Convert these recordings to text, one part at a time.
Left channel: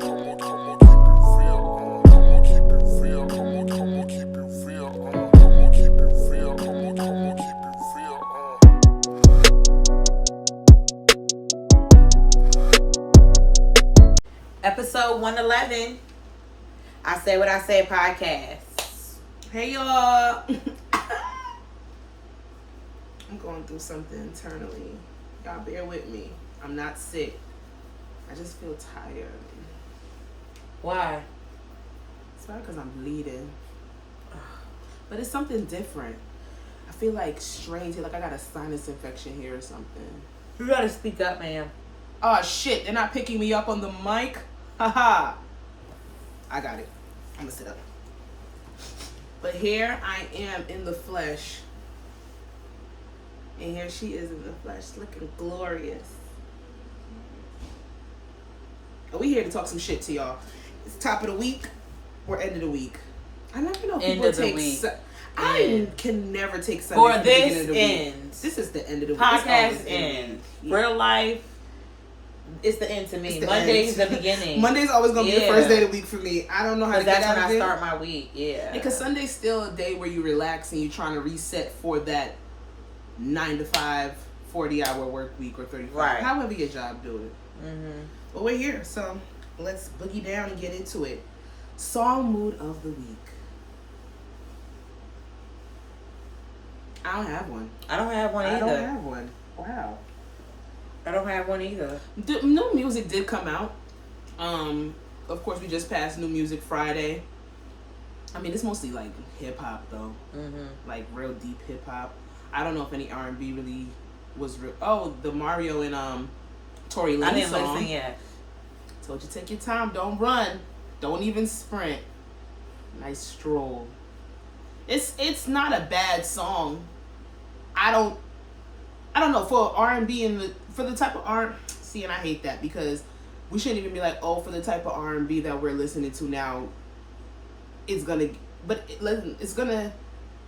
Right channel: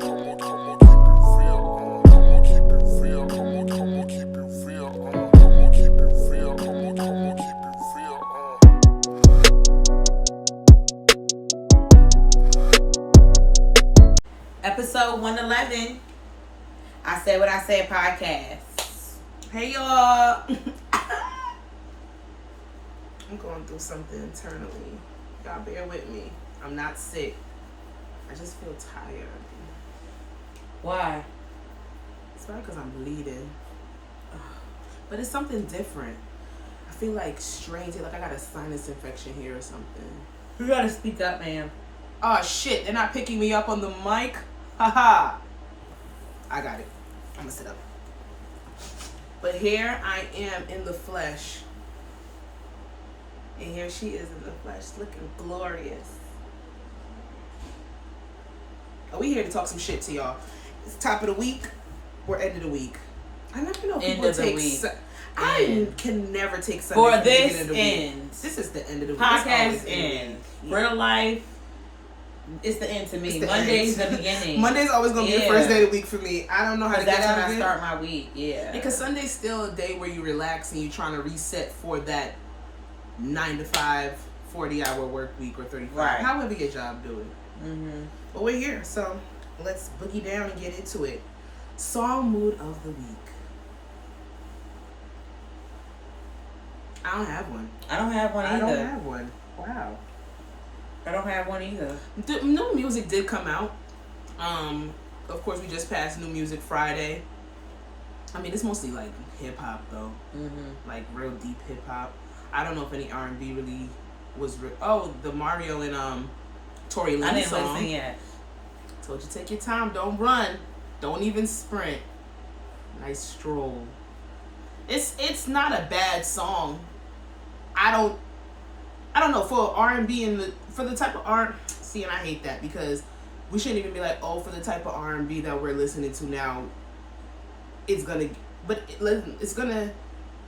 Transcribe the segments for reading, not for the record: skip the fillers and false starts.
Episode 111. I Say What I Say podcast. Hey y'all. I'm going through something internally. Y'all bear with me. I'm not sick. I just feel tired. Why? It's probably because I'm bleeding. But it's something different. I feel like strange. Like I got a sinus infection here or something. You gotta speak up, man. Oh shit, they're not picking me up on the mic? Haha. I got it. I'm gonna sit up. But here I am in the flesh. And here she is in the flesh, looking glorious. Are we here to talk some shit to y'all? It's top of the week or end of the week. I never know if people take. I can never take Sunday for the beginning of the week. This is the end of the week. Podcast end. Real life. It's the end to me. Monday's the beginning. Monday's always gonna be the first day of the week for me. I don't know how to get out of it. That's when I start my week. Yeah. Because Sunday's still a day where you relax and you're trying to reset for that 9 to 5, 40-hour work week or 35. Right. However your job do it. Mm-hmm. But we're here, so let's boogie down and get into it. Song mood of the week. I don't have one. I don't have one either. I don't have one. Wow. I don't have one either. The new music did come out. Of course, we just passed New Music Friday. I mean, it's mostly like hip hop though, like real deep hip hop. I don't know if any R&B really was real. Oh, the Mario and Tory Lanez I didn't song. listen yet. Told you take your time, don't run, don't even sprint. Nice stroll. It's not a bad song. I don't know, for R&B and for the type of see, and I hate that because we shouldn't even be like, oh, for the type of R&B that we're listening to now, it's gonna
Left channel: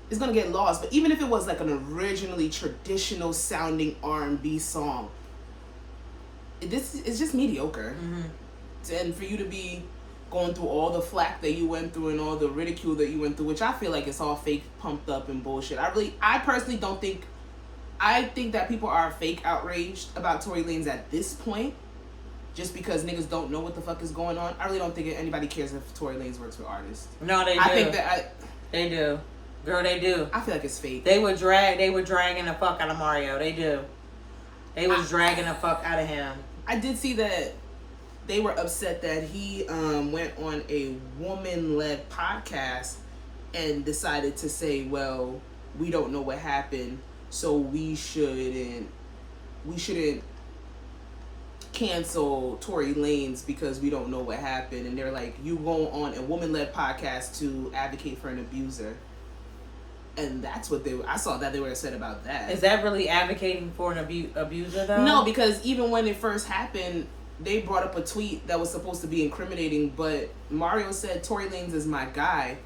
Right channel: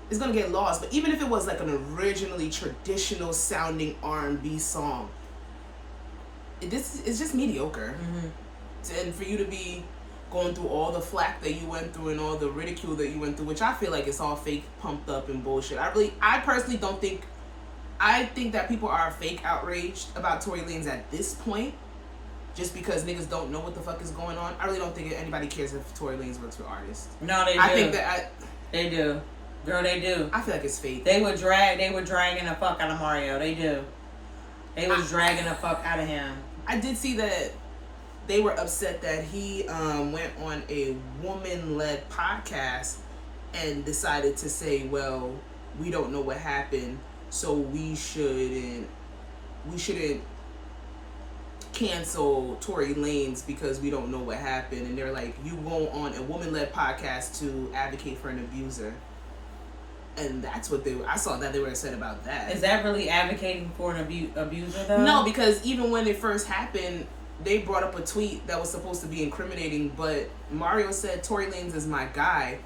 get lost. But even if it was like an originally traditional sounding R&B song, it's just mediocre. And for you to be going through all the flack that you went through and all the ridicule that you went through, which I feel like it's all fake, pumped up and bullshit. I personally don't think. I think that people are fake outraged about Tory Lanez at this point, just because niggas don't know what the fuck is going on. I really don't think anybody cares if Tory Lanez works with artists. No, they do. I think that they do. Girl, they do. I feel like it's fake. They were dragging the fuck out of Mario. They do. They was dragging the fuck out of him. I did see that they were upset that he went on a woman-led podcast and decided to say, well, we don't know what happened, so we shouldn't cancel Tory Lanez because we don't know what happened. And they're like, you go on a woman-led podcast to advocate for an abuser. And that's what I saw that they were upset about that. Is that really advocating for an abuser though? No, because even when it first happened, they brought up a tweet that was supposed to be incriminating, but Mario said Tory Lanez is my guy,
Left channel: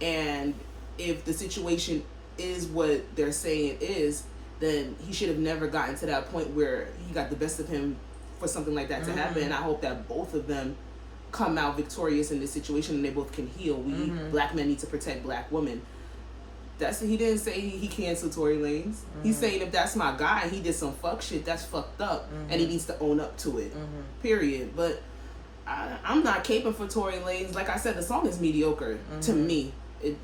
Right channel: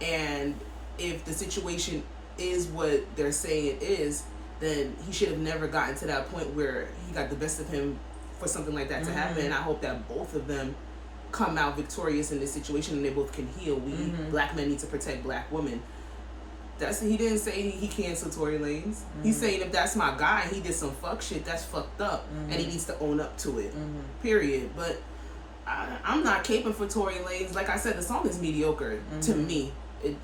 and if the situation is what they're saying it is, then he should have never gotten to that point where he got the best of him for something like that to happen. And I hope that both of them come out victorious in this situation and they both can heal. Black men need to protect black women. He didn't say he canceled Tory Lanez. He's saying if that's my guy and he did some fuck shit, that's fucked up, and he needs to own up to it. Period. But I'm not caping for Tory Lanez. Like I said, the song is mediocre to me.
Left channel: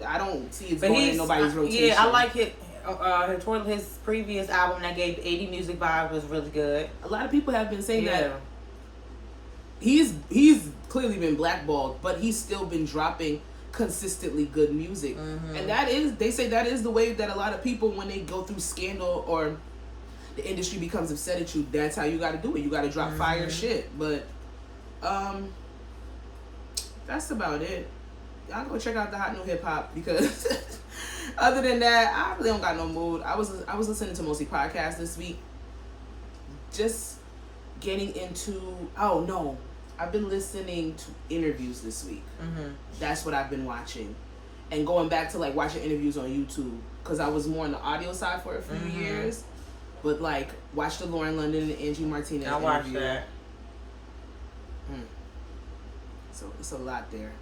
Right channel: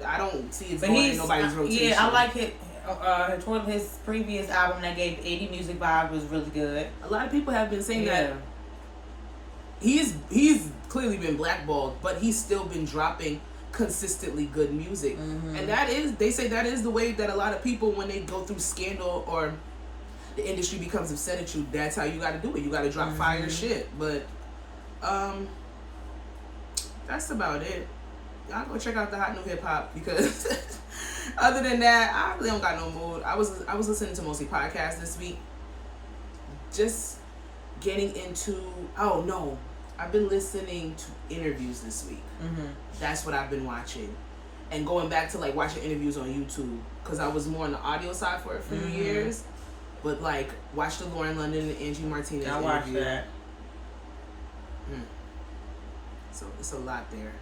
I don't see it going in nobody's rotation. Yeah, I like it. His previous album that gave 80 Music Vibe was really good. A lot of people have been saying that he's clearly been blackballed, but he's still been dropping consistently good music. And they say that is the way that a lot of people, when they go through scandal or the industry becomes upset at you, that's how you got to do it. You got to drop fire shit. But that's about it. Y'all go check out the hot new hip hop, because other than that, I really don't got no mood. I was listening to mostly podcasts this week, just getting into. Oh no, I've been listening to interviews this week. That's what I've been watching, and going back to like watching interviews on YouTube, because I was more on the audio side for a few years. But like, watch the Lauren London and Angie Martinez I watched that. So it's a lot there.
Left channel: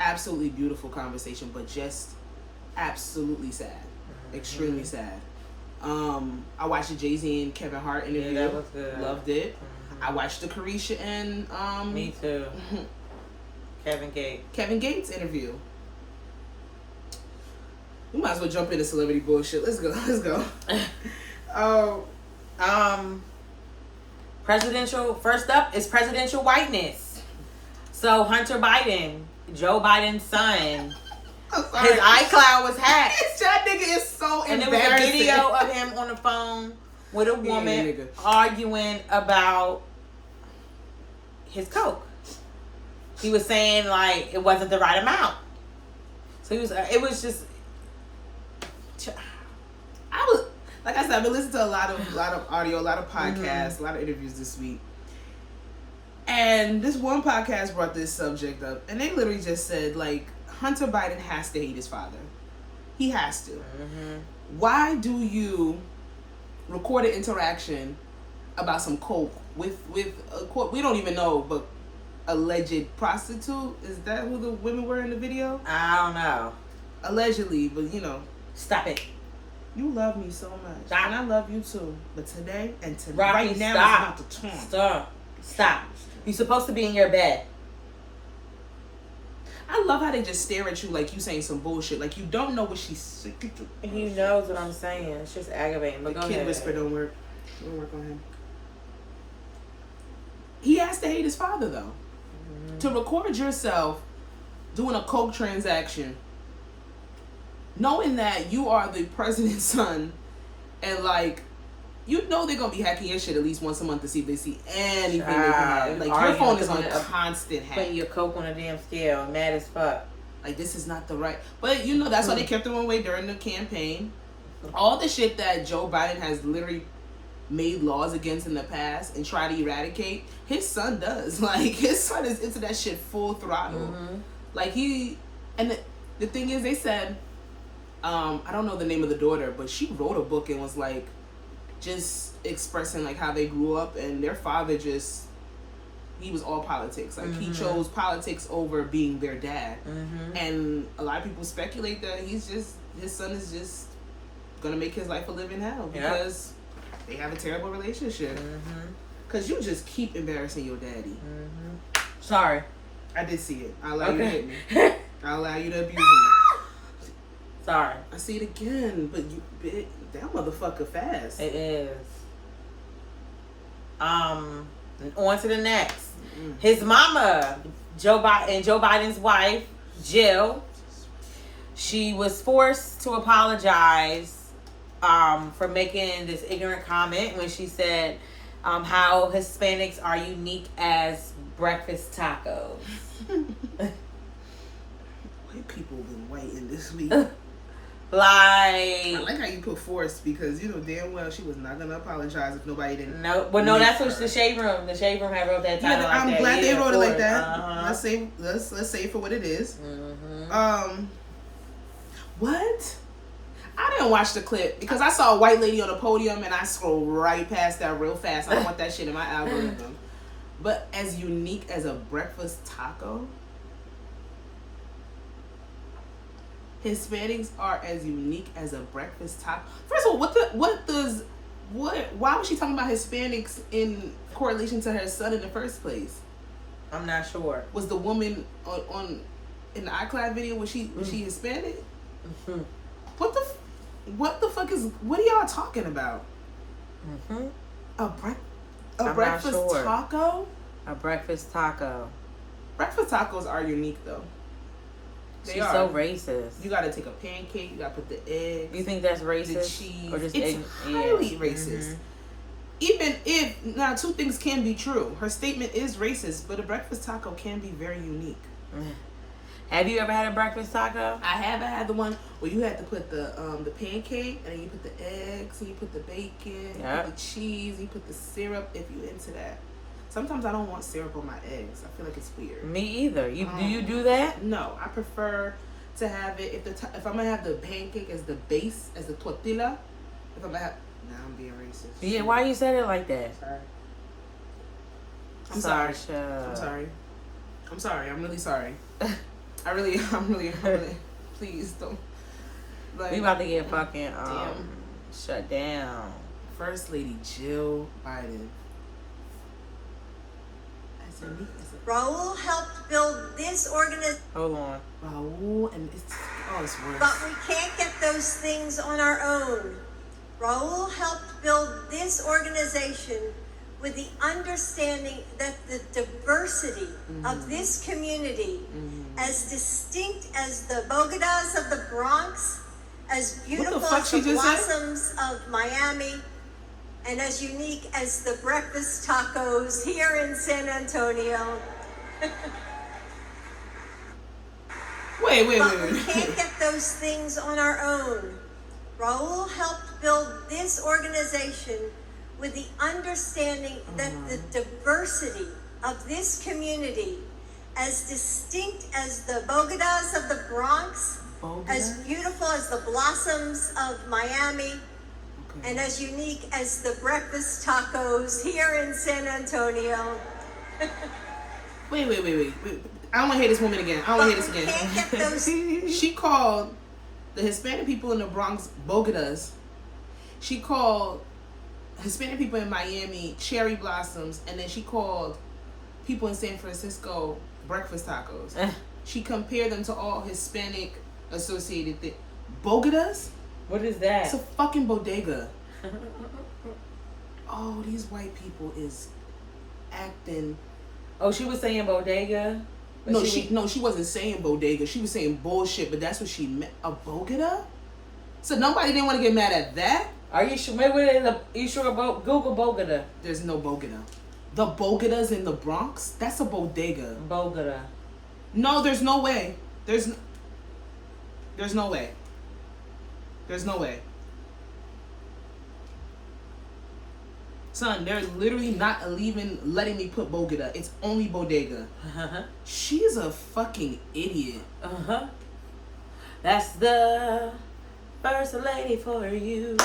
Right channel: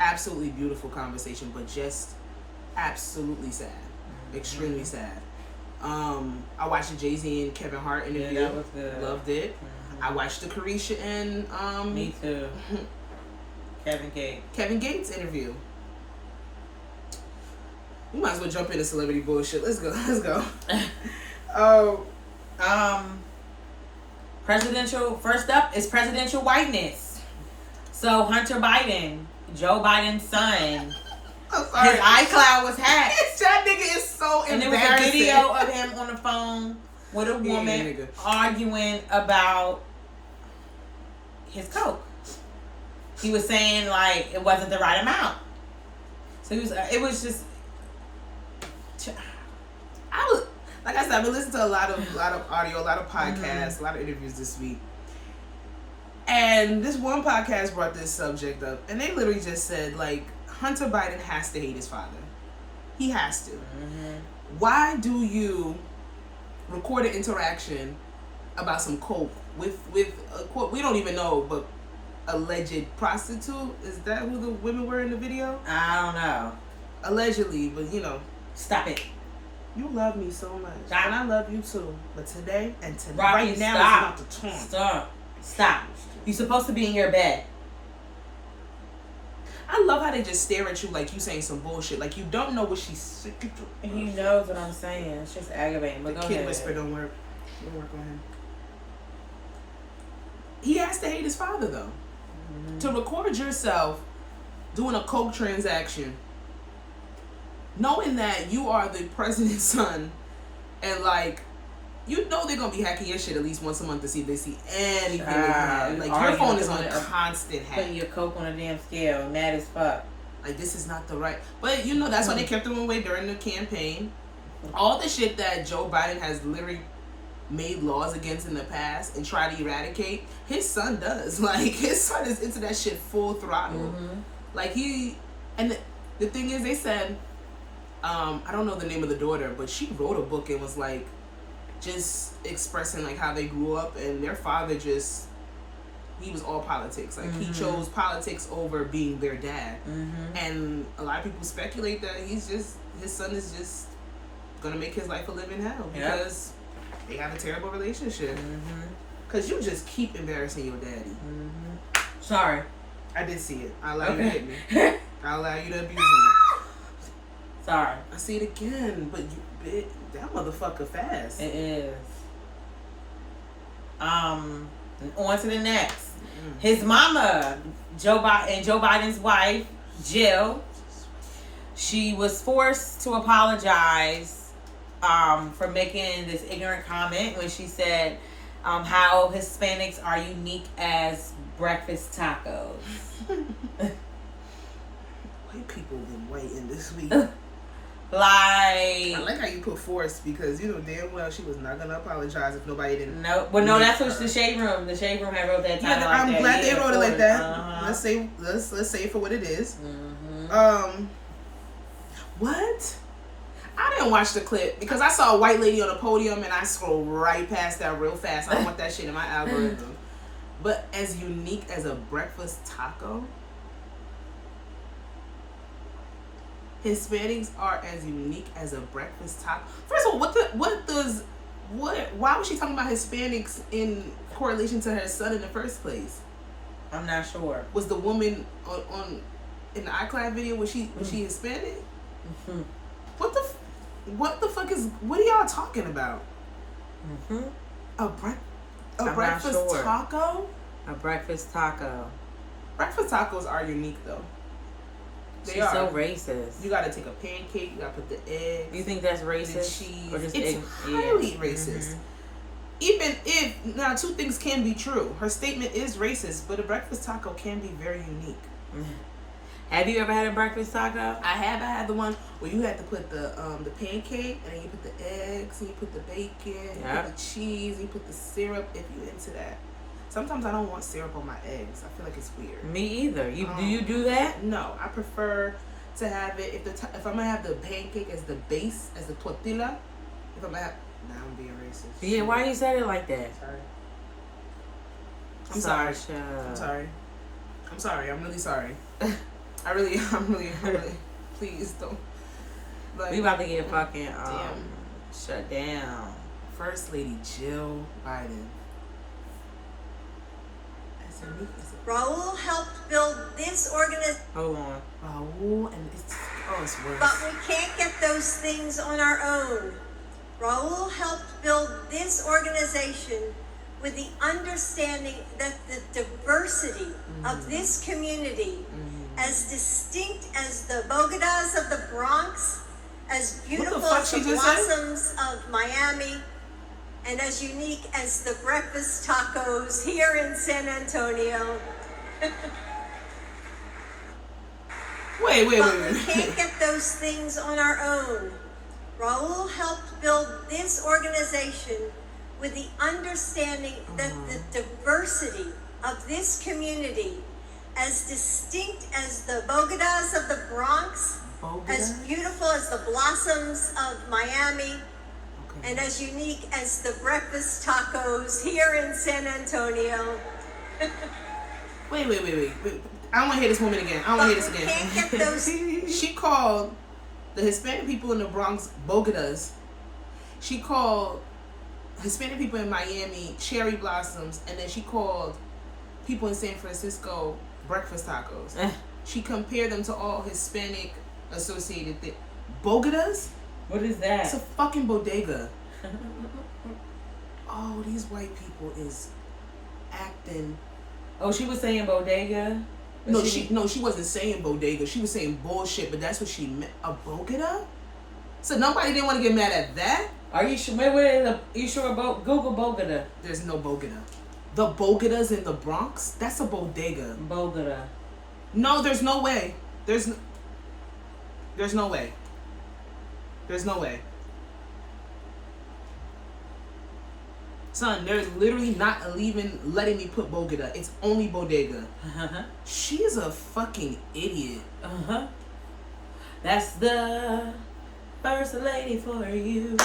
Absolutely beautiful conversation, but just absolutely sad. Extremely sad. I watched the Jay-Z and Kevin Hart interview. Yeah, that was good. Loved it. I watched the Carisha and me too. Kevin Gates interview. We might as well jump into celebrity bullshit. Let's go. Presidential. First up is presidential whiteness. So Hunter Biden, Joe Biden's son, his iCloud was hacked. That nigga is so embarrassing. And there was a video of him on the phone with a woman arguing about his coke. He was saying like it wasn't the right amount. So he was. It was just. Like I said, I've been listening to a lot of audio, a lot of podcasts, a lot of interviews this week. And this one podcast brought this subject up, and they literally just said, like, Hunter Biden has to hate his father. He has to. Why do you record an interaction about some coke with a quote we don't even know, but alleged prostitute? Is that who the women were in the video? I don't know. Allegedly, but you know. Stop it. You love me so much. Stop. And I love you too. But today and tonight, Rocky, right now, stop. it's about to turn. Stop. You're supposed to be in your bed. I love how they just stare at you like you saying some bullshit. Like you don't know what she's saying. He knows what I'm saying. It's just aggravating. The kid whisper don't work. Don't work on him. He has to hate his father though. To record yourself doing a coke transaction, knowing that you are the president's son, and like, you know they're gonna be hacking your shit at least once a month to see if they see anything they can have. Like your phone is on constant hack. Putting your coke on a damn scale, mad as fuck. Like this is not the right. But you know that's why they kept him away during the campaign. All the shit that Joe Biden has literally made laws against in the past and tried to eradicate, his son does. Like his son is into that shit full throttle. Like and the thing is, they said, I don't know the name of the daughter, but she wrote a book and was like, just expressing like how they grew up, and their father just, he was all politics. Like he chose politics over being their dad. And a lot of people speculate that his son is just gonna make his life a living hell because they have a terrible relationship. Cause you just keep embarrassing your daddy. Sorry. I did see it. I allow you to hit me. I allow you to abuse me. Sorry. I see it again, but that motherfucker fast. It is. On to the next. His mama, Joe Biden's wife, Jill, she was forced to apologize for making this ignorant comment when she said how Hispanics are unique as breakfast tacos. White people been waiting this week. I like how you put forced, because you know damn well she was not gonna apologize if nobody didn't. No, well, no, that's what the Shade Room. The Shade Room had wrote that title. Yeah, I'm glad they wrote it like that. Let's say it for what it is. What? I didn't watch the clip because I saw a white lady on the podium and I scrolled right past that real fast. I don't want that shit in my algorithm. But as unique as a breakfast taco, Hispanics are as unique as a breakfast taco. First of all, why was she talking about Hispanics in correlation to her son in the first place? I'm not sure. Was the woman on in the iCloud video, was she Hispanic? What the fuck is, what are y'all talking about? A breakfast taco? A breakfast taco. Breakfast tacos are unique though. She's so racist. You gotta take a pancake, you gotta put the eggs. You think that's racist? The cheese. Or just it's highly racist. Even if, now two things can be true. Her statement is racist, but a breakfast taco can be very unique. Have you ever had a breakfast taco? I haven't had the one where you had to put the pancake, and then you put the eggs, and you put the bacon, you put the cheese, you put the syrup, if you're into that. Sometimes I don't want syrup on my eggs. I feel like it's weird. Me either. Do you do that? No, I prefer to have it, if I'm gonna have the pancake as the base, as the tortilla, if I'm gonna have, now I'm being racist. Yeah, why you said it like that? I'm sorry. I'm sorry. I'm sorry. I'm really sorry. I'm really. Please don't. Like, We about to get fucking damn. shut down. First Lady Jill Biden. Raul helped build this organization. Hold on. Raul and it's worse. But we can't get those things on our own. Raul helped build this organization with the understanding that the diversity of this community, as distinct as the Bogotas of the Bronx, as beautiful as the blossoms of Miami, and as unique as the breakfast tacos here in San Antonio. Wait. But we can't get those things on our own. Raul helped build this organization with the understanding that the diversity of this community, as distinct as the Bogotas of the Bronx, as beautiful as the blossoms of Miami, and as unique as the breakfast tacos here in San Antonio. Wait. I don't want to hear this woman again. I don't want to hear this again. Can't get those. She called the Hispanic people in the Bronx Bogotas. She called Hispanic people in Miami cherry blossoms, and then she called people in San Francisco breakfast tacos. She compared them to all Hispanic associated things. Bogotas? What is that? It's a fucking bodega. Oh, these white people is acting. Oh, she was saying bodega? No, she wasn't saying bodega. She was saying bullshit, but that's what she meant. A bogota? So nobody didn't want to get mad at that? Are you sure? Are you sure about Google Bogota? There's no bogota. The Bogotas in the Bronx? That's a bodega. Bogota. No, there's no way. There's no way. There's no way. Son, they're literally not even letting me put Bogota. It's only bodega. She's a fucking idiot. That's the first lady for you.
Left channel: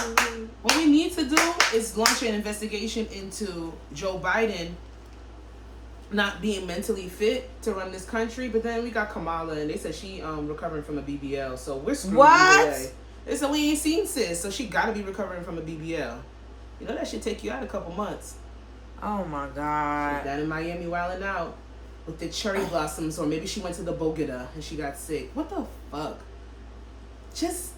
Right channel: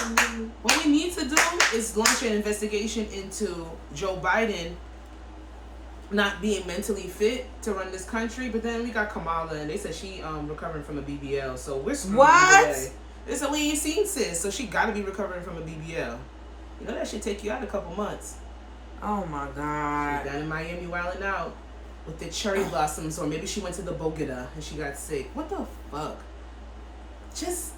What we need to do is launch an investigation into Joe Biden not being mentally fit to run this country. But then we got Kamala, and they said she recovering from a BBL. So we're screwed. What? It's a we ain't seen sis, so she got to be recovering from a BBL. You know that should take you out a couple months. Oh my God. She's down in Miami wilding out with the cherry blossoms, or maybe she went to the Bogota and she got sick. What the fuck? Just,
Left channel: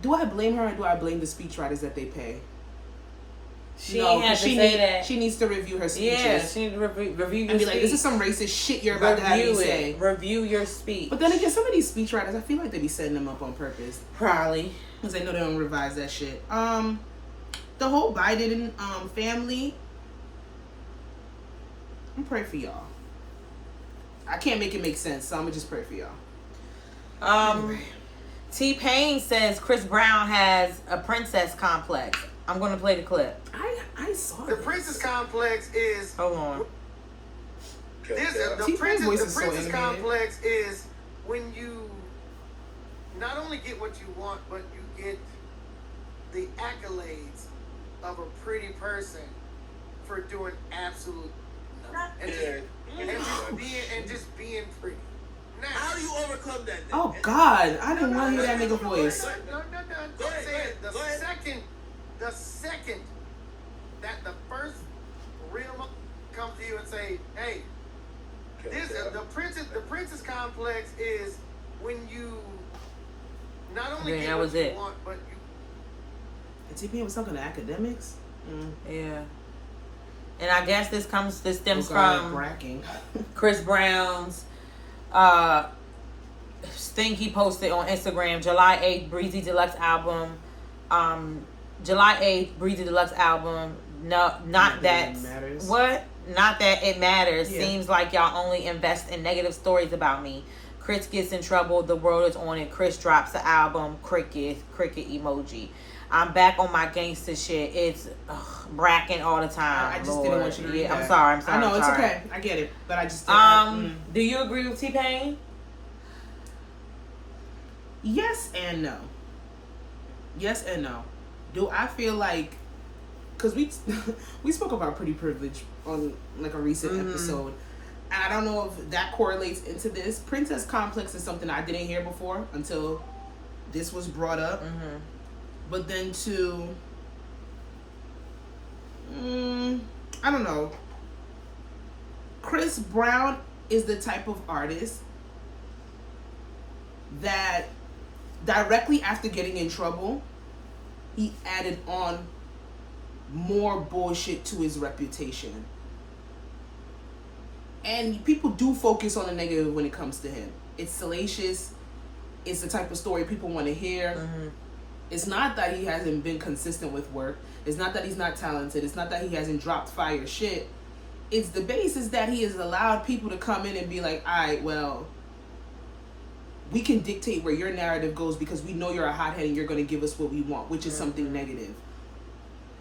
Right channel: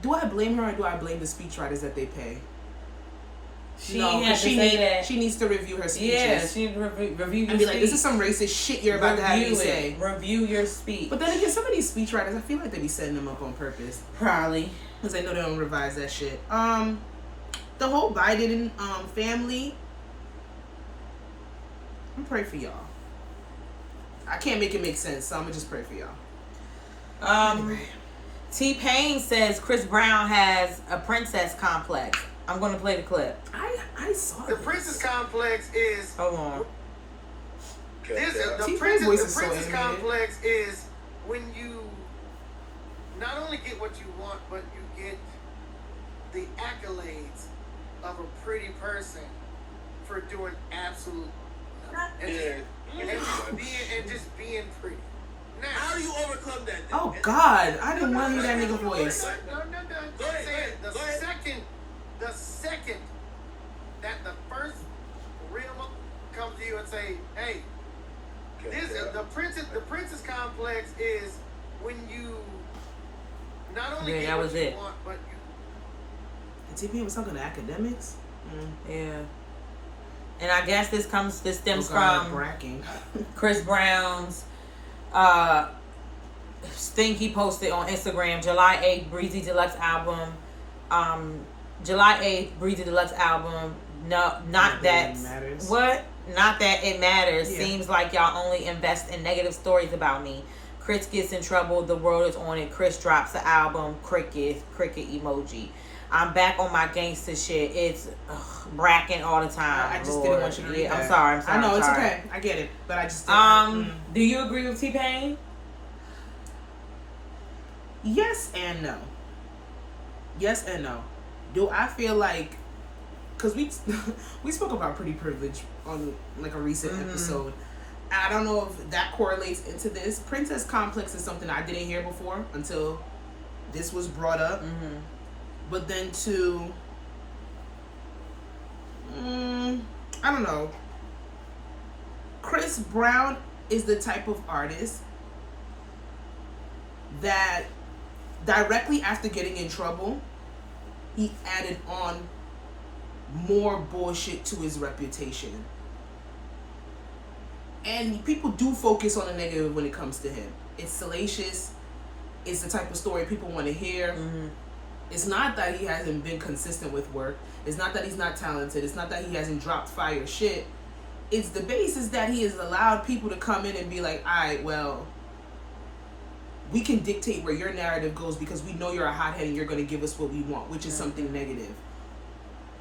do I blame her or do I blame the speechwriters that they pay? She needs to review her speeches. Yeah, she needs to review your and be like, this is some racist shit you're about to have me say. Review your speech. But then again, some of these speechwriters, I feel like they be setting them up on purpose. Probably. Because they know they don't revise that shit. The whole Biden family, I'm praying for y'all. I can't make it make sense, so I'm gonna just pray for y'all. Anyway. T-Pain says Chris Brown has a princess complex. I'm gonna play the clip. I saw the princess complex is. Hold on. The princess complex is when you not only get what you want, but you get the accolades of a pretty person for doing absolute nothing. And just being pretty. Now, how do you overcome that? Oh God, I didn't want to hear that nigga voice. No. Go ahead. The second that the first real comes to you and say, "Hey, the princess complex is when you not only get what you want, but you." T-Pain was talking to academics. Yeah. And I guess this stems from bracking. Chris Brown's thing he posted on Instagram, July 8th, Breezy Deluxe album. July 8th, Breezy Deluxe album. No, not that. Matters. What? Not that it matters. Yeah. Seems like y'all only invest in negative stories about me. Chris gets in trouble. The world is on it. Chris drops the album. Cricket emoji. I'm back on my gangster shit. It's bracking all the time. I just didn't want you to read that. I'm sorry. I know, it's okay. I get it. But I just didn't. Do you agree with T-Pain? Yes and no. Yes and no. Do I feel like, because we spoke about pretty privilege on like a recent episode. I don't know if that correlates into this. Princess complex is something I didn't hear before until this was brought up. Mm-hmm. But then I don't know. Chris Brown is the type of artist that directly after getting in trouble, he added on more bullshit to his reputation. And people do focus on the negative when it comes to him. It's salacious. It's the type of story people want to hear. Mm-hmm. It's not that he hasn't been consistent with work. It's not that he's not talented. It's not that he hasn't dropped fire shit. It's the basis that he has allowed people to come in and be like, all right, well, we can dictate where your narrative goes because we know you're a hothead and you're going to give us what we want, which is something negative.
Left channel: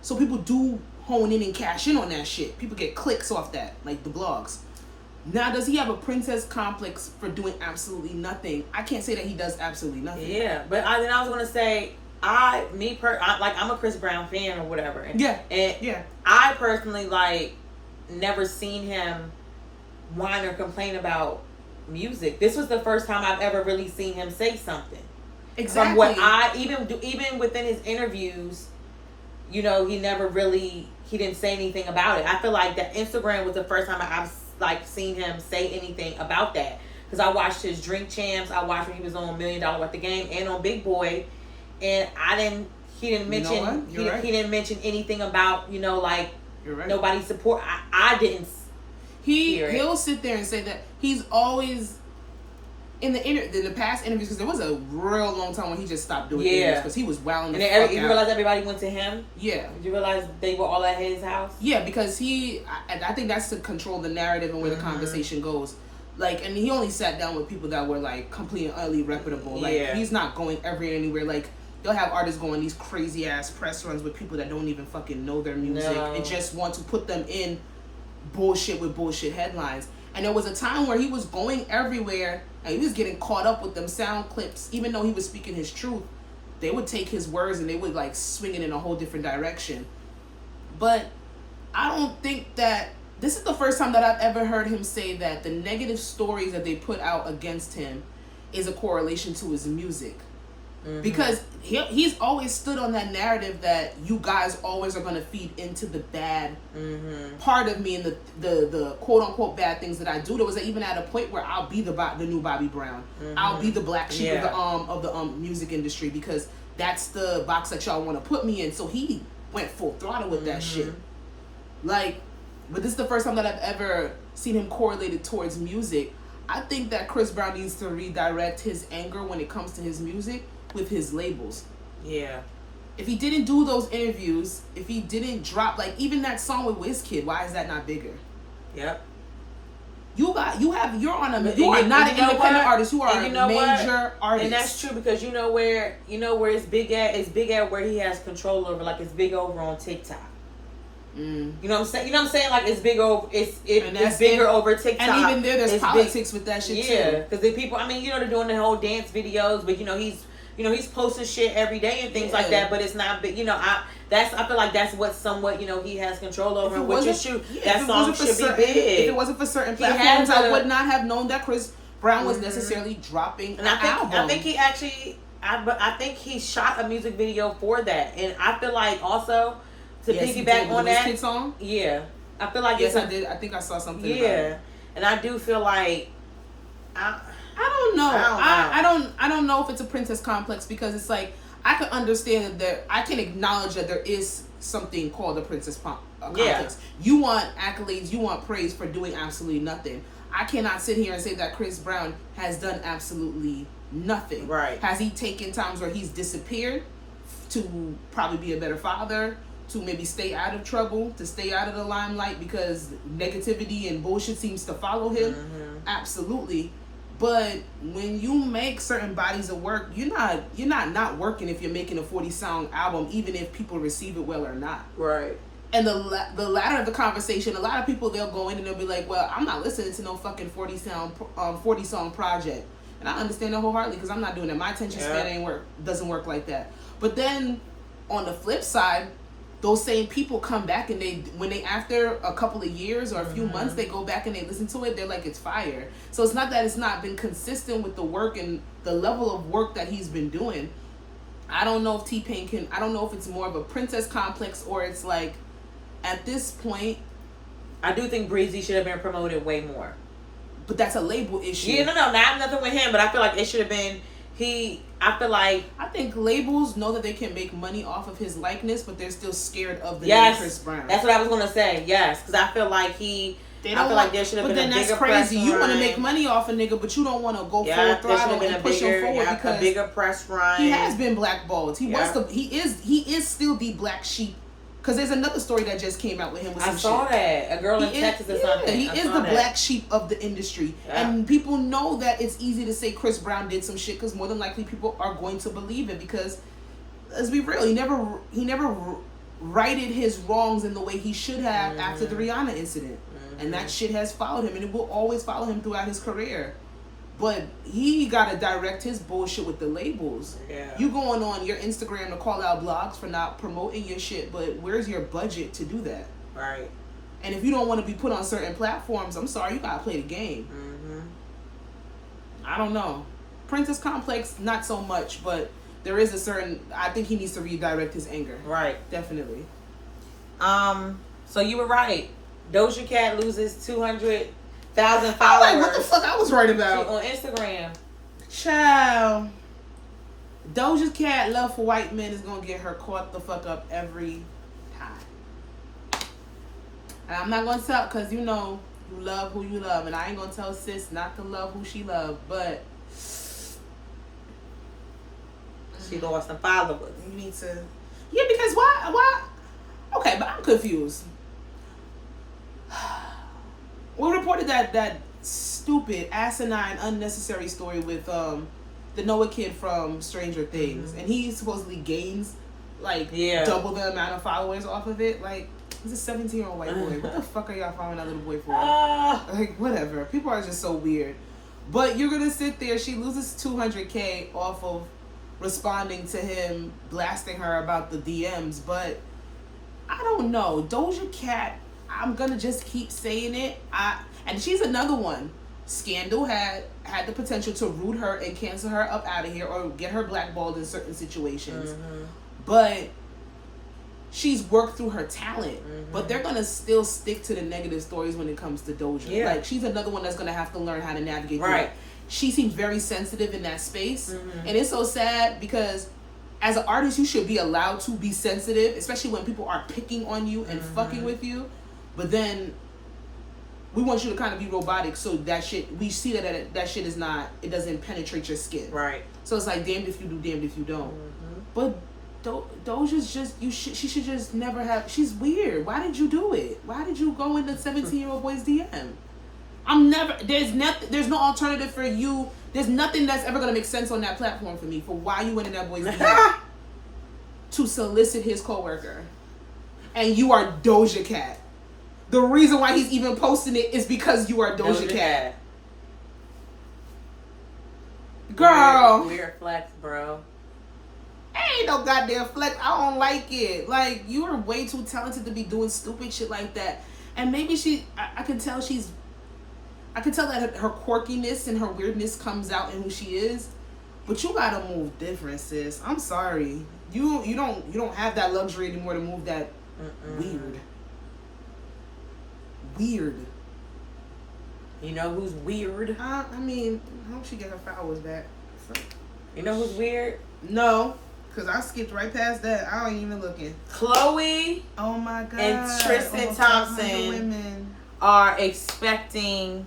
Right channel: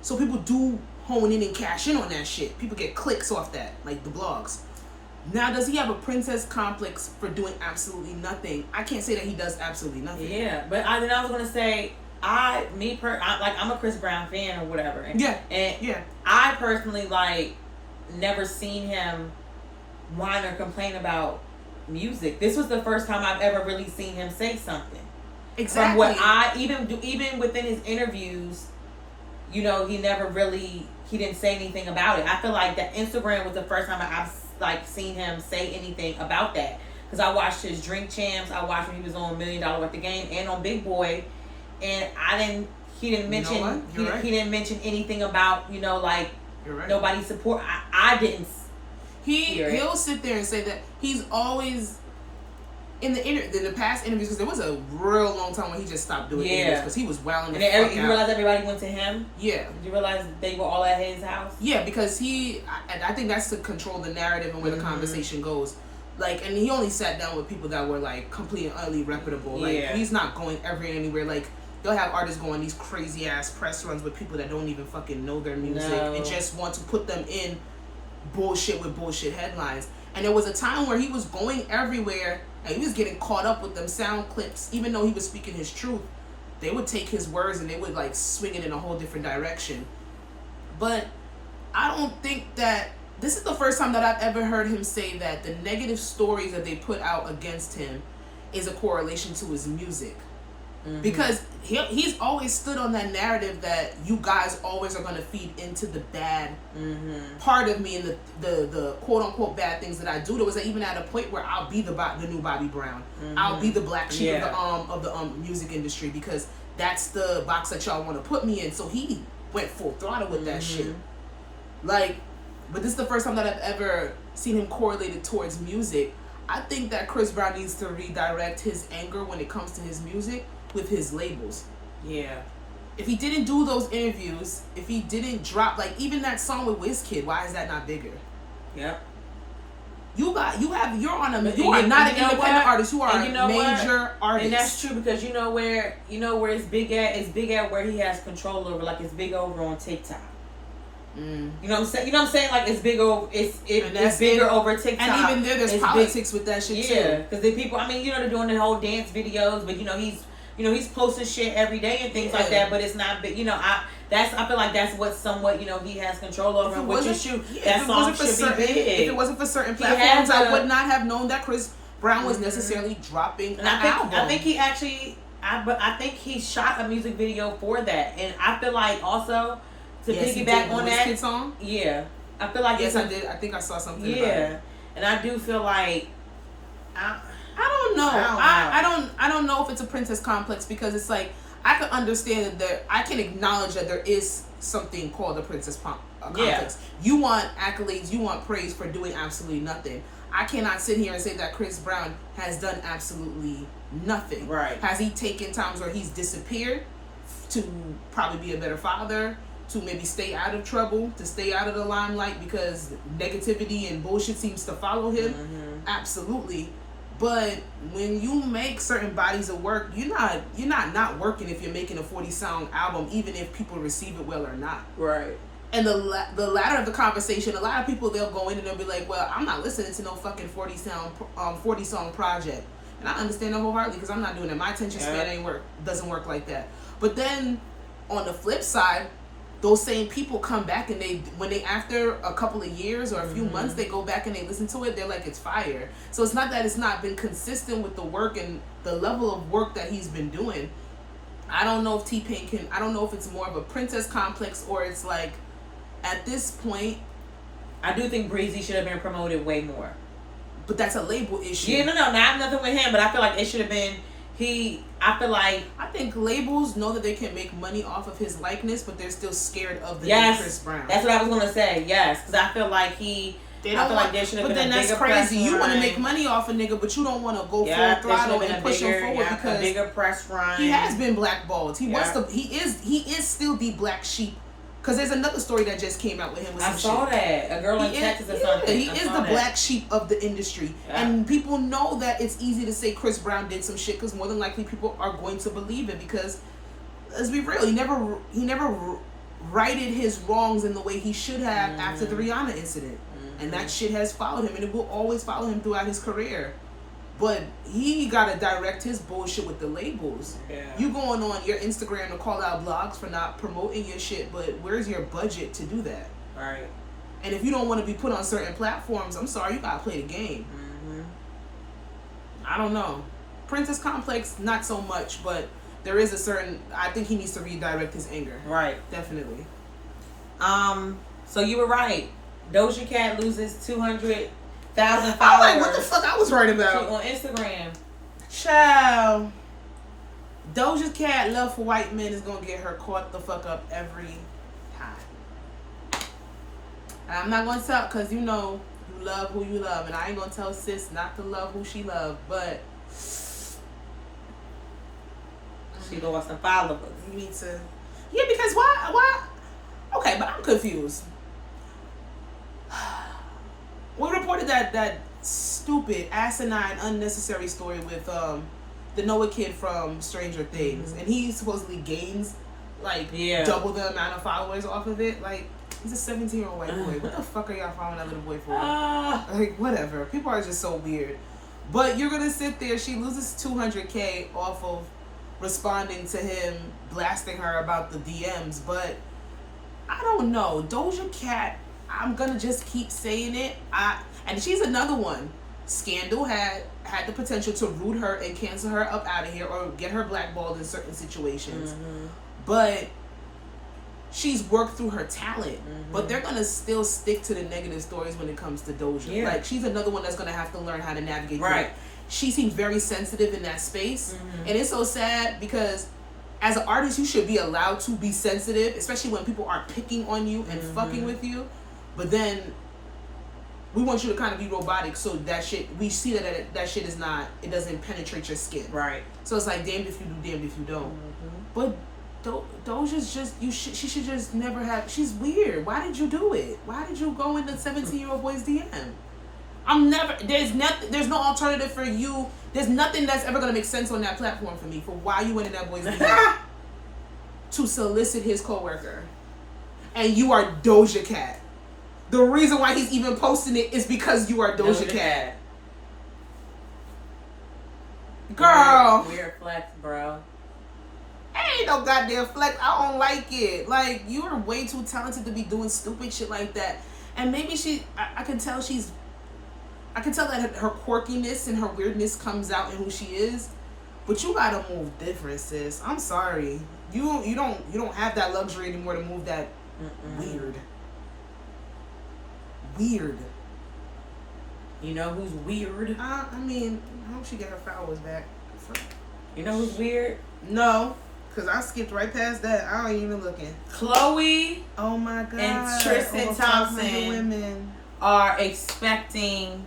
So people do hone in and cash in on that shit. People get clicks off that, like the blogs. Now, does he have a princess complex for doing absolutely nothing? I can't say that he does absolutely nothing. Yeah, but I was going to say, I'm a Chris Brown fan or whatever. And, Yeah. I personally, like, never seen him whine or complain about music. This was the first time I've ever really seen him say something. Exactly. From what I even within his interviews, you know, he didn't say anything about it. I feel like that Instagram was the first time I've like seen him say anything about that, because I watched his Drink Champs. I watched when he was on $1 Million Worth of Game and on Big Boy, and he didn't mention he didn't mention anything about, you know, like, you're right, nobody support. I didn't. He'll sit there and say that he's always in the past interviews, because there was a real long time when he just stopped doing interviews because he was wilding the fuck out. You realize everybody went to him? Yeah. Did you realize they were all at his house? Yeah, because I think that's to control the narrative and where the conversation goes. Like, and he only sat down with people that were like completely and utterly reputable. Like, he's not going anywhere. Like, they'll have artists go on these crazy ass press runs with people that don't even fucking know their music and just want to put them in bullshit with bullshit headlines. And there was a time where he was going everywhere and he was getting caught up with them sound clips. Even though he was speaking his truth, they would take his words and they would like swing it in a whole different direction. But I don't think that this is the first time that I've ever heard him say that the negative stories that they put out against him is a correlation to his music. Mm-hmm. Because he's always stood on that narrative that you guys always are going to feed into the bad part of me and the quote unquote bad things that I do. There was even at a point where I'll be the new Bobby Brown. I'll be the black sheep of the music industry, because that's the box that y'all want to put me in. So he went full throttle with that shit. Like, but this is the first time that I've ever seen him correlated towards music. I think that Chris Brown needs to redirect his anger when it comes to his music with his labels. Yeah. If he didn't do those interviews, if he didn't drop, like, even that song with Wizkid, why is that not bigger? Yep. You are not an independent artist. You are a major artist. And that's true, because you know where it's big at? It's big at where he has control over. Like, it's big over on TikTok. You know what I'm saying? You know what I'm saying? Like, it's big over. It's bigger over TikTok. And even there's politics with that shit too. Yeah, because the people. I mean, you know, they're doing the whole dance videos, but he's posting shit every day and things like that. But it's not big. You know, I feel like that's what somewhat, you know, he has control over. Which is true. That song should be big. If it wasn't for certain platforms, I would not have known that Chris Brown was necessarily dropping an album. I think he actually. I think he shot a music video for that, and I feel like also. To piggyback on that song? Yeah. I feel like I did. I think I saw something about it. And I do feel like I don't know. I don't know if it's a princess complex, because it's like I can understand that I can acknowledge that there is something called a princess complex. You want accolades, you want praise for doing absolutely nothing. I cannot sit here and say that Chris Brown has done absolutely nothing. Right. Has he taken times where he's disappeared to probably be a better father, to maybe stay out of trouble, to stay out of the limelight because negativity and bullshit seems to follow him? Absolutely. But when you make certain bodies of work, you're not working if you're making a 40-song album, even if people receive it well or not. Right. And the latter of the conversation, a lot of people, they'll go in and they'll be like, well, I'm not listening to no fucking 40-song project. And I understand that wholeheartedly, because I'm not doing it. My attention span doesn't work like that. But then on the flip side, those same people come back and when they after a couple of years or a few months, they go back and they listen to it, they're like, it's fire. So it's not that it's not been consistent with the work and the level of work that he's been doing. I don't know if T-Pain I don't know if it's more of a princess complex or it's like, at this point. I do think Breezy should have been promoted way more. But that's a label issue. Yeah, no, not nothing with him, but I feel like it should have been, I think labels know that they can make money off of his likeness, but they're still scared of the name Chris Brown. That's what I was going to say, yes, because I feel like there should have been a bigger press run. But then that's crazy. You want to make money off a nigga, but you don't want to go full throttle and push him forward because a bigger press run. He has been blackballed. He is still the black sheep. Because there's another story that just came out with him. I saw that. A girl in Texas or something. He is the black sheep of the industry. Yeah. And people know that it's easy to say Chris Brown did some shit because more than likely people are going to believe it because, let's be real, he never righted his wrongs in the way he should have after the Rihanna incident. And that shit has followed him and it will always follow him throughout his career. But he got to direct his bullshit with the labels. Yeah. You going on your Instagram to call out blogs for not promoting your shit, but where's your budget to do that? Right. And if you don't want to be put on certain platforms, I'm sorry, you got to play the game. I don't know. Princess Complex, not so much, but there is I think he needs to redirect his anger. Right. Definitely. So you were right. Doja Cat loses 200,000 followers. I'm like, what the fuck I was right about? On Instagram. Child. Doja Cat love for white men is gonna get her caught the fuck up every time. And I'm not gonna tell, cause you know you love who you love, and I ain't gonna tell sis not to love who she love, but she lost some followers. You need to, yeah, because why? Okay, but I'm confused. We reported that stupid, asinine, unnecessary story with the Noah kid from Stranger Things, and he supposedly gains like double the amount of followers off of it. Like, he's a 17-year-old white boy. What the fuck are y'all following that little boy for? Like, whatever. People are just so weird. But you're gonna sit there. She loses 200K off of responding to him, blasting her about the DMs. But I don't know, Doja Cat. I'm gonna just keep saying it. And she's another one. Scandal had the potential to root her and cancel her up out of here or get her blackballed in certain situations. But she's worked through her talent. But they're gonna still stick to the negative stories when it comes to Doja. Like, she's another one that's gonna have to learn how to navigate through it. She seems very sensitive in that space. And it's so sad because as an artist, you should be allowed to be sensitive, especially when people are picking on you and fucking with you. But then we want you to kind of be robotic, so that shit, we see that shit is not, it doesn't penetrate your skin. Right. So it's like, damned if you do, damned if you don't. But Doja's just, she should just never have, she's weird. Why did you do it? Why did you go in the 17-year-old boy's DM? There's no alternative for you. There's nothing that's ever going to make sense on that platform for me for why you went in that boy's DM to solicit his coworker. And you are Doja Cat. The reason why he's even posting it is because you are Doja Cat. Girl. Weird flex, bro. Ain't no goddamn flex. I don't like it. Like, you are way too talented to be doing stupid shit like that. And maybe I can tell that her quirkiness and her weirdness comes out in who she is. But you gotta move different, sis. I'm sorry. You don't have that luxury anymore to move that weird. Weird. You know who's weird? I mean, I hope she get her followers back. You know who's weird? No, because I skipped right past that. I ain't even looking. Chloe. Oh my God. And Tristan Thompson women are expecting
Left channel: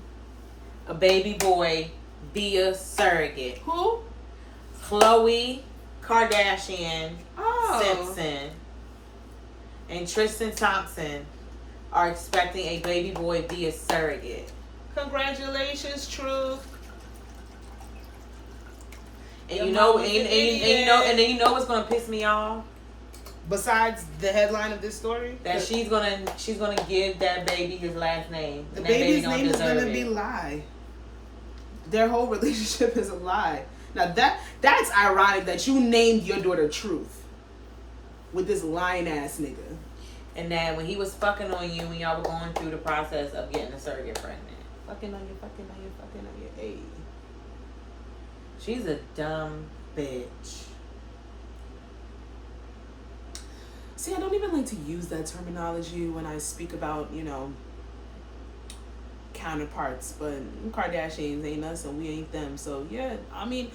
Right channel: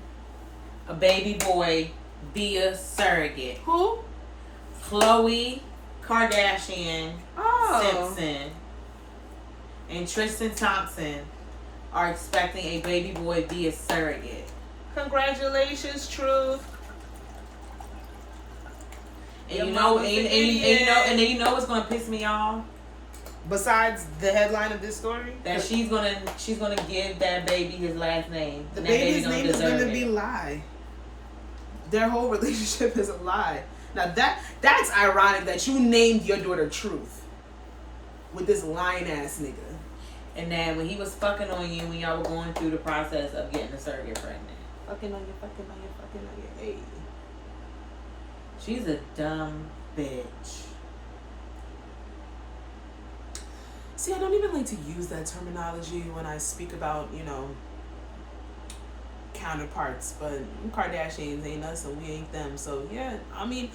a baby boy via surrogate. Who? Chloe Kardashian Simpson and Tristan Thompson are expecting a baby boy via surrogate. Congratulations, Truth. And you know what's gonna piss me off? Besides the headline of this story, that she's gonna give that baby his last name. The baby's name is gonna be Lie. Their whole relationship is a lie. Now that's ironic that you named your daughter Truth. with this lying ass nigga. And then when he was fucking on you, when y'all were going through the process of getting the surrogate pregnant. Fucking on you. Hey. She's a dumb bitch. See, I don't even like to use that terminology when I speak about, you know, counterparts, but Kardashians ain't us and we ain't them. So yeah, I mean,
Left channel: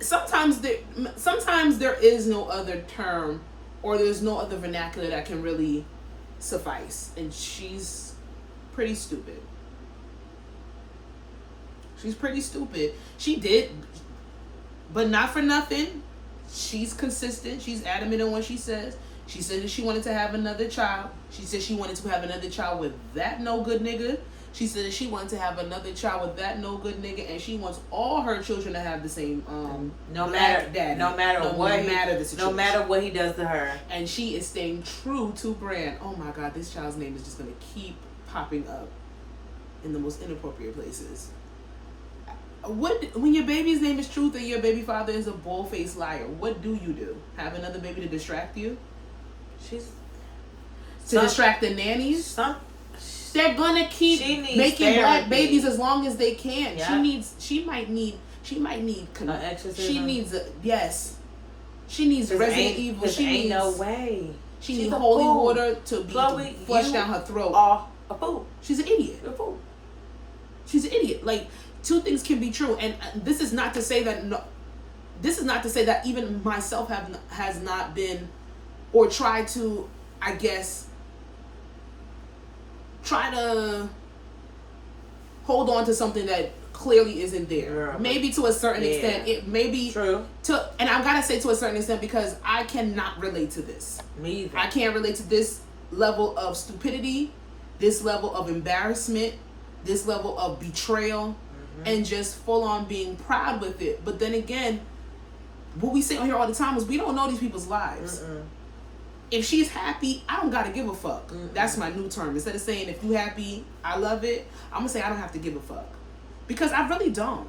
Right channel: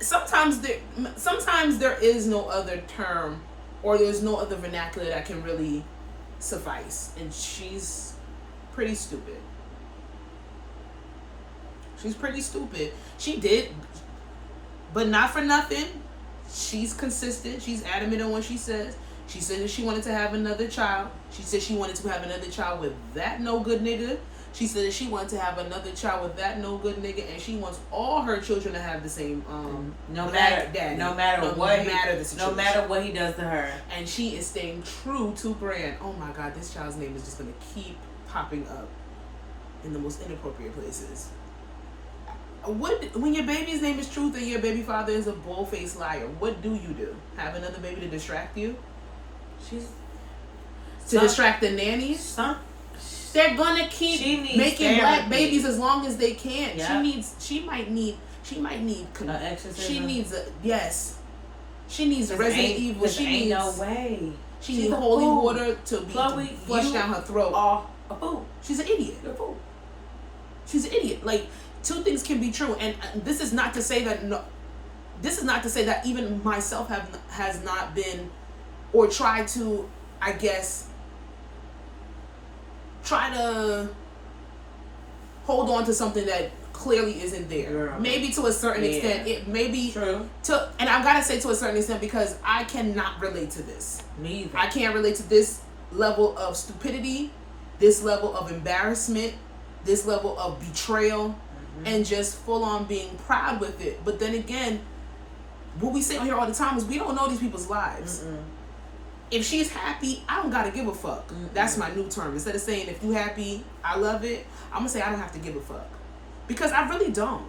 sometimes there is no other term or there's no other vernacular that can really suffice, and she's pretty stupid. She's pretty stupid. She did, but not for nothing. She's consistent. She's adamant in what she says. She said that she wanted to have another child. She said she wanted to have another child with that no good nigga. She said that she wanted to have another child with that no good nigga, and she wants all her children to have the same no matter the situation. No matter what he does to her. And she is staying true to brand. Oh my God, this child's name is just gonna keep popping up in the most inappropriate places. When your baby's name is Truth and your baby father is a bull-faced liar, what do you do? Have another baby to distract you? Distract the nannies? They're gonna keep making black babies as long as they can. Yeah. She might need exorcism. She needs Resident Evil. She needs no way. She needs holy water to be flushed down her throat. A fool. She's an idiot. A fool. She's an idiot. Like, two things can be true, and this is not to say that even myself has not been or tried to, I guess, try to hold on to something that clearly isn't there. Maybe to a certain extent. It may be true. And I've got to say to a certain extent, because I cannot relate to this. Me either. I can't relate to this level of stupidity, this level of embarrassment, this level of betrayal, and just full on being proud with it. But then again, what we say on here all the time is we don't know these people's lives. If she's happy, I don't gotta give a fuck. That's my new term. Instead of saying if you happy, I love it, I'm gonna say I don't have to give a fuck, because I really don't.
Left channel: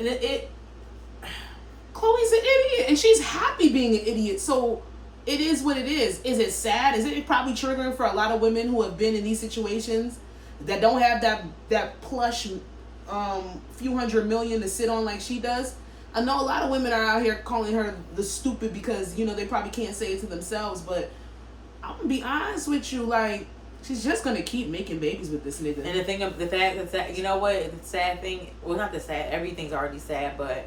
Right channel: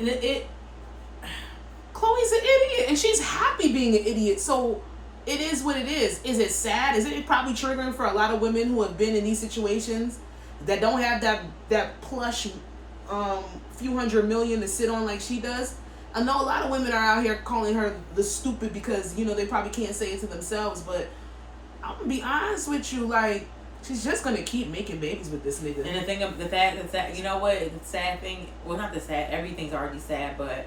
And Chloe's an idiot, and she's happy being an idiot. So it is what it is. Is it sad? Is it probably triggering for a lot of women who have been in these situations that don't have that plush few hundred million to sit on like she does? I know a lot of women are out here calling her the stupid because, you know, they probably can't say it to themselves, but I'm gonna be honest with you, like, she's just gonna keep making babies with this nigga. And the thing of the sad, you know what, the sad thing, well, not the sad, everything's already sad, but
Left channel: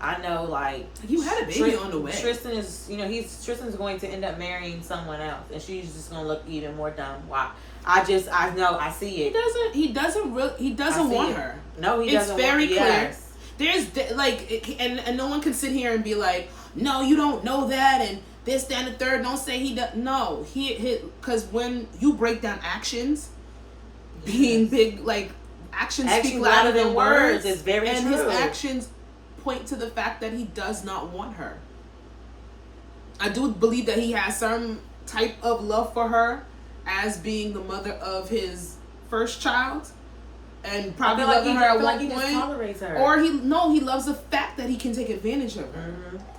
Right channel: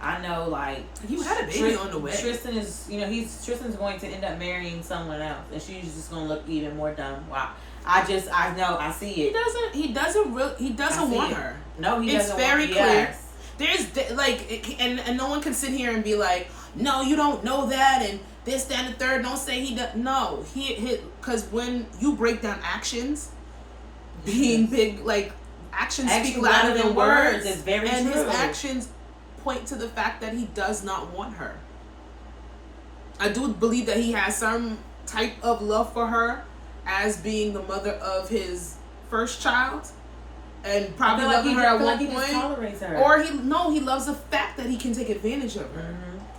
I know, like, you had a baby on the way. Tristan is, you know, Tristan's going to end up marrying someone else, and she's just gonna look even more dumb. Wow. I know, I see it. He doesn't want her. No, he doesn't. It's very clear. There's like, and no one can sit here and be like, no, you don't know that, and this, that, and the third. Don't say he does. No, because when you break down actions, being big, like, actions speak louder than words. It's very and true. His actions point to the fact that he does not want her. I do believe that he has some type of love for her as being the mother of his first child. And probably loving her at one point, or he loves the fact that he can take advantage of her.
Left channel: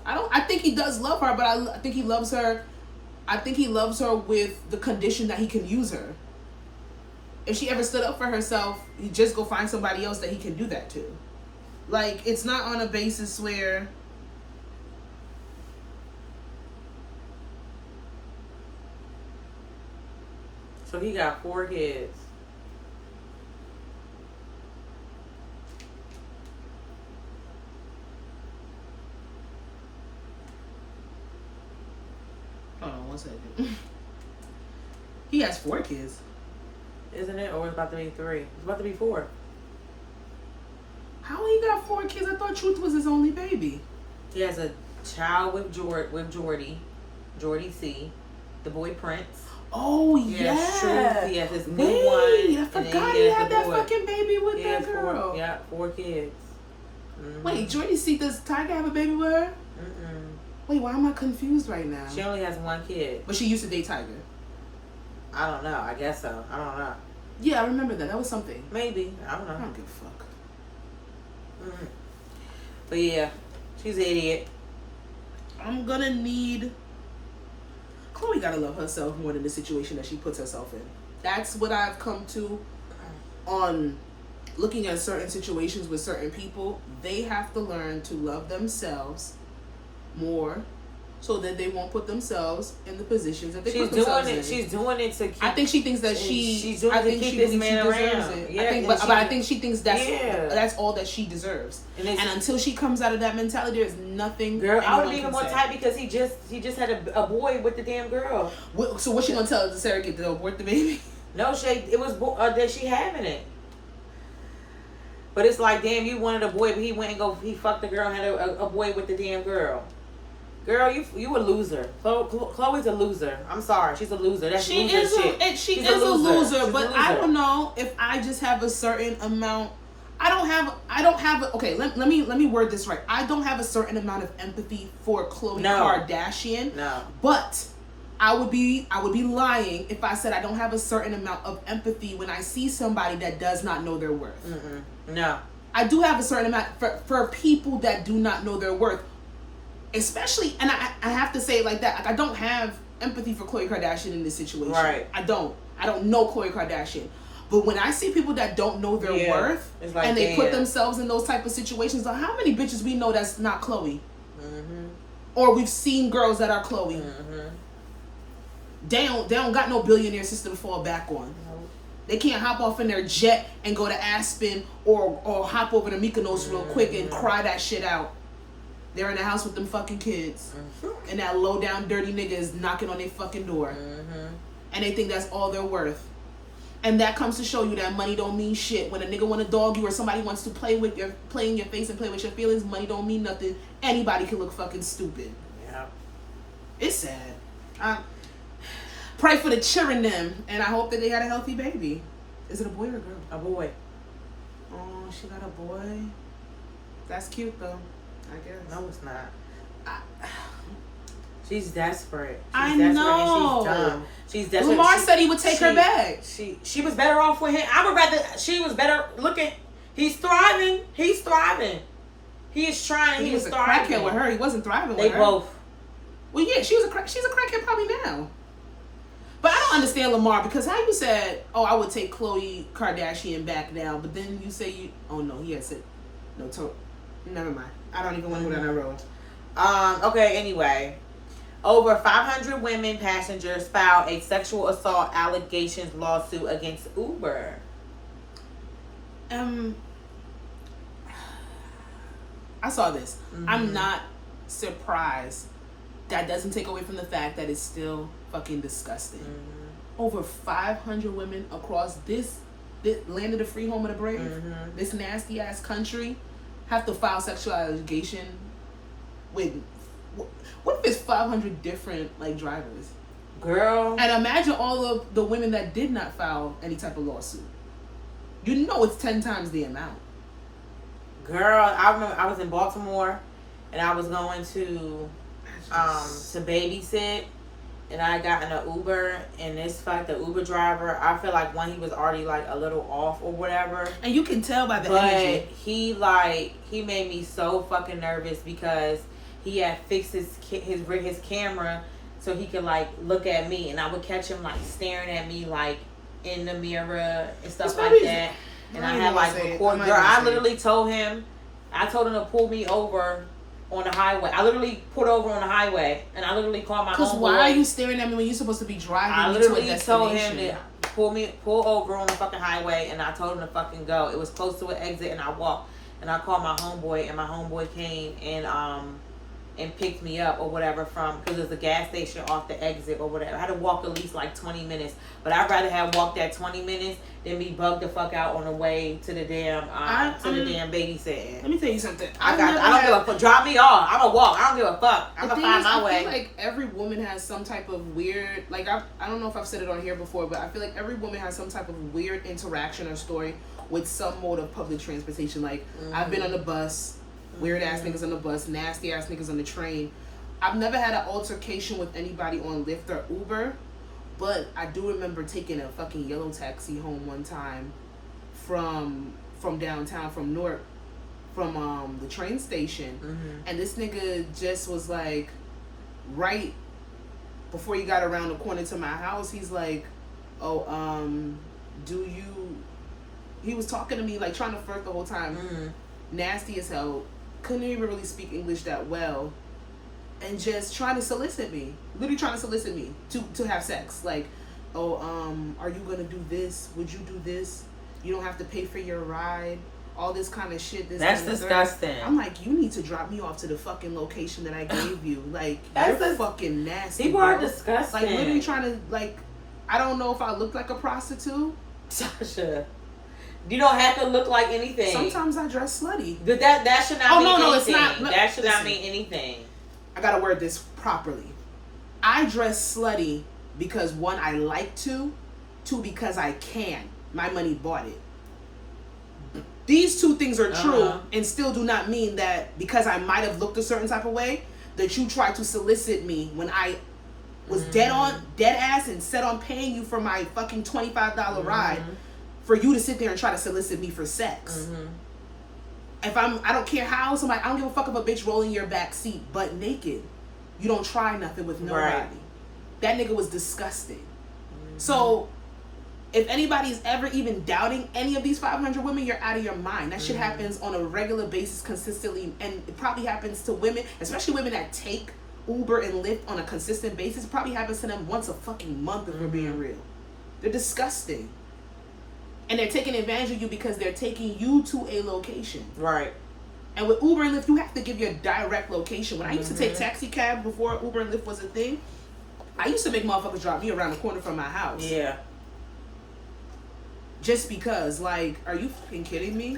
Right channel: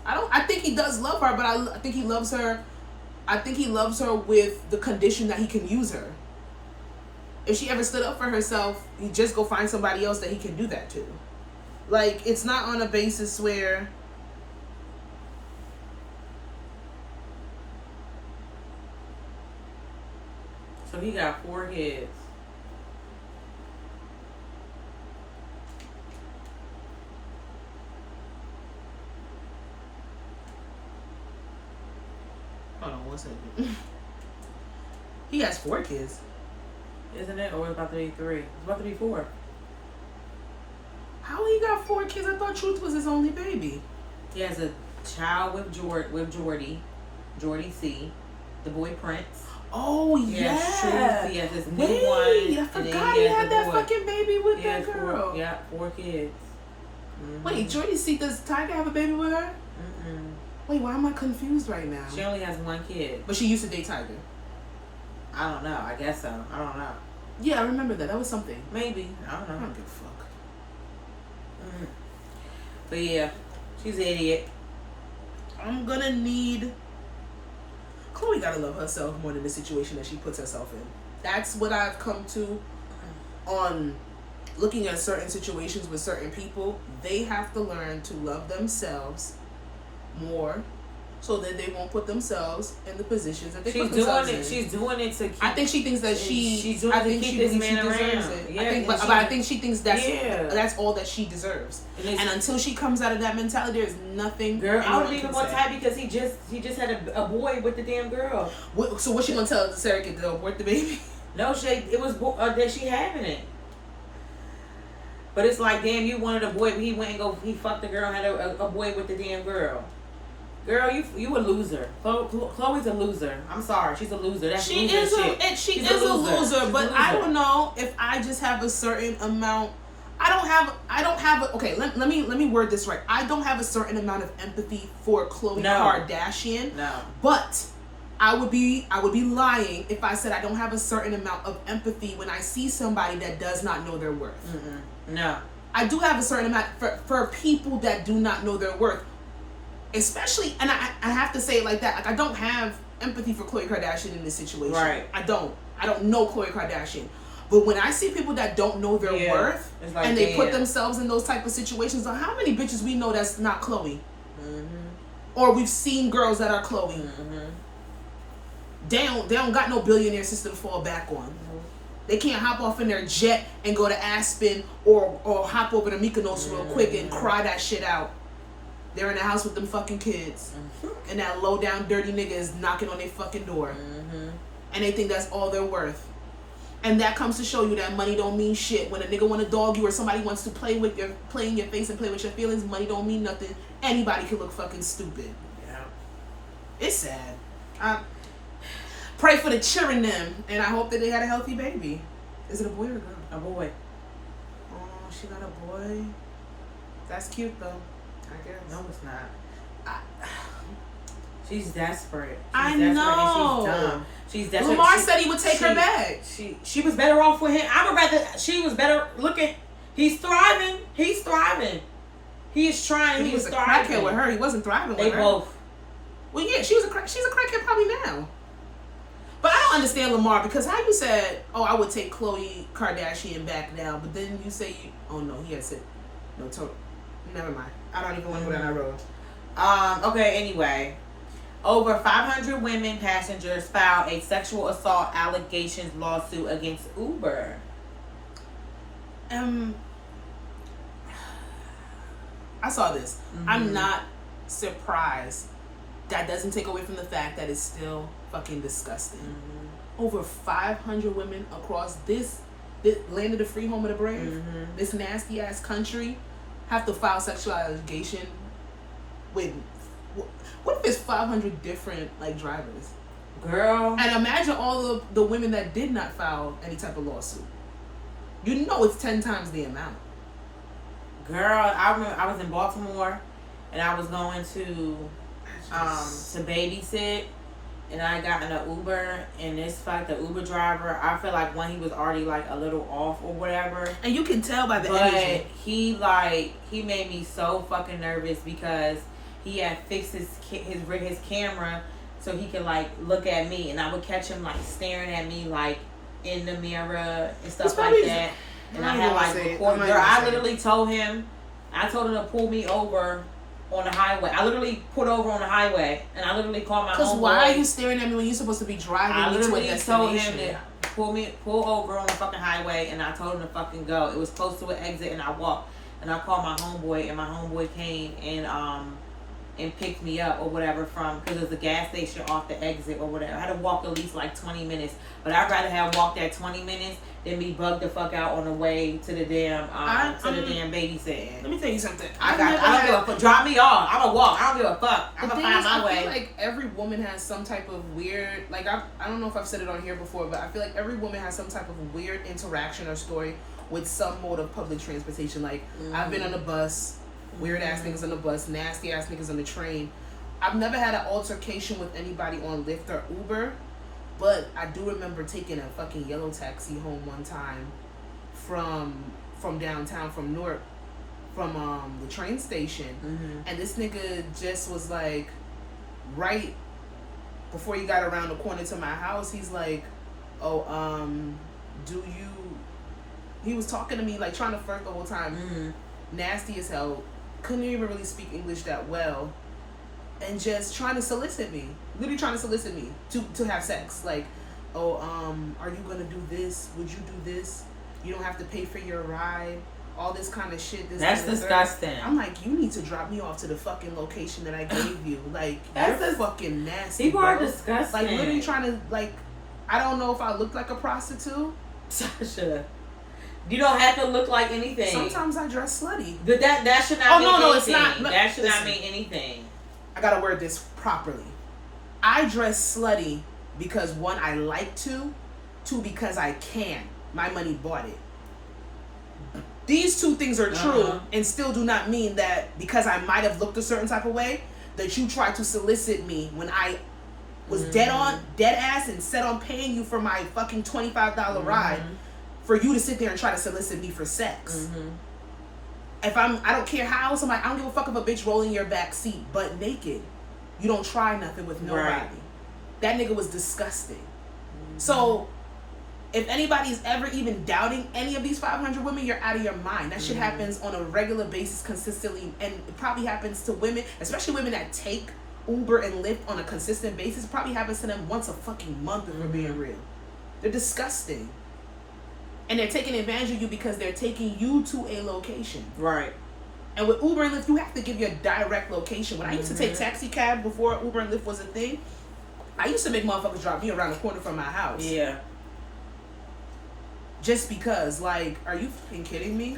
I think he does love her, but I think he loves her. I think he loves her with the condition that he can use her. If she ever stood up for herself, he just go find somebody else that he can do that to. Like, it's not on a basis where. So he got 4 kids. Hold on 1 second. He has 4 kids. Isn't it? Or it's about to be 3. It's about to be 4. How he got 4 kids? I thought Truth was his only baby. He has a child with Jordy C, the boy Prince. Oh, yeah. He has his new one. I forgot he had that fucking baby with that girl. 4 kids. Wait, Jordy C, does Tiger have a baby with her? Wait, why am I confused right now? She only has 1 kid. But she used to date Tiger. I don't know. I guess so. I don't know. Yeah, I remember that. That was something. Maybe. I don't know. I don't give a fuck. But yeah, she's an idiot. I'm gonna need Chloe gotta love herself more than the situation that she puts herself in. That's what I've come to on looking at certain situations with certain people. They have to learn to love themselves more so that they won't put themselves in the positions that they put themselves in. She's doing it to keep... I think she thinks that she's doing it to keep this man deserves around. it. Yeah, I think, but I think she thinks that's all that she deserves. And until she comes out of that mentality, there's nothing. Girl, I would be even more tight because he just had a boy with the damn girl. So what's she gonna tell the surrogate to abort the baby? No, it was that she having it. But it's like, damn, you wanted a boy, but he fucked the girl and had a boy with the damn girl. Girl, you a loser. Chloe's a loser. I'm sorry, she's a loser. That's she loser is shit. She is a loser. But I don't know if I just have a certain amount. I don't have. Okay, let me word this right. I don't have a certain amount of empathy for Khloe Kardashian. No. But I would be lying if I said I don't have a certain amount of empathy when I see somebody that does not know their worth. No. I do have a certain amount for people that do not know their worth. Especially, and I have to say it like that. Like, I don't have empathy for Khloe Kardashian in this situation. Right. I don't know Khloe Kardashian. But when I see people that don't know their worth like, and they put themselves in those type of situations, like how many bitches we know that's not Khloe? Or we've seen girls that are Khloe. They don't got no billionaire sister to fall back on. They can't hop off in their jet and go to Aspen or hop over to Mykonos real quick and cry that shit out. They're in the house with them fucking kids. And that low down dirty nigga is knocking on their fucking door. And they think that's all they're worth. And that comes to show you that money don't mean shit. When a nigga want to dog you or somebody wants to play in your face and play with your feelings, money don't mean nothing. Anybody can look fucking stupid. Yeah. It's sad. Pray for the children them, and I hope that they had a healthy baby. Is it a boy or a girl? A boy. Oh, she got a boy. That's cute though, I guess. No, it's not. She's desperate. I know. She's dumb. She's desperate. Lamar said he would take her back. She was better off with him. I would rather she was better looking. He's thriving. He is trying. He was a crackhead with her. He wasn't thriving with her. They both. Well, yeah, she's a crackhead probably now. But I don't understand Lamar because how you said, oh, I would take Khloe Kardashian back now, but then you say he had said, no, never mind. I don't even want to go down that road. Okay, anyway. Over 500 women passengers filed a sexual assault allegations lawsuit against Uber. I saw this. I'm not surprised. That doesn't take away from the fact that it's still fucking disgusting. Over 500 women across this land of the free, home of the brave, this nasty ass country, have to file sexual allegation with. What if it's 500 different like drivers? Girl. And imagine all of the women that did not file any type of lawsuit. You know it's 10 times the amount. Girl, I remember I was in Baltimore and I was going to babysit, and I got in an Uber, and the Uber driver, I feel like when he was already like a little off or whatever. And you can tell by the energy. He made me so fucking nervous because he had fixed his camera so he could like look at me, and I would catch him like staring at me like in the mirror and stuff like that. And I had like recorded. Girl, I literally told him to pull me over on the highway. I literally pulled over on the highway, and I literally called my homeboy. Because why are you staring at me when you're supposed to be driving to a destination? I literally told him to pull over on the fucking highway, and I told him to fucking go. It was close to an exit, and I walked, and I called my homeboy, and my homeboy came and picked me up or whatever because there's a gas station off the exit or whatever. I had to walk at least like 20 minutes, but I'd rather have walked that 20 minutes than be bugged the fuck out on the way to the damn babysitting. Let me tell you something. I don't give a fuck. Drop me off. I'm gonna walk. I don't give a fuck. I'm gonna find my way. I feel like every woman has some type of weird, like I don't know if I've said it on here before, but I feel like every woman has some type of weird interaction or story with some mode of public transportation. Like I've been on the bus. Weird ass niggas on the bus, nasty ass niggas on the train. I've never had an altercation with anybody on Lyft or Uber, but I do remember taking a fucking yellow taxi home one time from downtown, from Newark, from the train station, and this nigga just was like right before he got around the corner to my house, he's like, oh, do you, he was talking to me, like, trying to flirt the whole time. Nasty as hell. Couldn't even really speak English that well. And just trying to solicit me. Literally trying to solicit me to have sex. Like, oh, are you gonna do this? Would you do this? You don't have to pay for your ride. All this kind of shit. That's disgusting. I'm like, you need to drop me off to the fucking location that I gave you. Like, you're fucking nasty. People bro. are disgusting. Like, literally trying to, like, I don't know if I look like a prostitute. Sasha, you don't have to look like anything. Sometimes I dress slutty. But that should not mean anything. It's not. Look, that should not mean anything. I gotta word this properly. I dress slutty because, one, I like to. Two, because I can. My money bought it. These two things are true and still do not mean that because I might have looked a certain type of way that you tried to solicit me when I was dead ass and set on paying you for my fucking $25 ride for you to sit there and try to solicit me for sex. If I don't care how somebody, I don't give a fuck if a bitch rolling your back seat butt naked. You don't try nothing with nobody. Right. That nigga was disgusting. So if anybody's ever even doubting any of these 500 women, you're out of your mind. That shit happens on a regular basis consistently, and it probably happens to women, especially women that take Uber and Lyft on a consistent basis. It probably happens to them once a fucking month if we're being real. They're disgusting. And they're taking advantage of you because they're taking you to a location. Right. And with Uber and Lyft, you have to give your direct location. When I used to take taxi cab before Uber and Lyft was a thing, I used to make motherfuckers drop me around the corner from my house. Yeah. Just because, like, are you fucking kidding me?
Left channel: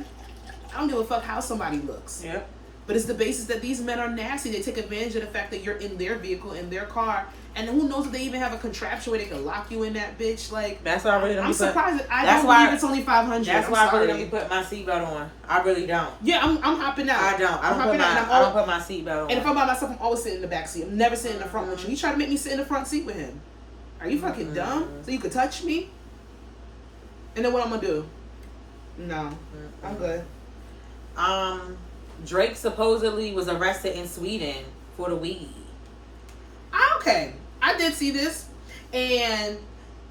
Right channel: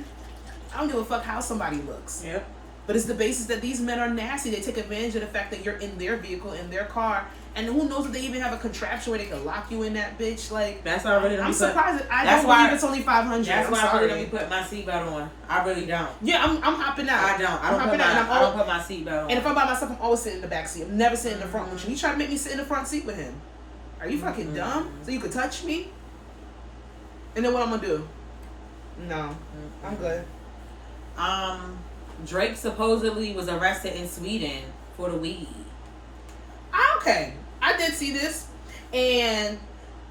I don't give a fuck how somebody looks. Yep. But it's the basis that these men are nasty. They take advantage of the fact that you're in their vehicle, in their car, and who knows if they even have a contraption where they can lock you in that bitch. Like, that's why I really don't. I'm surprised. I don't believe it's only 500. That's why I really don't put my seatbelt on. I really don't. Yeah, I'm hopping out. I don't put my seatbelt on. And if I'm by myself, I'm always sitting in the back seat. I'm never sitting in the front with you. He tried to make me sit in the front seat with him. Are you fucking dumb? So you could touch me? And then what I'm gonna do? No, I'm good. Drake supposedly was arrested in Sweden for the weed. Okay, I did see this, and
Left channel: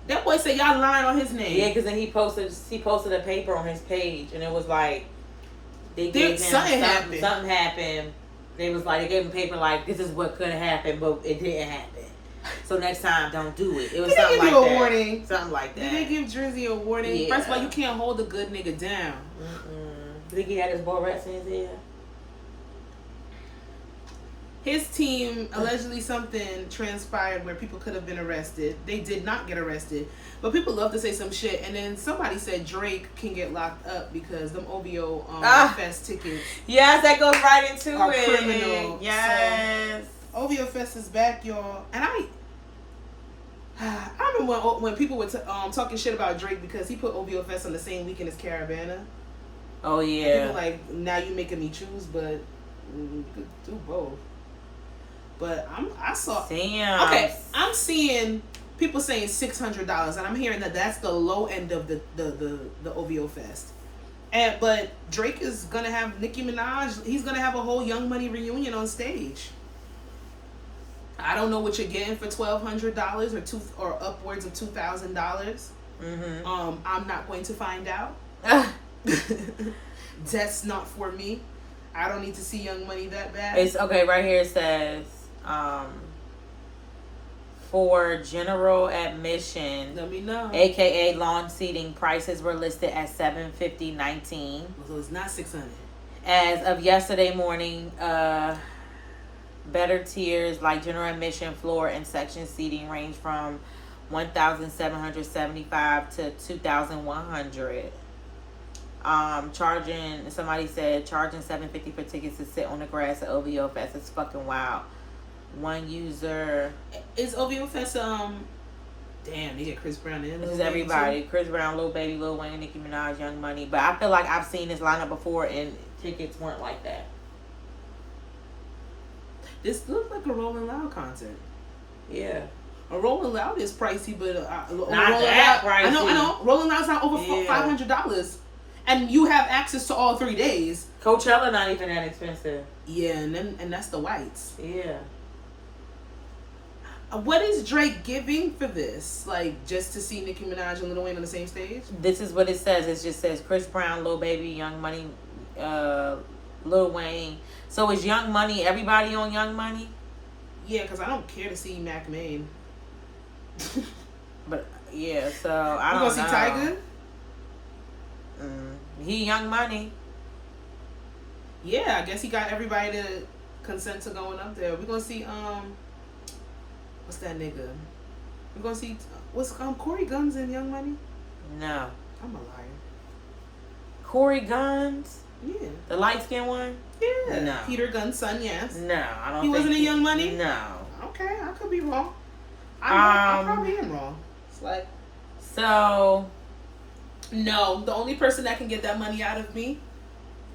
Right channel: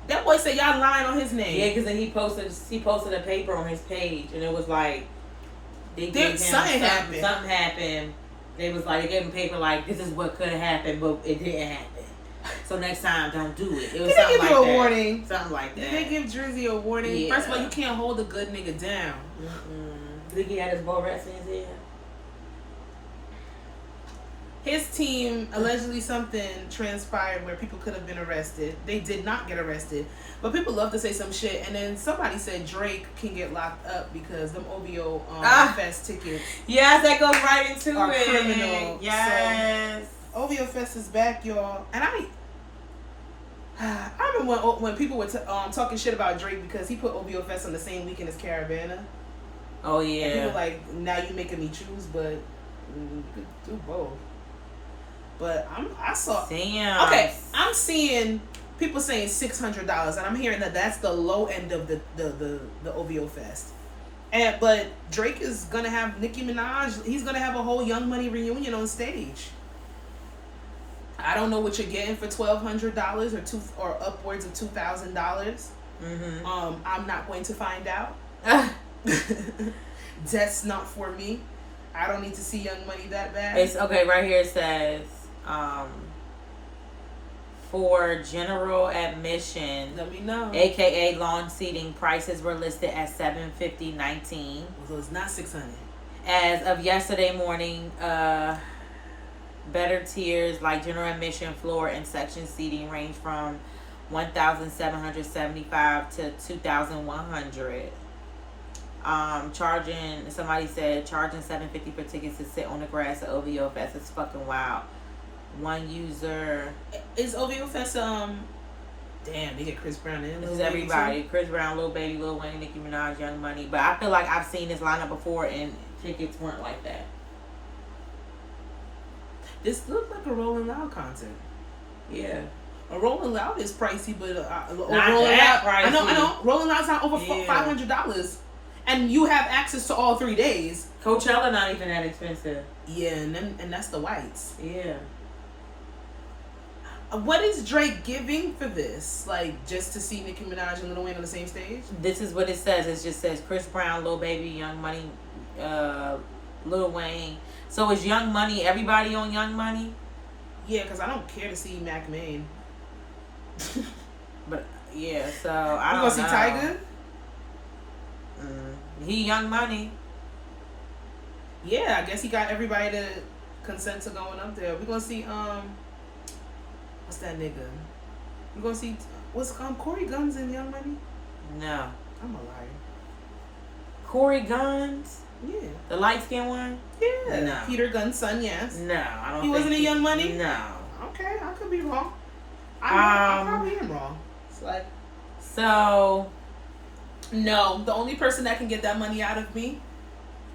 that boy said y'all lying on his name. Yeah, because then he posted a paper on his page, and it was like they gave him something happened. They was like, they gave him paper like, this is what could have happened, but it didn't happen. So next time, don't do it. It was something like that. Did they give you a warning? Something like that. Did they give Drizzy a warning? Yeah. First of all, you can't hold a good nigga down. Did he had his ball rats in his ear? His team, allegedly something transpired where people could have been arrested. They did not get arrested. But people love to say some shit. And then somebody said Drake can get locked up because them OVO Fest tickets. Yes, that goes right into are it. Criminal. Yes. So, OVO Fest is back, y'all. And I remember when people were talking shit about Drake because he put OVO Fest on the same weekend as Caravana. Oh, yeah. And people like, now you making me choose, but you could do both. But I'm seeing people saying $600, and I'm hearing that that's the low end of the OVO Fest. But Drake is gonna have Nicki Minaj. He's gonna have a whole Young Money reunion on stage. I don't know what you're getting for $1,200 or upwards of $2,000. I'm not going to find out. That's not for me. I don't need to see Young Money that bad. It's okay. Right here it says, for general admission, let me know. AKA lawn seating, prices were listed at $750.19. So it's not $600. As of yesterday morning, better tiers like general admission, floor, and section seating range from $1,775 to $2,100. Somebody said charging $750 for tickets to sit on the grass at OVO Fest is fucking wild. One user is OVO Fest. Damn, they get Chris Brown and Lil Wayne. Everybody, Chris Brown, Lil Baby, Lil Wayne, Nicki Minaj, Young Money. But I feel like I've seen this lineup before, and tickets weren't like that. This looked like a Rolling Loud concert. Yeah. A Rolling Loud is pricey, but Rolling Loud. Pricey. I know. Rolling Loud's not over $500. And you have access to all 3 days. Coachella not even that expensive. Yeah, and that's the whites. Yeah. What is Drake giving for this? Like, just to see Nicki Minaj and Lil Wayne on the same stage? This is what it says. It just says Chris Brown, Lil Baby, Young Money, Lil Wayne. So is Young Money everybody on Young Money? Yeah, because I don't care to see Mac Main. But yeah, so I don't know. We gonna see Tyga? He Young Money. Yeah, I guess he got everybody to consent to going up there. We gonna see what's that nigga? We gonna see what's Corey Guns in Young Money? No. I'm a liar. Corey Guns? Yeah. The light skinned one? Yeah. No. Peter Gunn's son, yes. No, I don't He wasn't in Young Money? No. Okay, I could be wrong. I probably am wrong. It's like, so no, the only person that can get that money out of me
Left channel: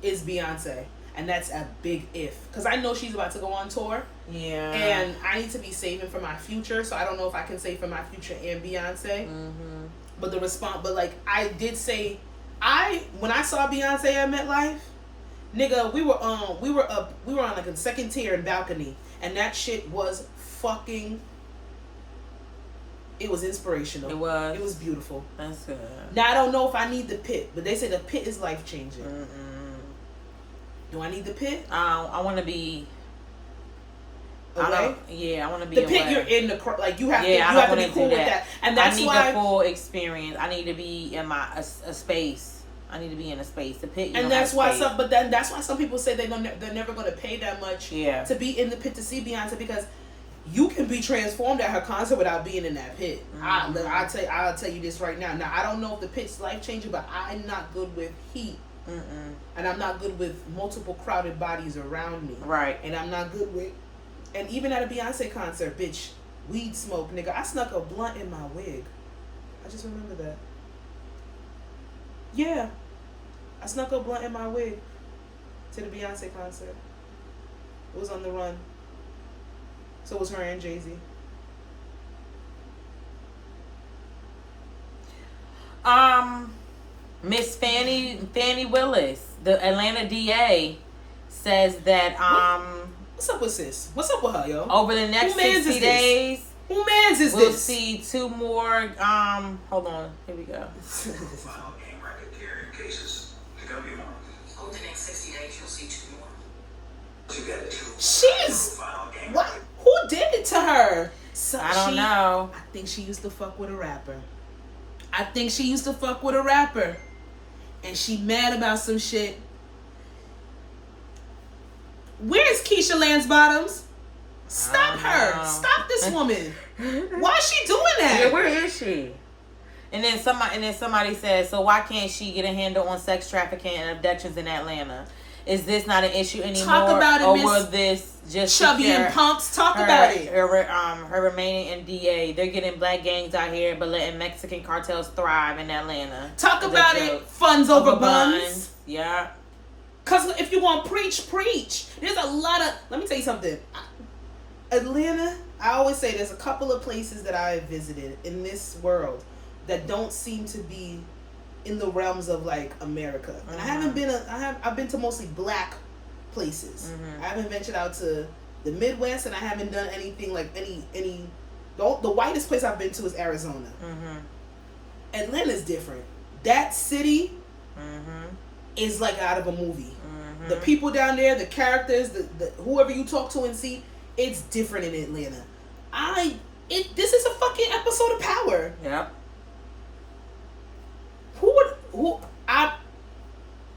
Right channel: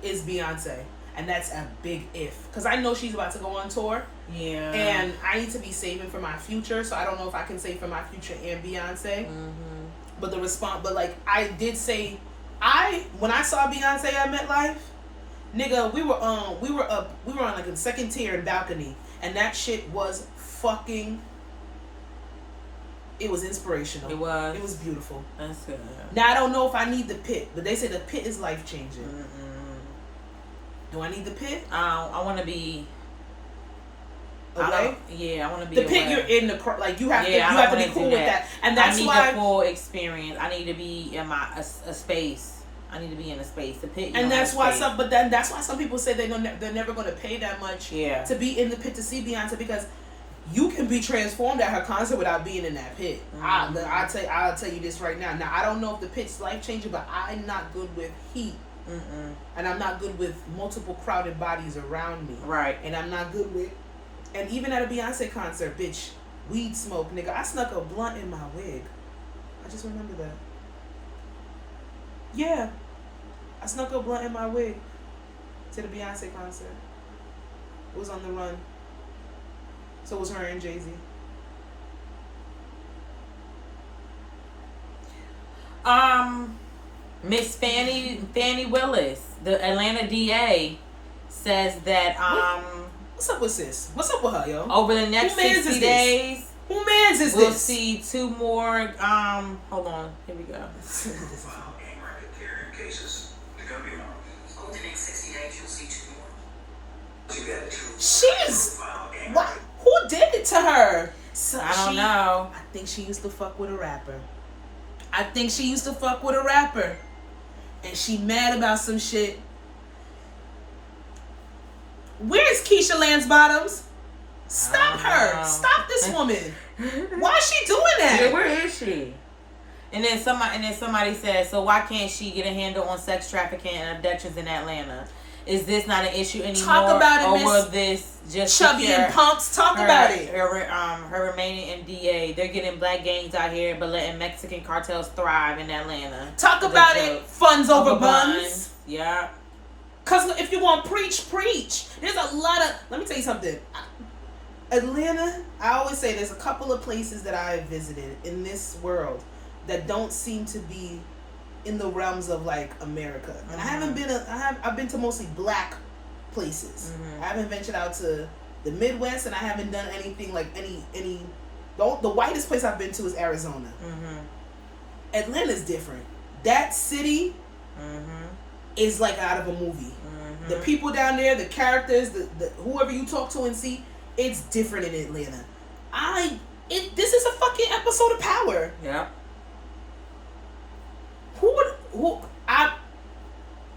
is Beyonce. And that's a big if. Because I know she's about to go on tour. yeah. And I need to be saving for my future. So I don't know if I can save for my future and Beyonce. Mm-hmm. But like, I did say, when I saw Beyonce at MetLife, nigga, we were on like a second tier and balcony. And that shit was fucking, it was inspirational. It was beautiful. That's good. Now I don't know if I need the pit, but they say the pit is life changing. Do I need the pit? I want to be away. I want to be the pit. away. You're in the like you have to be cool with that, and that's why I need the full experience. I need to be in a space. I need to be in a space. The pit, and that's why that's why some people say they're never going to pay that much to be in the pit to see Beyonce, because you can be transformed at her concert without being in that pit. Mm-hmm. I'll tell you this right now. Now I don't know if the pit's life changing, but I'm not good with heat. And I'm not good with multiple crowded bodies around me. Right. And I'm not good with, and even at a Beyonce concert, bitch, weed smoke, nigga. I snuck a blunt in my wig. I just remember that. Yeah. I snuck a blunt in my wig to the Beyonce concert. It was on the run. So it was her and Jay-Z. Miss Fannie Willis, the Atlanta DA, says that what's up with sis? What's up with her, yo? Over the next 60 days, who mans is we'll this? see 2 more. Hold on, here we go. File gang racketeering cases. They're gonna be more. Over the next 60 days, you'll see 2 more. You got 2. She's what? Who did it to her? So I don't know. I think she used to fuck with a rapper. And she mad about some shit. Where's Keisha Lance Bottoms? Stop her. Stop this woman. Why is she doing that? Yeah, where is she? And then somebody said, so why can't she get a handle on sex trafficking and abductions in Atlanta? Is this not an issue anymore? Talk about it, or Miss will this just Chubby and Pumps? Talk about it. Her remaining in DA. They're getting black gangs out here, but letting Mexican cartels thrive in Atlanta. Talk about it. Funds over buns. Yeah. Cause if you want preach. There's a lot of. Let me tell you something. Atlanta. I always say there's a couple of places that I have visited in this world that don't seem to be in the realms of like America, and I haven't been. I've been to mostly black places. I haven't ventured out to the Midwest, and I haven't done anything like any. The whitest place I've been to is Arizona. Atlanta's different. That city is like out of a movie. The people down there, the characters, the whoever you talk to and see, it's different in Atlanta. This is a fucking episode of Power. Yeah.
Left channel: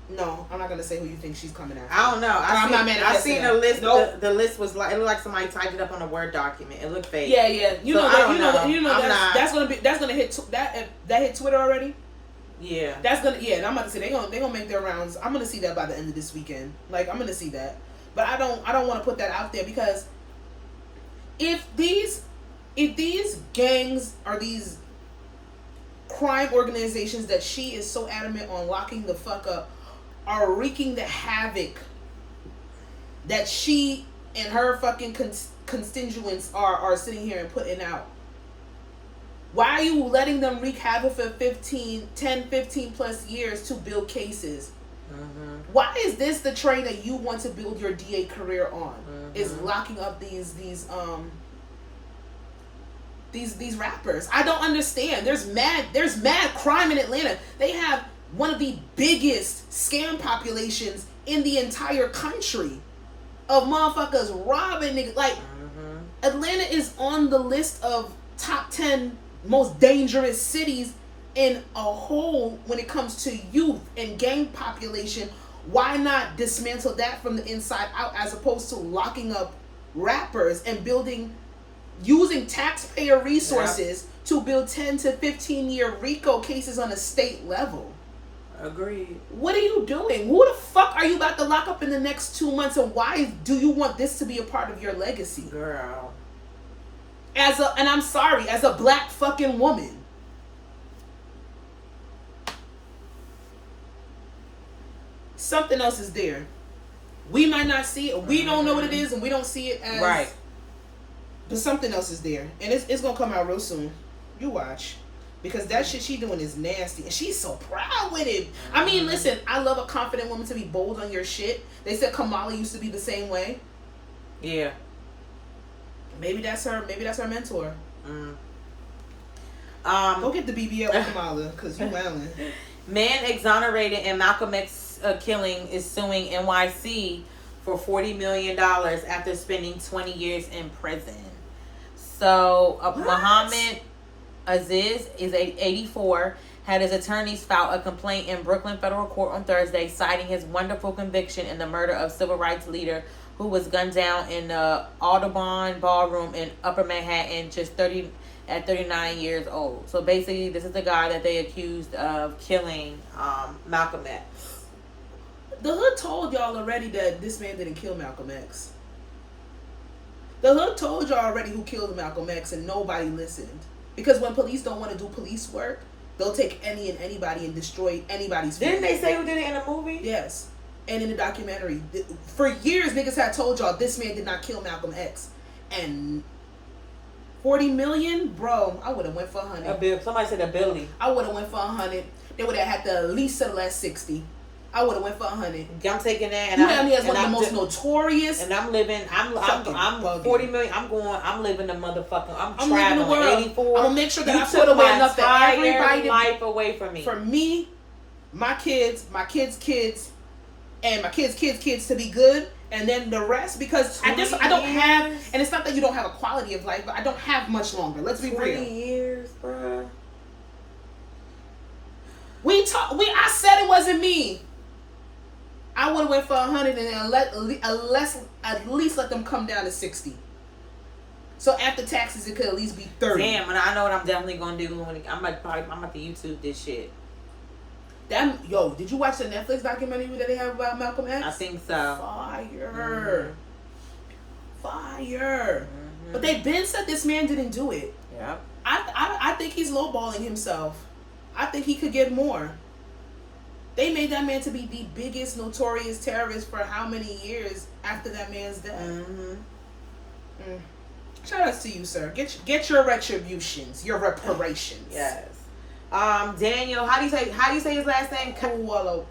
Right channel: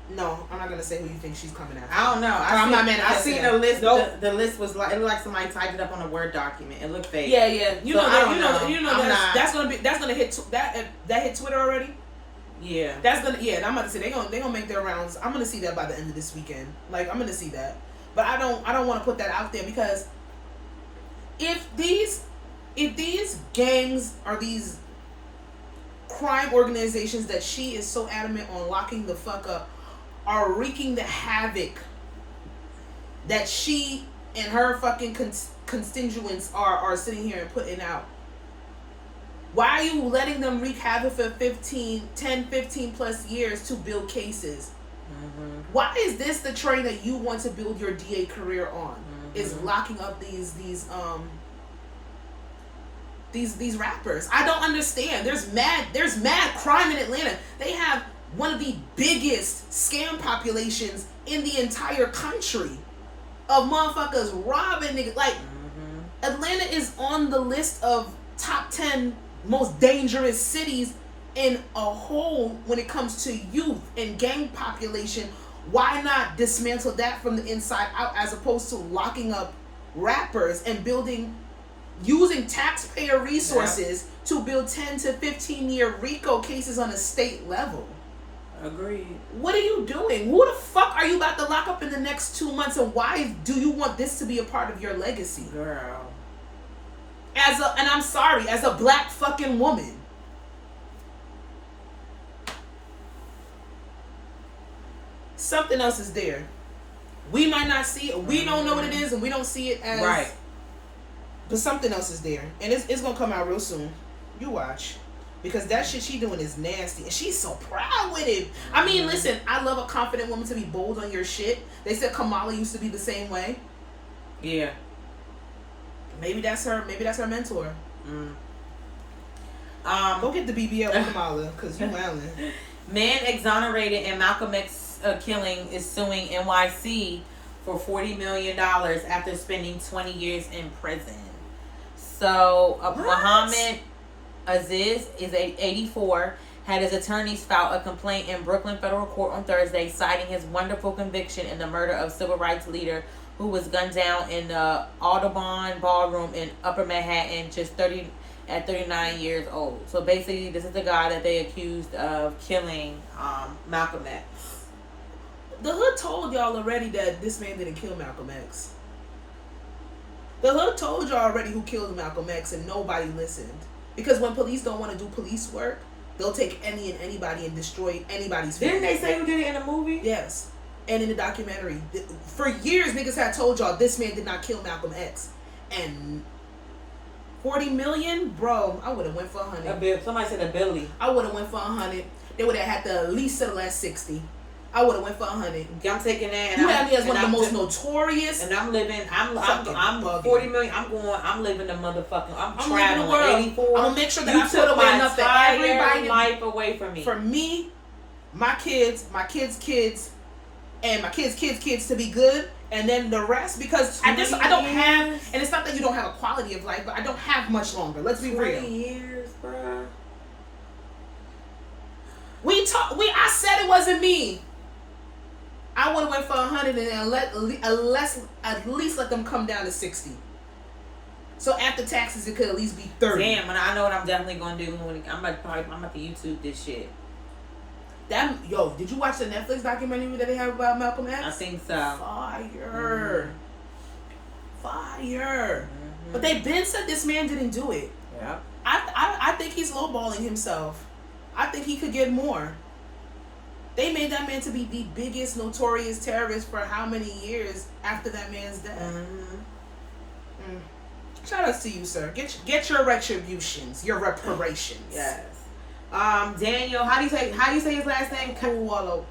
No, I'm not gonna say who you think she's coming after. I don't know. I seen a list. Nope. The list was like, it looked like somebody typed it up on a Word document. It looked fake. Yeah. You know that's gonna hit that hit Twitter already. Yeah. And I'm about to say they're gonna make their rounds. I'm gonna see that by the end of this weekend. Like, I'm gonna see that. But I don't want to put that out there, because if these gangs are these crime organizations that she is so adamant on locking the fuck up are wreaking the havoc that she and her fucking constituents are sitting here and putting out, why are you letting them wreak havoc for 15 plus years to build cases? Why is this the train that you want to build your DA career on? Is locking up these these rappers. I don't understand. There's mad crime in Atlanta. They have one of the biggest scam populations in the entire country of motherfuckers robbing niggas. Like, Atlanta is on the list of top 10 most dangerous cities in a whole when it comes to youth and gang population. Why not dismantle that from the inside out as opposed to locking up rappers and using taxpayer resources to build 10 to 15 year RICO cases on a state level? Agreed. What are you doing? Who the fuck are you about to lock up in the next 2 months, and why do you want this to be a part of your legacy? Girl. And I'm sorry, as a black fucking woman. Something else is there. We might not see it. We don't know what it is, and we don't see it as... Right. But something else is there. And it's going to come out real soon. You watch. Because that shit she doing is nasty. And she's so proud with it. I mean, listen, I love a confident woman to be bold on your shit. They said Kamala used to be the same way. Yeah. Maybe that's her mentor. Go get the BBL with Kamala, because you wildin'. Man exonerated in Malcolm X killing is suing NYC for $40 million after spending 20 years in prison. So, Muhammad Aziz is 84, had his attorneys file a complaint in Brooklyn federal court on Thursday, citing his wonderful conviction in the murder of civil rights leader who was gunned down in the Audubon Ballroom in Upper Manhattan at 39 years old. So basically, this is the guy that they accused of killing Malcolm X. The hood told y'all already that this man didn't kill Malcolm X. The hood told y'all already who killed Malcolm X, and nobody listened. Because when police don't want to do police work, they'll take any and anybody and destroy anybody's family. Didn't they say who did it in the movie? Yes. And in the documentary. For years, niggas had told y'all this man did not kill Malcolm X. And 40 million? Bro, I would have went for 100. Somebody said a Billy. I would have went for 100. They would have had to at least settle at 60. I would have went for 100. I'm taking that. And you had me as one of the most notorious. And I'm living. I'm 40 million. I'm living the motherfucking. I'm leaving the world. 84. I'm gonna make sure that I put away enough for everybody. Life away from me. For me, my kids, kids, and my kids to be good, and then the rest, because I don't have, and it's not that you don't have a quality of life, but I don't have much longer. Let's be real. 20 years, bruh. I said it wasn't me. I would have went for 100 and then at least let them come down to 60. So after taxes, it could at least be 30. Damn, and I know what I'm definitely gonna do. I'm about to YouTube this shit. Did you watch the Netflix documentary that they have about Malcolm X? I think so. Fire. But they been said this man didn't do it. Yeah. I think he's lowballing himself. I think he could get more. They made that man to be the biggest notorious terrorist for how many years after that man's death? Shout outs to you, sir. Get your retributions, your reparations. Yes. Daniel, how do you say his last name? Kalua.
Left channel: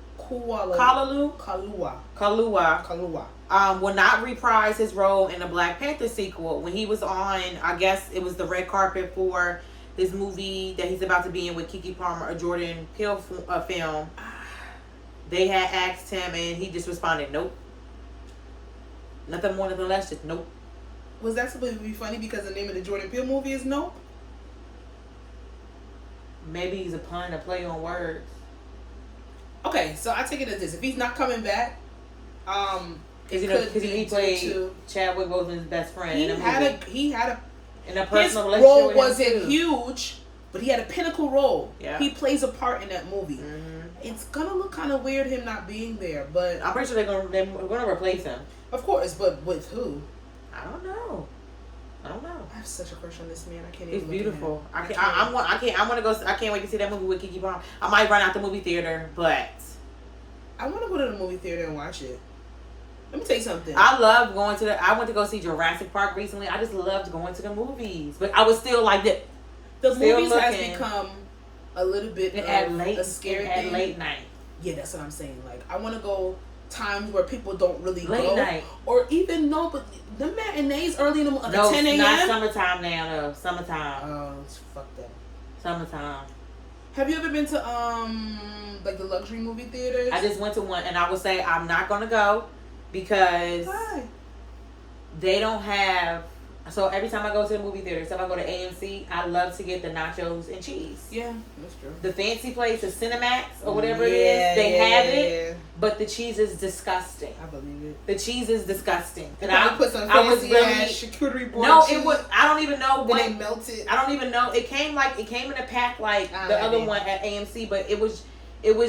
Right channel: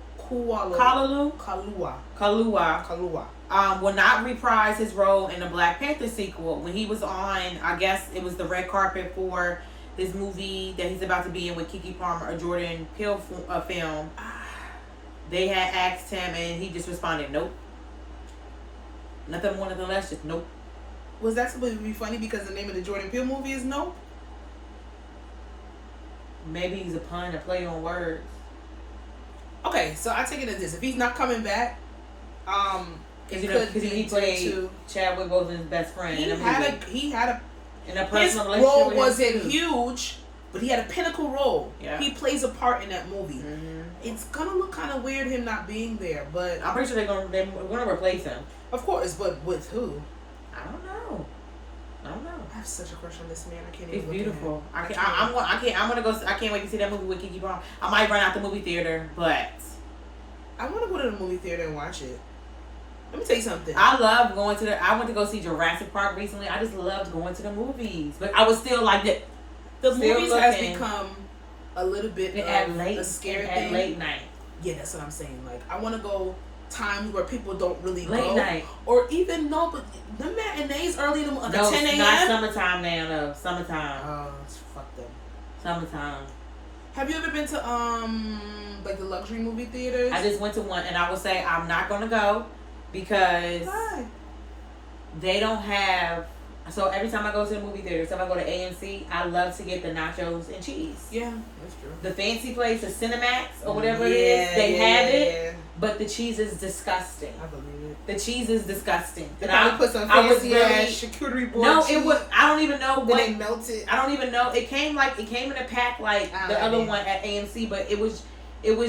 Will not reprise his role in the Black Panther sequel. When he was on, I guess it was the red carpet for this movie that he's about to be in with Keke Palmer, a Jordan Peele film. They had asked him, and he just responded, "Nope." Nothing more, nothing less, just nope. Was that supposed to be funny because the name of the Jordan Peele movie is Nope? Maybe he's a pun, a play on words. Okay, so I take it as this: if he's not coming back, because he played Chadwick Boseman's best friend. He had a in a personal his relationship. Role wasn't huge, but he had a pinnacle role. Yeah. He plays a part in that movie. It's gonna look kind of weird him not being there, but I'm pretty sure they're gonna replace him. Of course, but with who? I don't know. I have such a crush on this man. I can't He's even. beautiful. I can't wait to see that movie with Keke Palmer. I might run out the movie theater, but I want to go to the movie theater and watch it. Let me tell you something. I love going to I went to go see Jurassic Park recently. I just loved going to the movies, but I was still like that. The movies has become a little bit a scary thing. At late night. Yeah, that's what I'm saying. Like, I want to go times where people don't really Late go. night. Or even, no, but the matinees early in the morning, No, 10 it's a.m. not summertime now, no. Summertime. Oh, it's fucked up. Summertime. Have you ever been to, like the luxury movie theaters? I just went to one, and I would say I'm not going to go because Why? they don't have... So every time I go to the movie theater, so if I go to AMC, I love to get the nachos and cheese. Yeah, that's true. The fancy place, the Cinemax or whatever it is, they have it, but the cheese is disgusting. I believe it. The cheese is disgusting. They And probably put some I was fancy ass charcuterie board No, cheese. it was. I don't even know Then what. they melt it. I don't even know. It came in a pack like I the like other it. one at AMC, but it was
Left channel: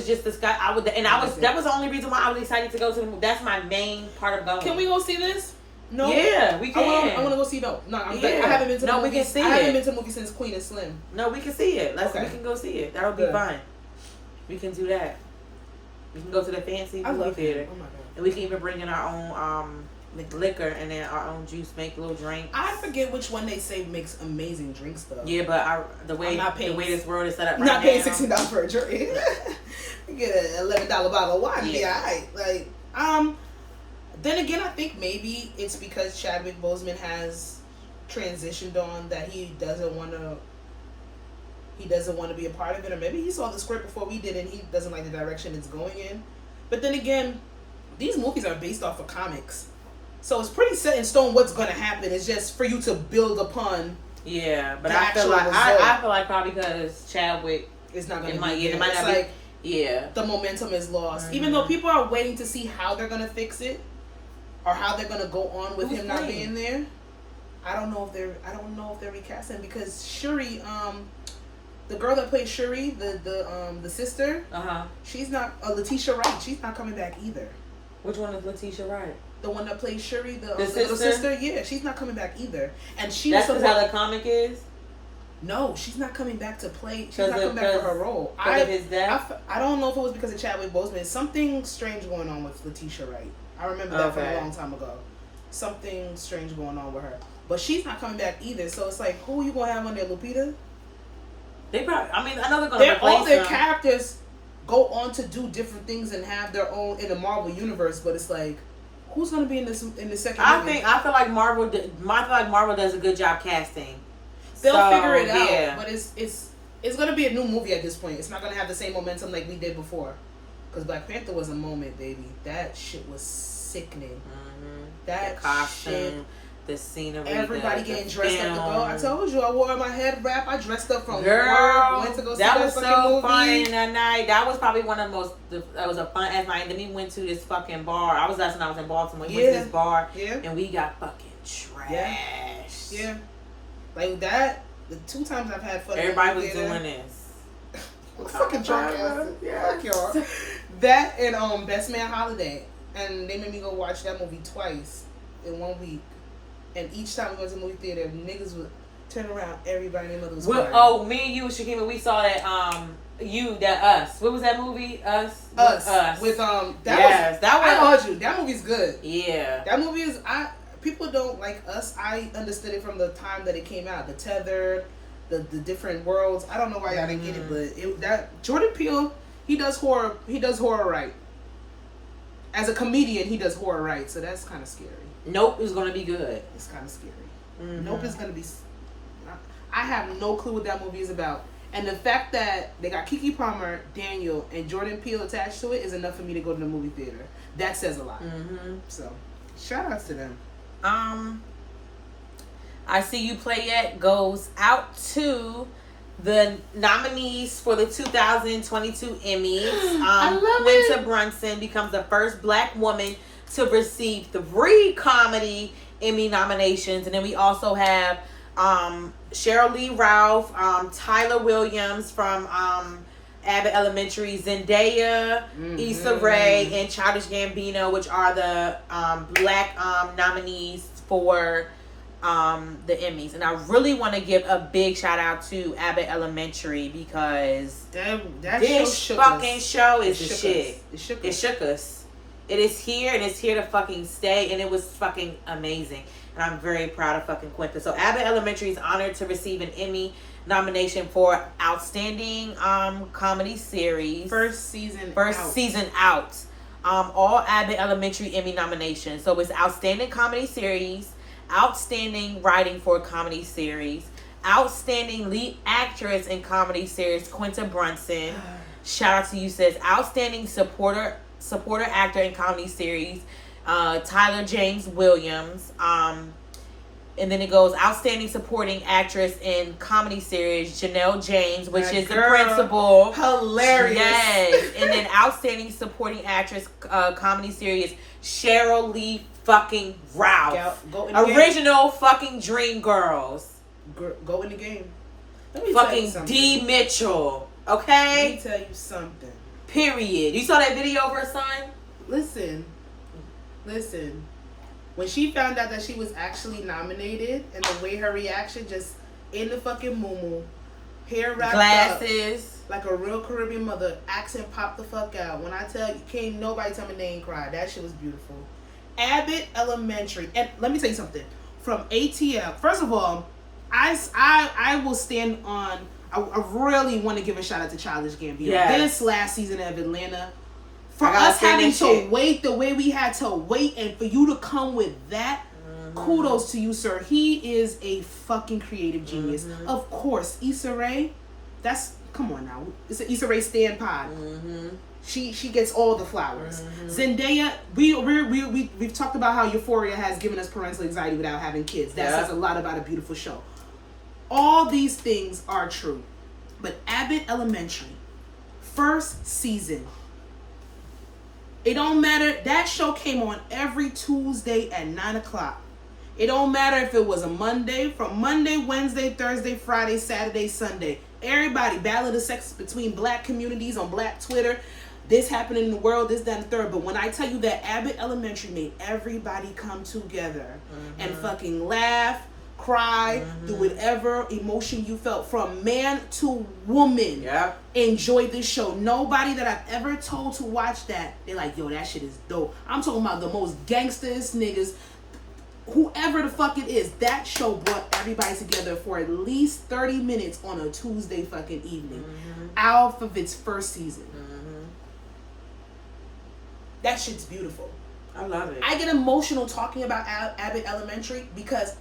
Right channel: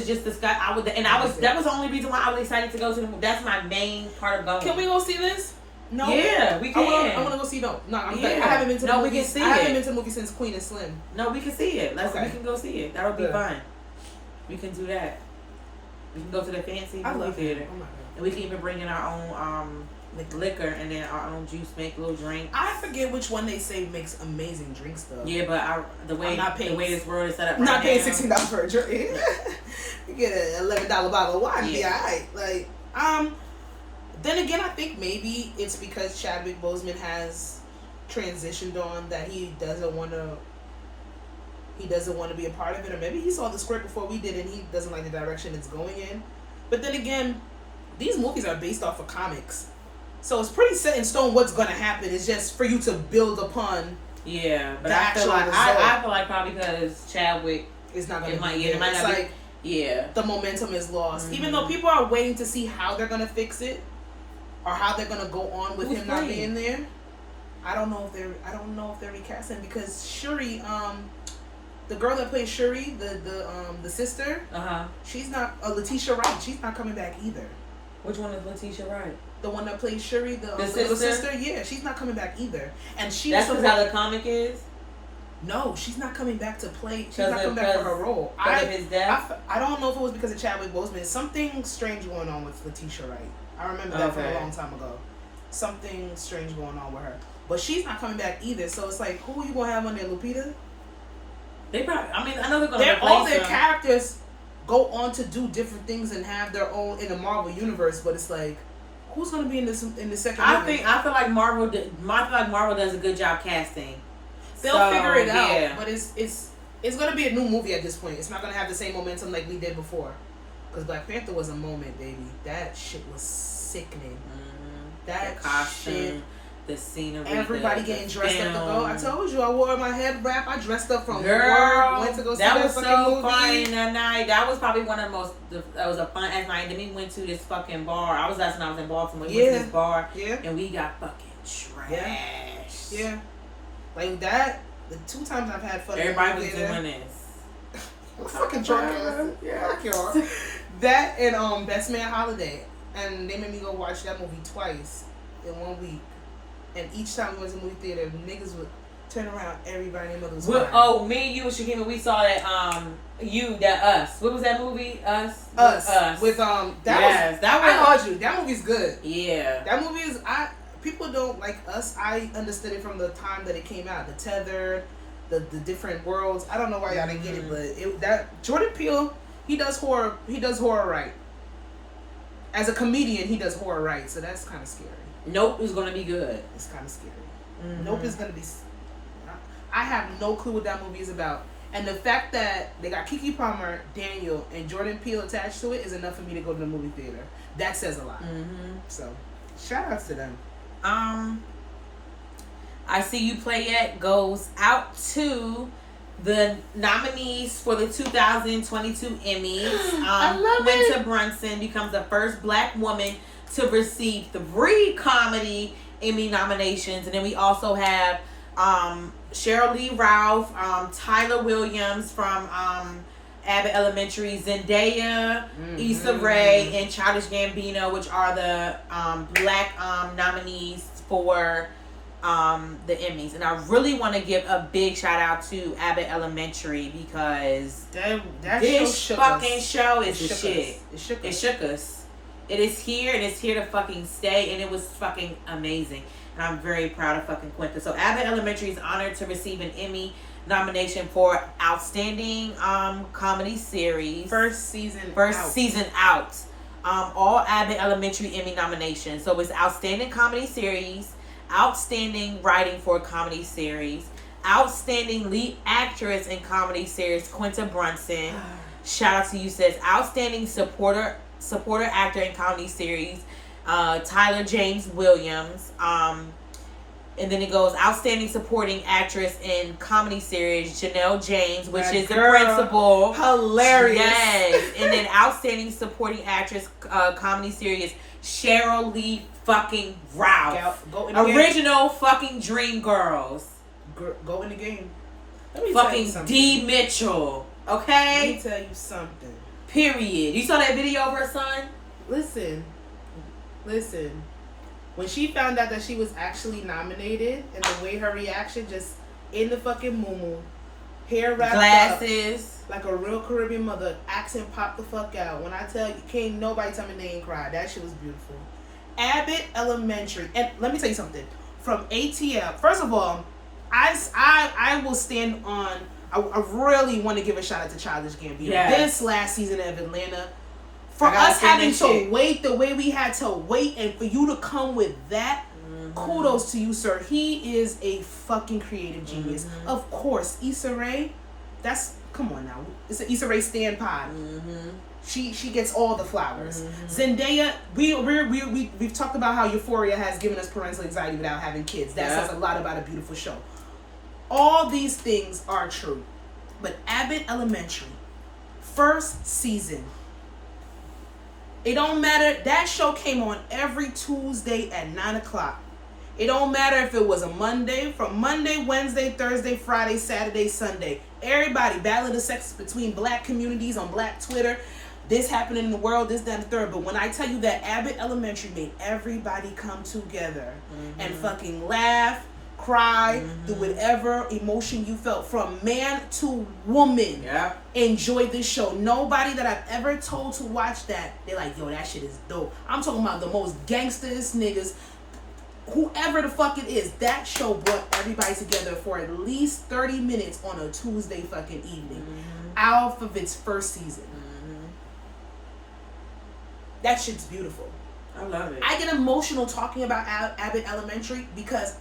just disgusting. That was the only reason why I was excited to go to the movie. That's my main part of going. Can we go see this? No. Yeah, we can. I want to go see. No, I haven't been to the No, we movie. can see I haven't it. been to the movie since Queen and Slim. No, we can see it. Okay. We can go see it. That'll be Good. fun. We can do that. We can go to the fancy I movie love theater. it. Oh my god. And we can even bring in our own liquor and then our own juice, make little drinks. I forget which one they say makes amazing drinks though. Yeah, but the way this world is set up, I'm not paying now, $16 for a drink. You get an $11 bottle of wine, be alright. Like, then again, I think maybe it's because Chadwick Boseman has transitioned on that he doesn't want to be a part of it, or maybe he saw the script before we did and he doesn't like the direction it's going in. But then again, these movies are based off of comics, so it's pretty set in stone what's going to happen. It's just for you to build upon. Yeah, but the I feel actual I feel like probably because Chadwick is not going to be might there. not It's be- like yeah, the momentum is lost. Even though people are waiting to see how they're going to fix it or how they're going to go on with Who's him not playing? being there. I don't know if they're recasting, because Shuri, the girl that plays Shuri, the sister, she's not Letitia Wright. She's not coming back either. Which one is Letitia Wright? The one that plays Shuri, the little sister? sister, yeah, she's not coming back either. And she That's was how the comic is. No, she's not coming back to play. She's not Because coming back for her role. of his death? I don't know if it was because of Chadwick Boseman. Something strange going on with Letitia Wright. I remember that from a long time ago. Something strange going on with her. But she's not coming back either. So it's like, who are you going to have on there, Lupita? They probably, I mean, I know they're going to replace all their them. characters go on to do different things and have their own in the Marvel universe, but it's like, who's going to be in the second movie? I feel like Marvel does a good job casting. They'll figure it out, but it's gonna be a new movie at this point. It's not gonna have the same momentum like we did before. Because Black Panther was a moment, baby. That shit was sickening. That the costume, shit. the scenery, Everybody getting dressed up to go. I told you, I wore my head wrap. I dressed up from work. Went to go see that was fucking so movie. fun that night. That was probably one of the most. That was a fun ass night. Then we went to this fucking bar. I was when I was in Baltimore. We went to this bar, and we got fucking trash. Yeah. Like that. The 2 times I've had fun. Everybody was doing this. Fucking drunk ass. Fuck y'all. That and Best Man Holiday, and they made me go watch that movie twice in 1 week. And each time we went to the movie theater, niggas would turn around. Everybody and their mother was crying. Oh, me and you and Shakima, we saw that Us. What was that movie? Us. With that I told you that movie's good. Yeah. That movie is people don't like Us. I understood it from the time that it came out. The tethered, the different worlds. I don't know why y'all didn't get it, but Jordan Peele, he does horror right. As a comedian, he does horror right, so that's kind of scary. Nope is gonna be good. It's kind of scary. Nope is gonna be. I have no clue what that movie is about, and the fact that they got Keke Palmer, Daniel, and Jordan Peele attached to it is enough for me to go to the movie theater. That says a lot. So, shout outs to them. I See You Play It goes out to the nominees for the 2022 Emmys. I love Quinta Brunson becomes the first Black woman to receive 3 comedy Emmy nominations, and then we also have Cheryl Lee Ralph, Tyler Williams from Abbott Elementary, Zendaya, Issa Rae, and Childish Gambino, which are the Black nominees for the Emmys. And I really want to give a big shout out to Abbott Elementary because this fucking show is the shit. It shook us. It is here and it's here to fucking stay, and it was fucking amazing. And I'm very proud of fucking Quinta. So Abbott Elementary is honored to receive an Emmy nomination for Outstanding Comedy Series. First season out. all Abbott Elementary Emmy nominations. So it's Outstanding Comedy Series, Outstanding Writing for a Comedy Series, Outstanding Lead Actress in Comedy Series, Quinta Brunson. Shout out to you, says Outstanding Supporter Actor in Comedy Series, Tyler James Williams. And then it goes Outstanding Supporting Actress in Comedy Series, Janelle James, which is the principal. Hilarious. Yes. And then Outstanding Supporting Actress Comedy Series, Cheryl Lee fucking Ralph. Go in the Original fucking Dream Girls. Go in the game. Let me tell you Fucking something. D. Mitchell. Let Okay? me tell you something. Period. You saw that video of her son? Listen. When she found out that she was actually nominated, and the way her reaction, just in the fucking muumuu, hair wrapped Glasses. up like a real Caribbean mother, accent popped the fuck out. When I tell you, can't nobody tell me they ain't cried. That shit was beautiful. Abbott Elementary, and let me tell you something. From ATL, first of all, I will stand on. I really want to give a shout out to Childish Gambino. Yes. This last season of Atlanta. For us having to wait the way we had to wait, and for you to come with that, kudos to you, sir. He is a fucking creative genius. Of course, Issa Rae, come on now. It's an Issa Rae stand pod. She gets all the flowers. Zendaya, we've talked about how Euphoria has given us parental anxiety without having kids. That says a lot about a beautiful show. All these things are true. But Abbott Elementary, first season. It don't matter. That show came on every Tuesday at 9 o'clock. It don't matter if it was a Monday, from Monday, Wednesday, Thursday, Friday, Saturday, Sunday. Everybody, battle of the sexes between black communities on black Twitter. This happened in the world, this, that, and the third. But when I tell you that Abbott Elementary made everybody come together and fucking laugh, cry, do whatever emotion you felt, from man to woman. Yeah. Enjoy this show. Nobody that I've ever told to watch that, they're like, yo, that shit is dope. I'm talking about the most gangsters niggas, whoever the fuck it is. That show brought everybody together for at least 30 minutes on a Tuesday fucking evening, out of its first season. That shit's beautiful. I love it. I get emotional talking about Abbott Elementary because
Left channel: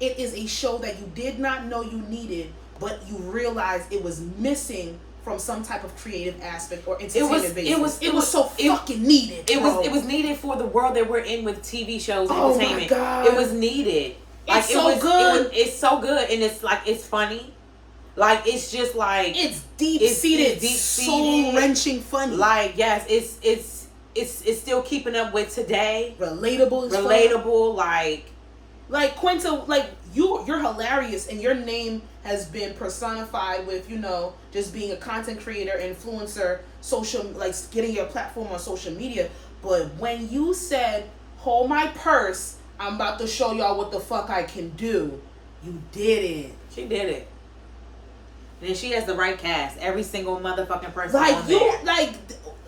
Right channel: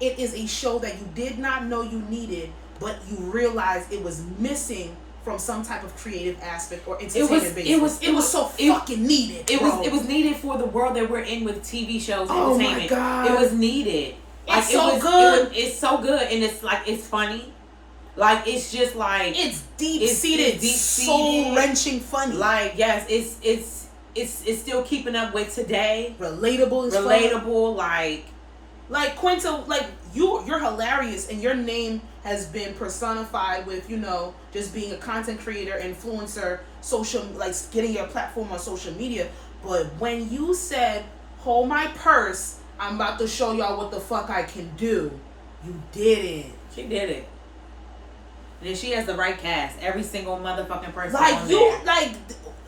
it is a show that you did not know you needed, but you realized it was missing from some type of creative aspect or entertainment basis. It was so fucking needed. It was needed for the world that we're in with TV shows and Oh entertainment. my God. It was needed. It's so good. It's so good, and it's like, it's funny. Like, it's just like, It's deep-seated, deep-seated, soul-wrenching funny. like, yes, it's still keeping up with today. Relatable as fuck. Relatable, Like Quinta, like you're hilarious, and your name has been personified with, just being a content creator, influencer, social, like getting your platform on social media. But when you said, "Hold my purse, I'm about to show y'all what the fuck I can do," you did it. she did it. And she has the right cast. Every single motherfucking person. Like on you, there. like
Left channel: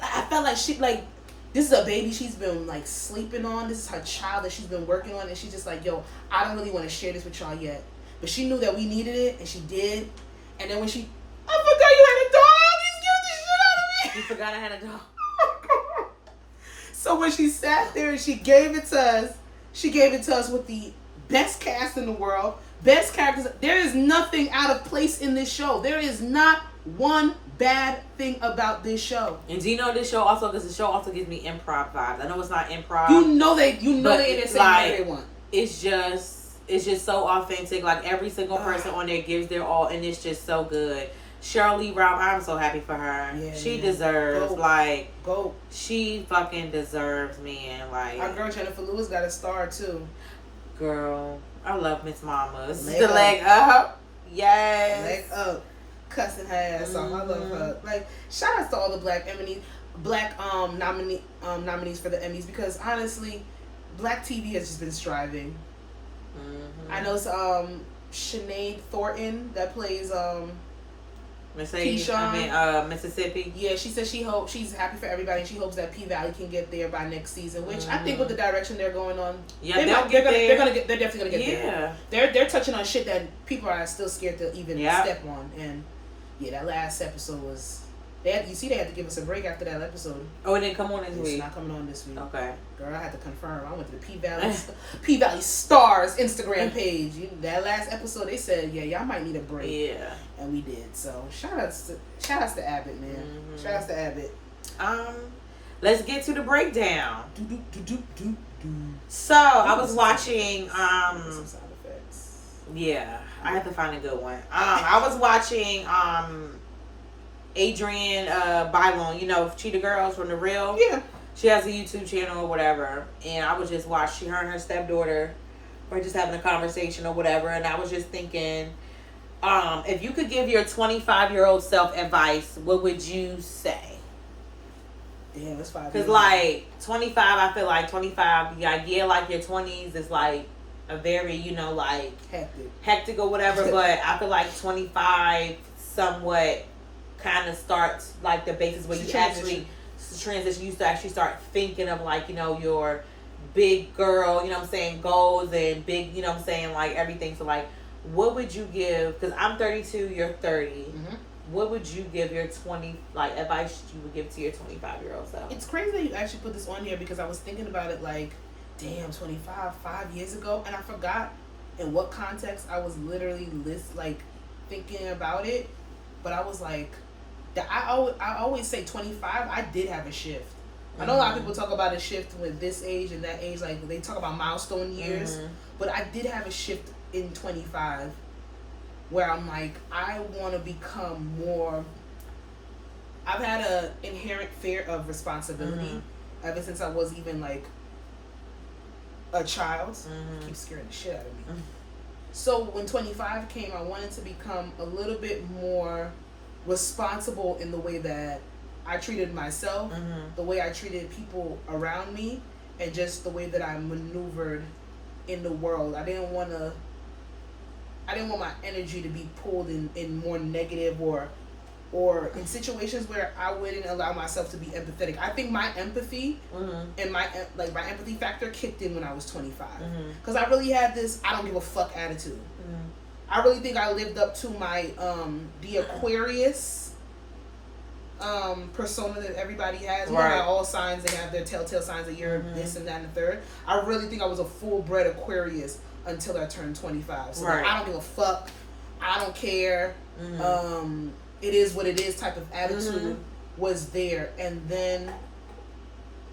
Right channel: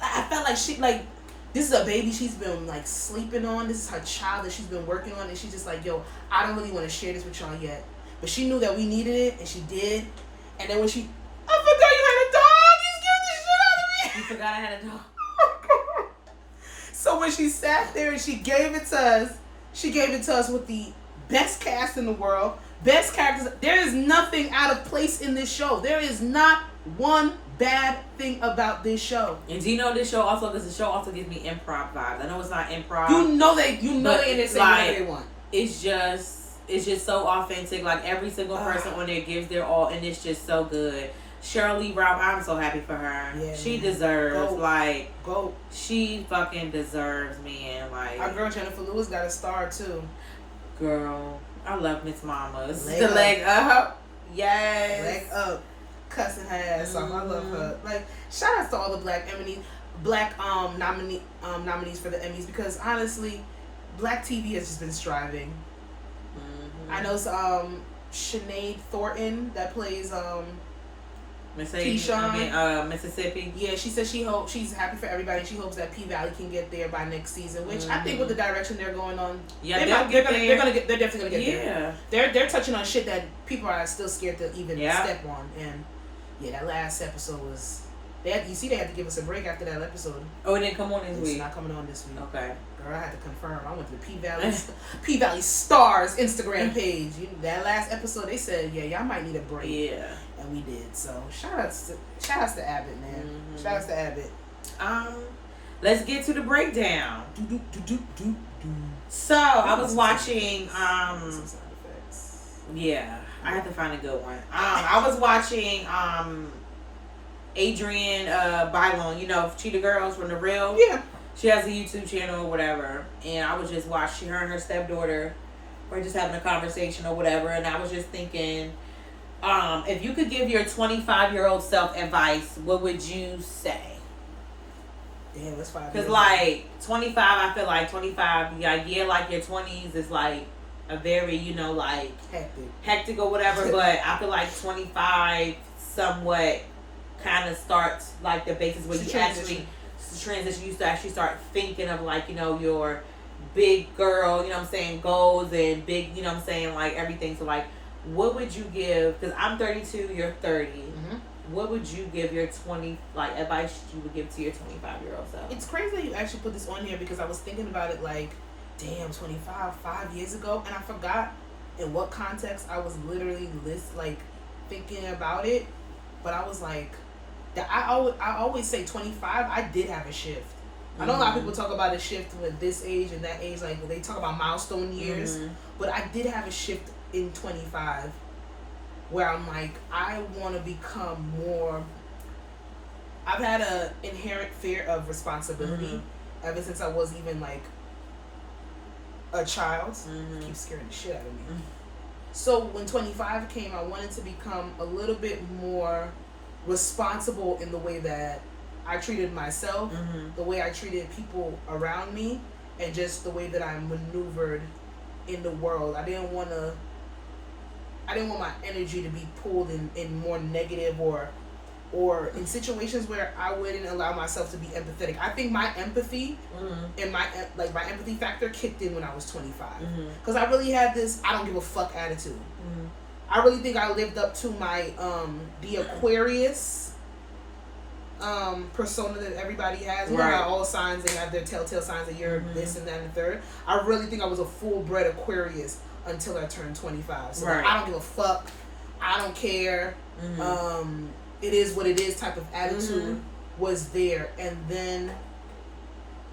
I felt like she, like, this is a baby she's been like sleeping on. This is her child that she's been working on, and she's just like, yo, I don't really want to share this with y'all yet. But she knew that we needed it, and she did. And then when I forgot you had a dog. You scared the shit out of me. You forgot I had a dog. So when she sat there and she gave it to us with the best cast in the world, best characters. There is nothing out of place in this show. There is not one bad thing about this show. And do you know this show also, because the show also gives me improv vibes. I know it's not improv. You know they in but there saying like, whatever they want. It's just so authentic. Like, every single person on there gives their all, and it's just so good. Cheryl Lee Ralph, I'm so happy for her. Yeah, she man. deserves, Go. she fucking deserves, man. Like, Our girl Jennifer Lewis got a star too. girl, I love Miss Mama. This is Leg the up. leg up. Yes. Leg up. Cussing her ass off. I love her. Like, shout outs to all the black nominees for the Emmys, because honestly, black TV has just been striving. I know Sinead Thornton that plays Keyshawn, Mississippi. Yeah, she said she's happy for everybody, and she hopes that P Valley can get there by next season. Which I think with the direction they're going on, Yeah, they're definitely gonna get Yeah. there. They're touching on shit that people are still scared to even Yeah. step on, and yeah, that last episode was They had to give us a break after that episode. Oh, it didn't come on this week? It's not coming on this week. Okay. Girl, I had to confirm. I went to the P Valley Stars Instagram page. That last episode, they said, yeah, y'all might need a break. Yeah. And we did. So, shout outs to Abbott, man. Mm-hmm. Shout outs to Abbott. Let's get to the breakdown. So, I was watching, Some sound effects. yeah, I have to find a good one. I was watching, Adrienne Bailon, you know, Cheetah Girls from The Real. Yeah. She has a YouTube channel or whatever. And I was just watching her and her stepdaughter were just having a conversation or whatever. And I was just thinking, if you could give your 25-year-old self advice, what would you say? Damn, it's 5 years. Because, like, 25, I feel like 25, the idea like your 20s is, like, a very, you know, like, hectic or whatever. But I feel like 25 somewhat kind of starts, like, the basis where you actually transition. You to actually start thinking of, like, you know, your big girl, you know what I'm saying, goals and big, you know what I'm saying, like, everything. So, like, what would you give, because I'm 32, you're 30. Mm-hmm. What would you give your 20, like, advice you would give to your 25-year-old self? It's crazy that you actually put this on here because I was thinking about it like, damn, 25, 5 years ago, and I forgot in what context I was literally thinking about it. But I was like, I always say 25, I did have a shift. Mm-hmm. I know a lot of people talk about a shift with this age and that age, like they talk about milestone years, but I did have a shift in 25 where I'm like, I want to become more. I've had an inherent fear of responsibility ever since I was even like a child. It keeps scaring the shit out of me. So when 25 came, I wanted to become a little bit more responsible in the way that I treated myself, the way I treated people around me, and just the way that I maneuvered in the world. I didn't want my energy to be pulled in more negative or in situations where I wouldn't allow myself to be empathetic. I think my empathy and my empathy factor kicked in when I was 25. Because I really had this I don't give a fuck attitude. I really think I lived up to my the Aquarius persona that everybody has. You know how all signs, they have their telltale signs that you're this and that and the third. I really think I was a full-bred Aquarius until I turned 25. So like, I don't give a fuck. I don't care. It is what it is type of attitude was there. And then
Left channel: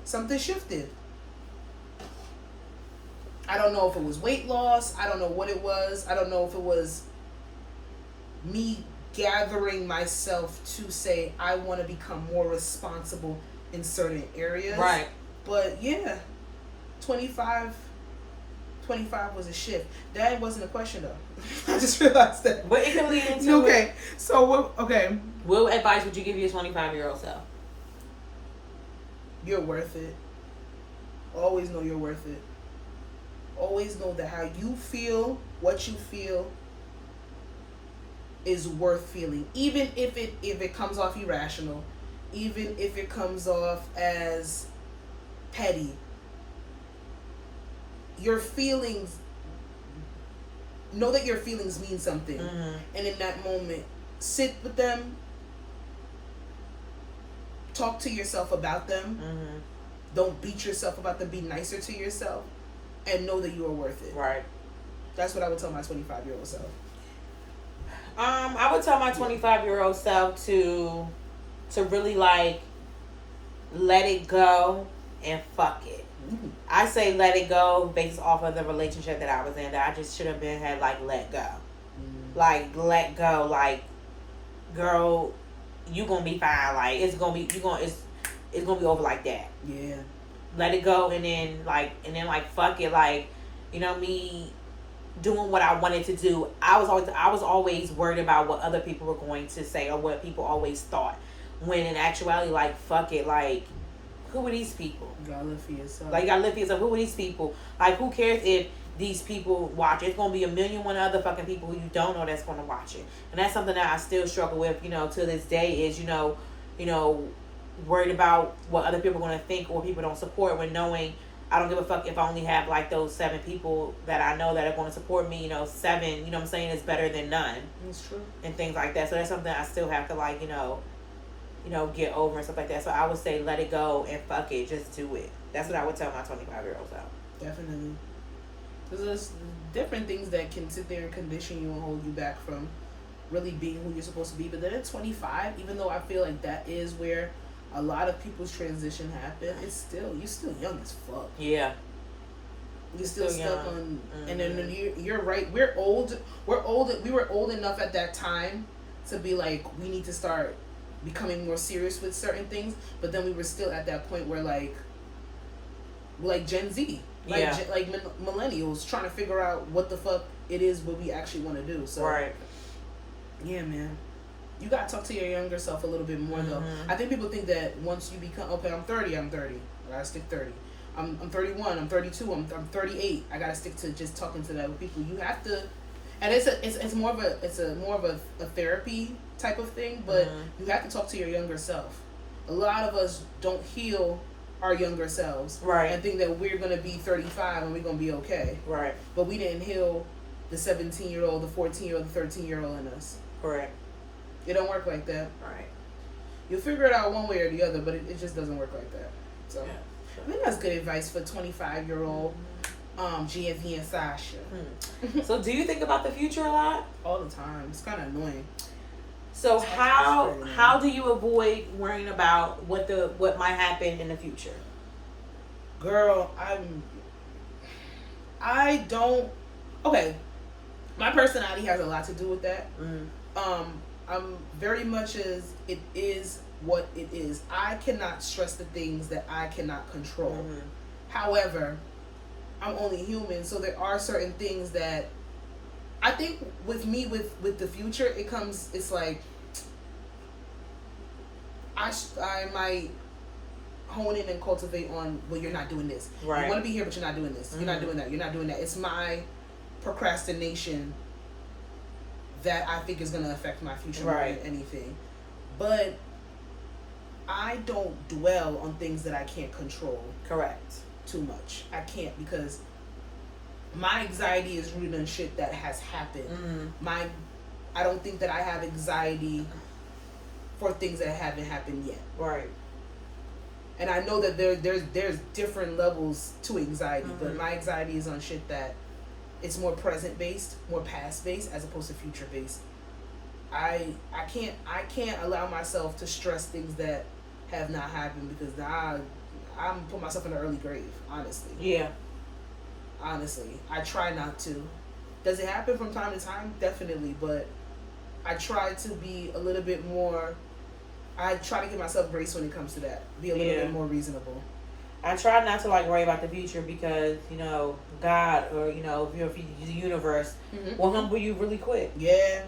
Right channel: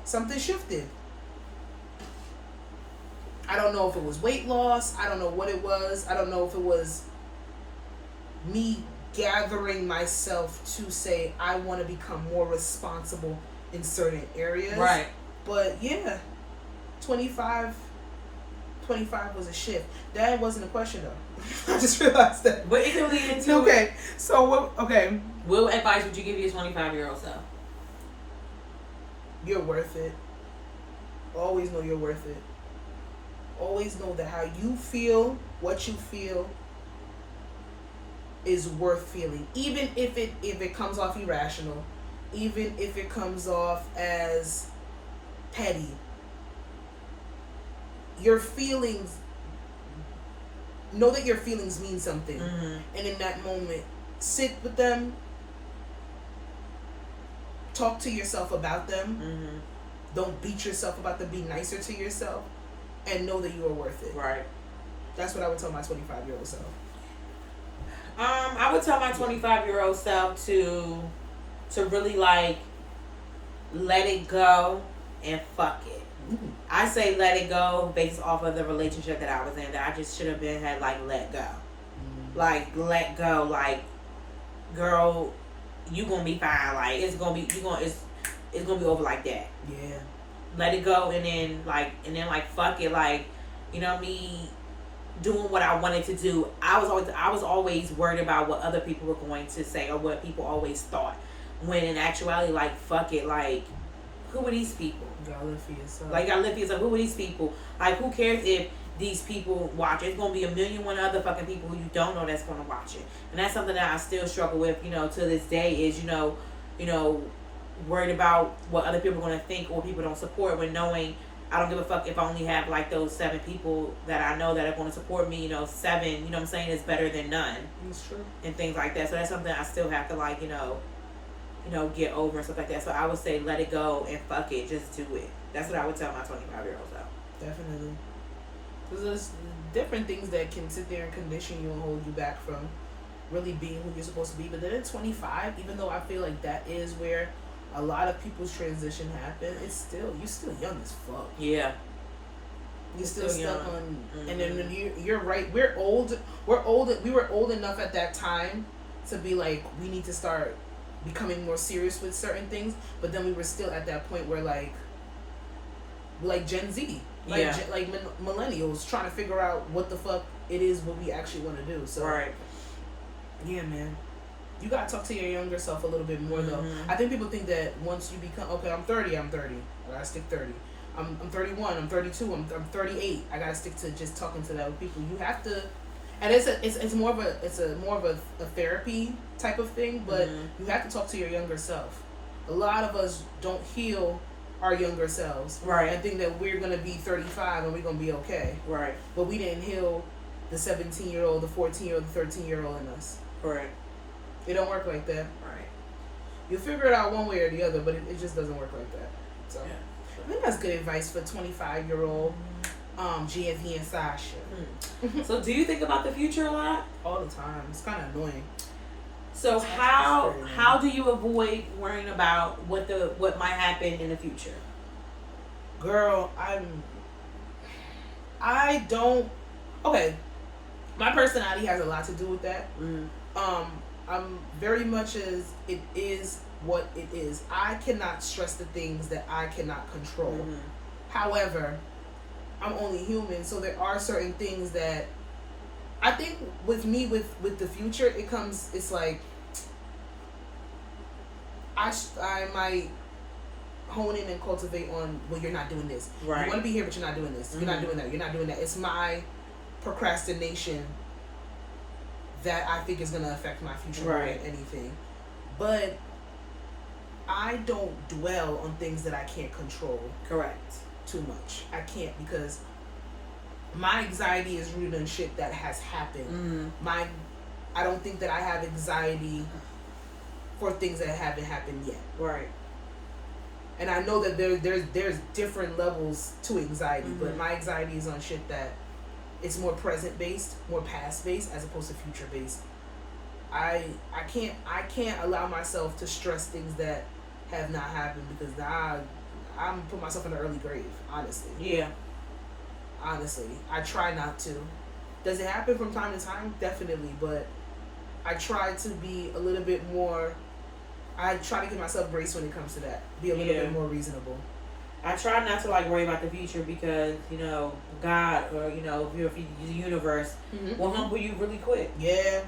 something shifted. I don't know if it was weight loss. I don't know what it was. I don't know if it was me gathering myself to say I want to become more responsible in certain areas. Right. But yeah, 25 was a shift. That wasn't a question though. I just realized that. But it can lead into okay. So what? Okay. What advice would you give your 25-year-old self? You're worth it. Always know you're worth it. Always know that how you feel, what you feel, is worth feeling. Even if it comes off irrational, even if it comes off as petty. Your feelings, know that your feelings mean something. And in that moment, sit with them, talk to yourself about them. Don't beat yourself about them. Be nicer to yourself, and know that you are worth it. Right. That's what I would tell my 25-year-old self. I would tell my 25-year-old self to really like let it go and fuck it. I say let it go based off of the relationship that I was in, that I just should have had like let go. Like let go, like girl, you gonna be fine. Like it's gonna be it's gonna be over like that. Yeah. Let it go and then like fuck it, like, you know, me doing what I wanted to do. I was always worried about what other people were going to say or what people always thought. When in actuality, like fuck it, like who are these people? You gotta live for yourself. Like, you gotta live for yourself. Who are these people? Like, who cares if these people watch? It's gonna be 1,000,001 other fucking people who you don't know that's gonna watch it. And that's something that I still struggle with, you know, to this day is, you know, worried about what other people are gonna think or people don't support, when knowing I don't give a fuck if I only have like those 7 people that I know that are gonna support me, you know, 7, you know what I'm saying, is better than none. That's true. And things like that. So that's something I still have to like, you know, get over and stuff like that. So I would say let it go and fuck it, just do it. That's what I would tell my 25-year-olds out. Definitely. Because there's different things that can sit there and condition you and hold you back from really being who you're supposed to be. But then at 25, even though I feel like that is where a lot of people's transition happen, you're still young as fuck. Yeah. You're still stuck young. on, and then you're right. We were old enough at that time to be like, we need to start becoming more serious with certain things. But then we were still at that point where like Gen Z, like millennials, trying to figure out what the fuck it is what we actually want to do. So right. Yeah, man. You gotta talk to your younger self a little bit more though. I think people think that once you become I'm 30. I gotta stick 30. I'm 31. I'm 32. I'm 38. I gotta stick to just talking to that people. You have to, and it's more of a therapy type of thing. But you have to talk to your younger self. A lot of us don't heal our younger selves, right, and think that we're gonna be 35 and we're gonna be okay, right. But we didn't heal the 17-year-old, the 14-year-old, the 13-year-old in us. Correct. It don't work like that. Right. You'll figure it out one way or the other, but it just doesn't work like that. So I think that's good advice for 25-year-old GFE and Sasha. So do you think about the future a lot? All the time. It's kind of annoying. So how do you avoid worrying about what might happen in the future? Girl, I don't. Okay, my personality has a lot to do with that. I'm very much as it is what it is. I cannot stress the things that I cannot control. However, I'm only human, so there are certain things that I think with me with the future, it's like I might hone in and cultivate on, well, you're not doing this. Right. You want to be here, but you're not doing this. You're not doing that. You're not doing that. It's my procrastination that I think is going to affect my future more than anything. But I don't dwell on things that I can't control. Correct. Too much. I can't, because my anxiety is rooted in shit that has happened. I don't think that I have anxiety for things that haven't happened yet. Right. And I know that there's different levels to anxiety, but my anxiety is on shit that it's more present based, more past based, as opposed to future based. I can't allow myself to stress things that have not happened, because I'm put myself in an early grave, honestly. Yeah. Honestly, I try not to. Does it happen from time to time? Definitely, but I try to be a little bit more. I try to give myself grace when it comes to that. Be a little bit more reasonable. I try not to worry about the future, because God, or the universe will humble you really quick. Yeah.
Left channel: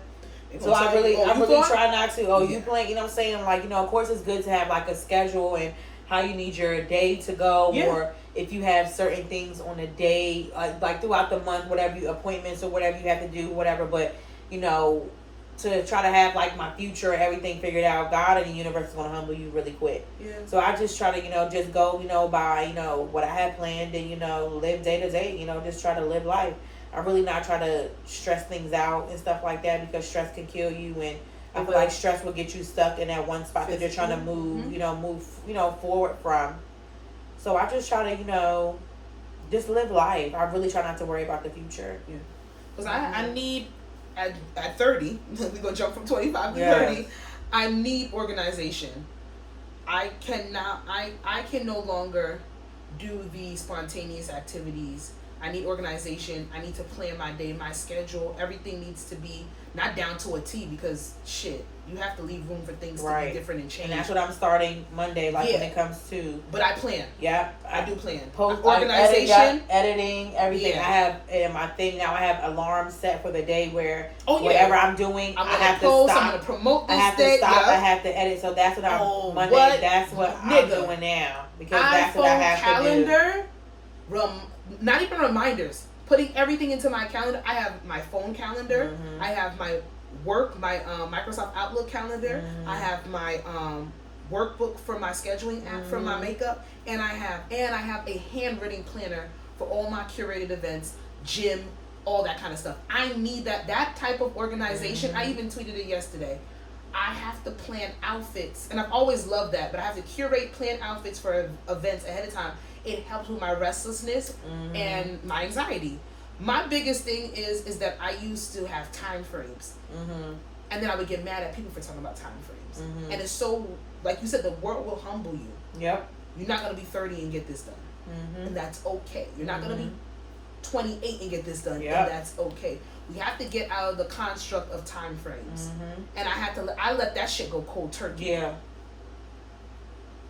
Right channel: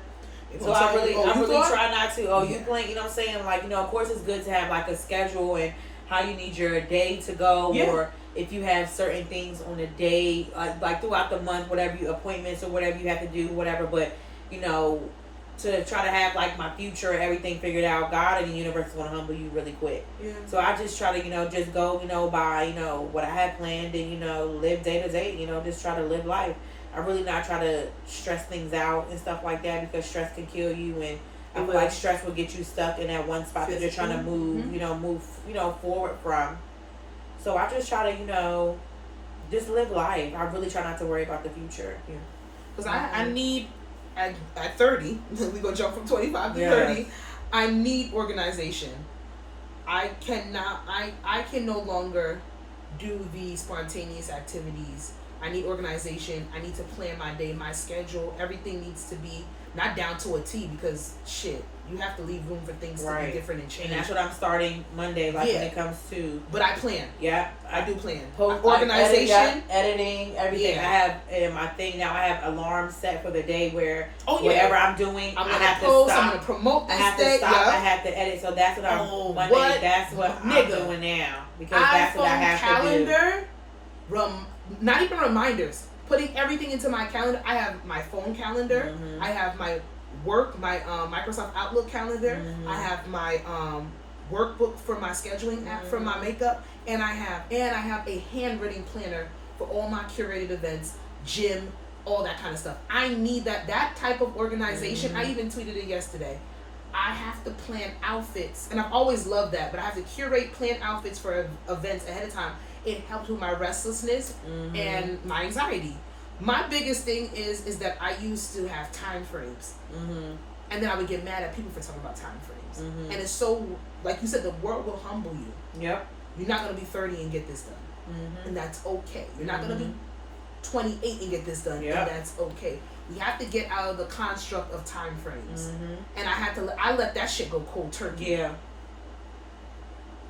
So I really try not to. You playing? You know what I'm saying? Of course it's good to have a schedule and how you need your day to go, or if you have certain things on the day, throughout the month, whatever appointments or whatever you have to do, whatever. But to try to have my future, everything figured out, God and the universe is gonna humble you really quick. Yeah. So I just try to just go by what I had planned, and live day to day. Just try to live life. I really not try to stress things out and stuff like that, because stress can kill you, and I feel like stress will get you stuck in that one spot that you're trying to move, move forward from. So I just try to, just live life. I really try not to worry about the future. Yeah. Because I need, at 30, we're going to jump from 25 to 30, I need organization. I can no longer do the spontaneous activities. I need organization. I need to plan my day, my schedule. Everything needs to be not down to a T, because shit, you have to leave room for things to be different and change. And that's what I'm starting Monday, when it comes to. But I plan. Yeah, I do plan. Organization, editing, everything. I have in my thing now. I have alarms set for the day where whatever I'm doing, I'm gonna post. I'm gonna promote this. I have to stop. I have to edit. So that's what I'm Monday. That's what I'm doing now, because that's what I have to do. Not even reminders. Putting everything into my calendar. I have my phone calendar. I have my work, my Microsoft Outlook calendar. I have my workbook for my scheduling app for my makeup, and I have a handwritten planner for all my curated events, gym, all that kind of stuff. I need that type of organization. I even tweeted it yesterday. I have to plan outfits, and I've always loved that, but I have to plan outfits for events ahead of time. It helps with my restlessness and my anxiety. My biggest thing is that I used to have time frames. And then I would get mad at people for talking about time frames. And it's so, like you said, the world will humble you. Yep. You're not going to be 30 and get this done. And that's okay. You're not going to be 28 and get this done. And that's okay. We have to get out of the construct of time frames. And I let that shit go cold turkey. Yeah.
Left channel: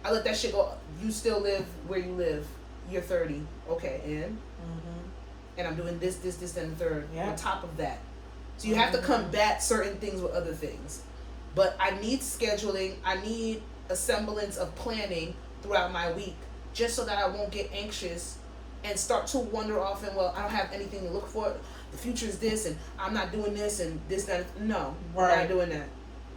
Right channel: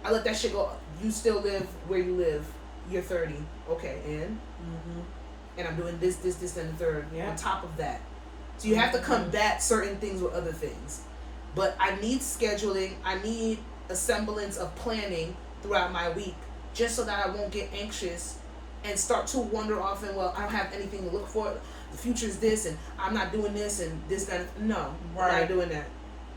I let that shit go. You still live where you live. You're 30. Okay, and I'm doing this, and the third on top of that. So you have to combat certain things with other things. But I need scheduling. I need a semblance of planning throughout my week, just so that I won't get anxious and start to wander off and, well, I don't have anything to look for. The future is this, and I'm not doing this, and this, that. No, we're not doing that.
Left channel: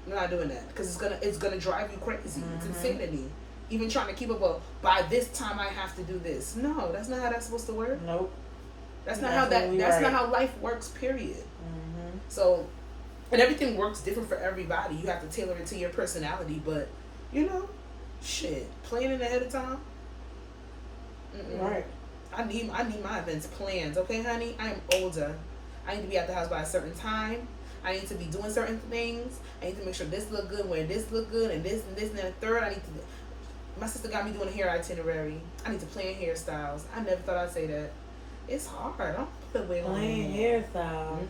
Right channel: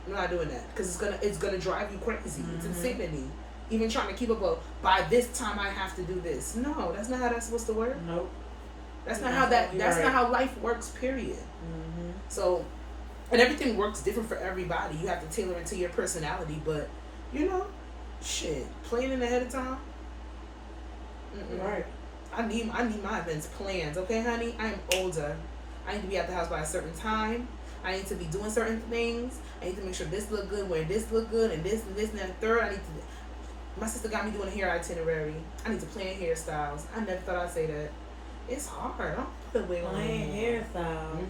We're not doing that, because it's gonna drive you crazy. It's insanity. Even trying to keep up with, by this time I have to do this. No, that's not how that's supposed to work. Nope. That's not how not how life works, period. So, and everything works different for everybody. You have to tailor it to your personality, but shit, planning ahead of time. Right. I need my events planned, okay, honey? I am older. I need to be at the house by a certain time. I need to be doing certain things. I need to make sure this look good, wear this look good, and this and the third. My sister got me doing a hair itinerary. I need to plan hairstyles. I never thought I'd say that. It's hard. I don't put a wig on. Plan hairstyle.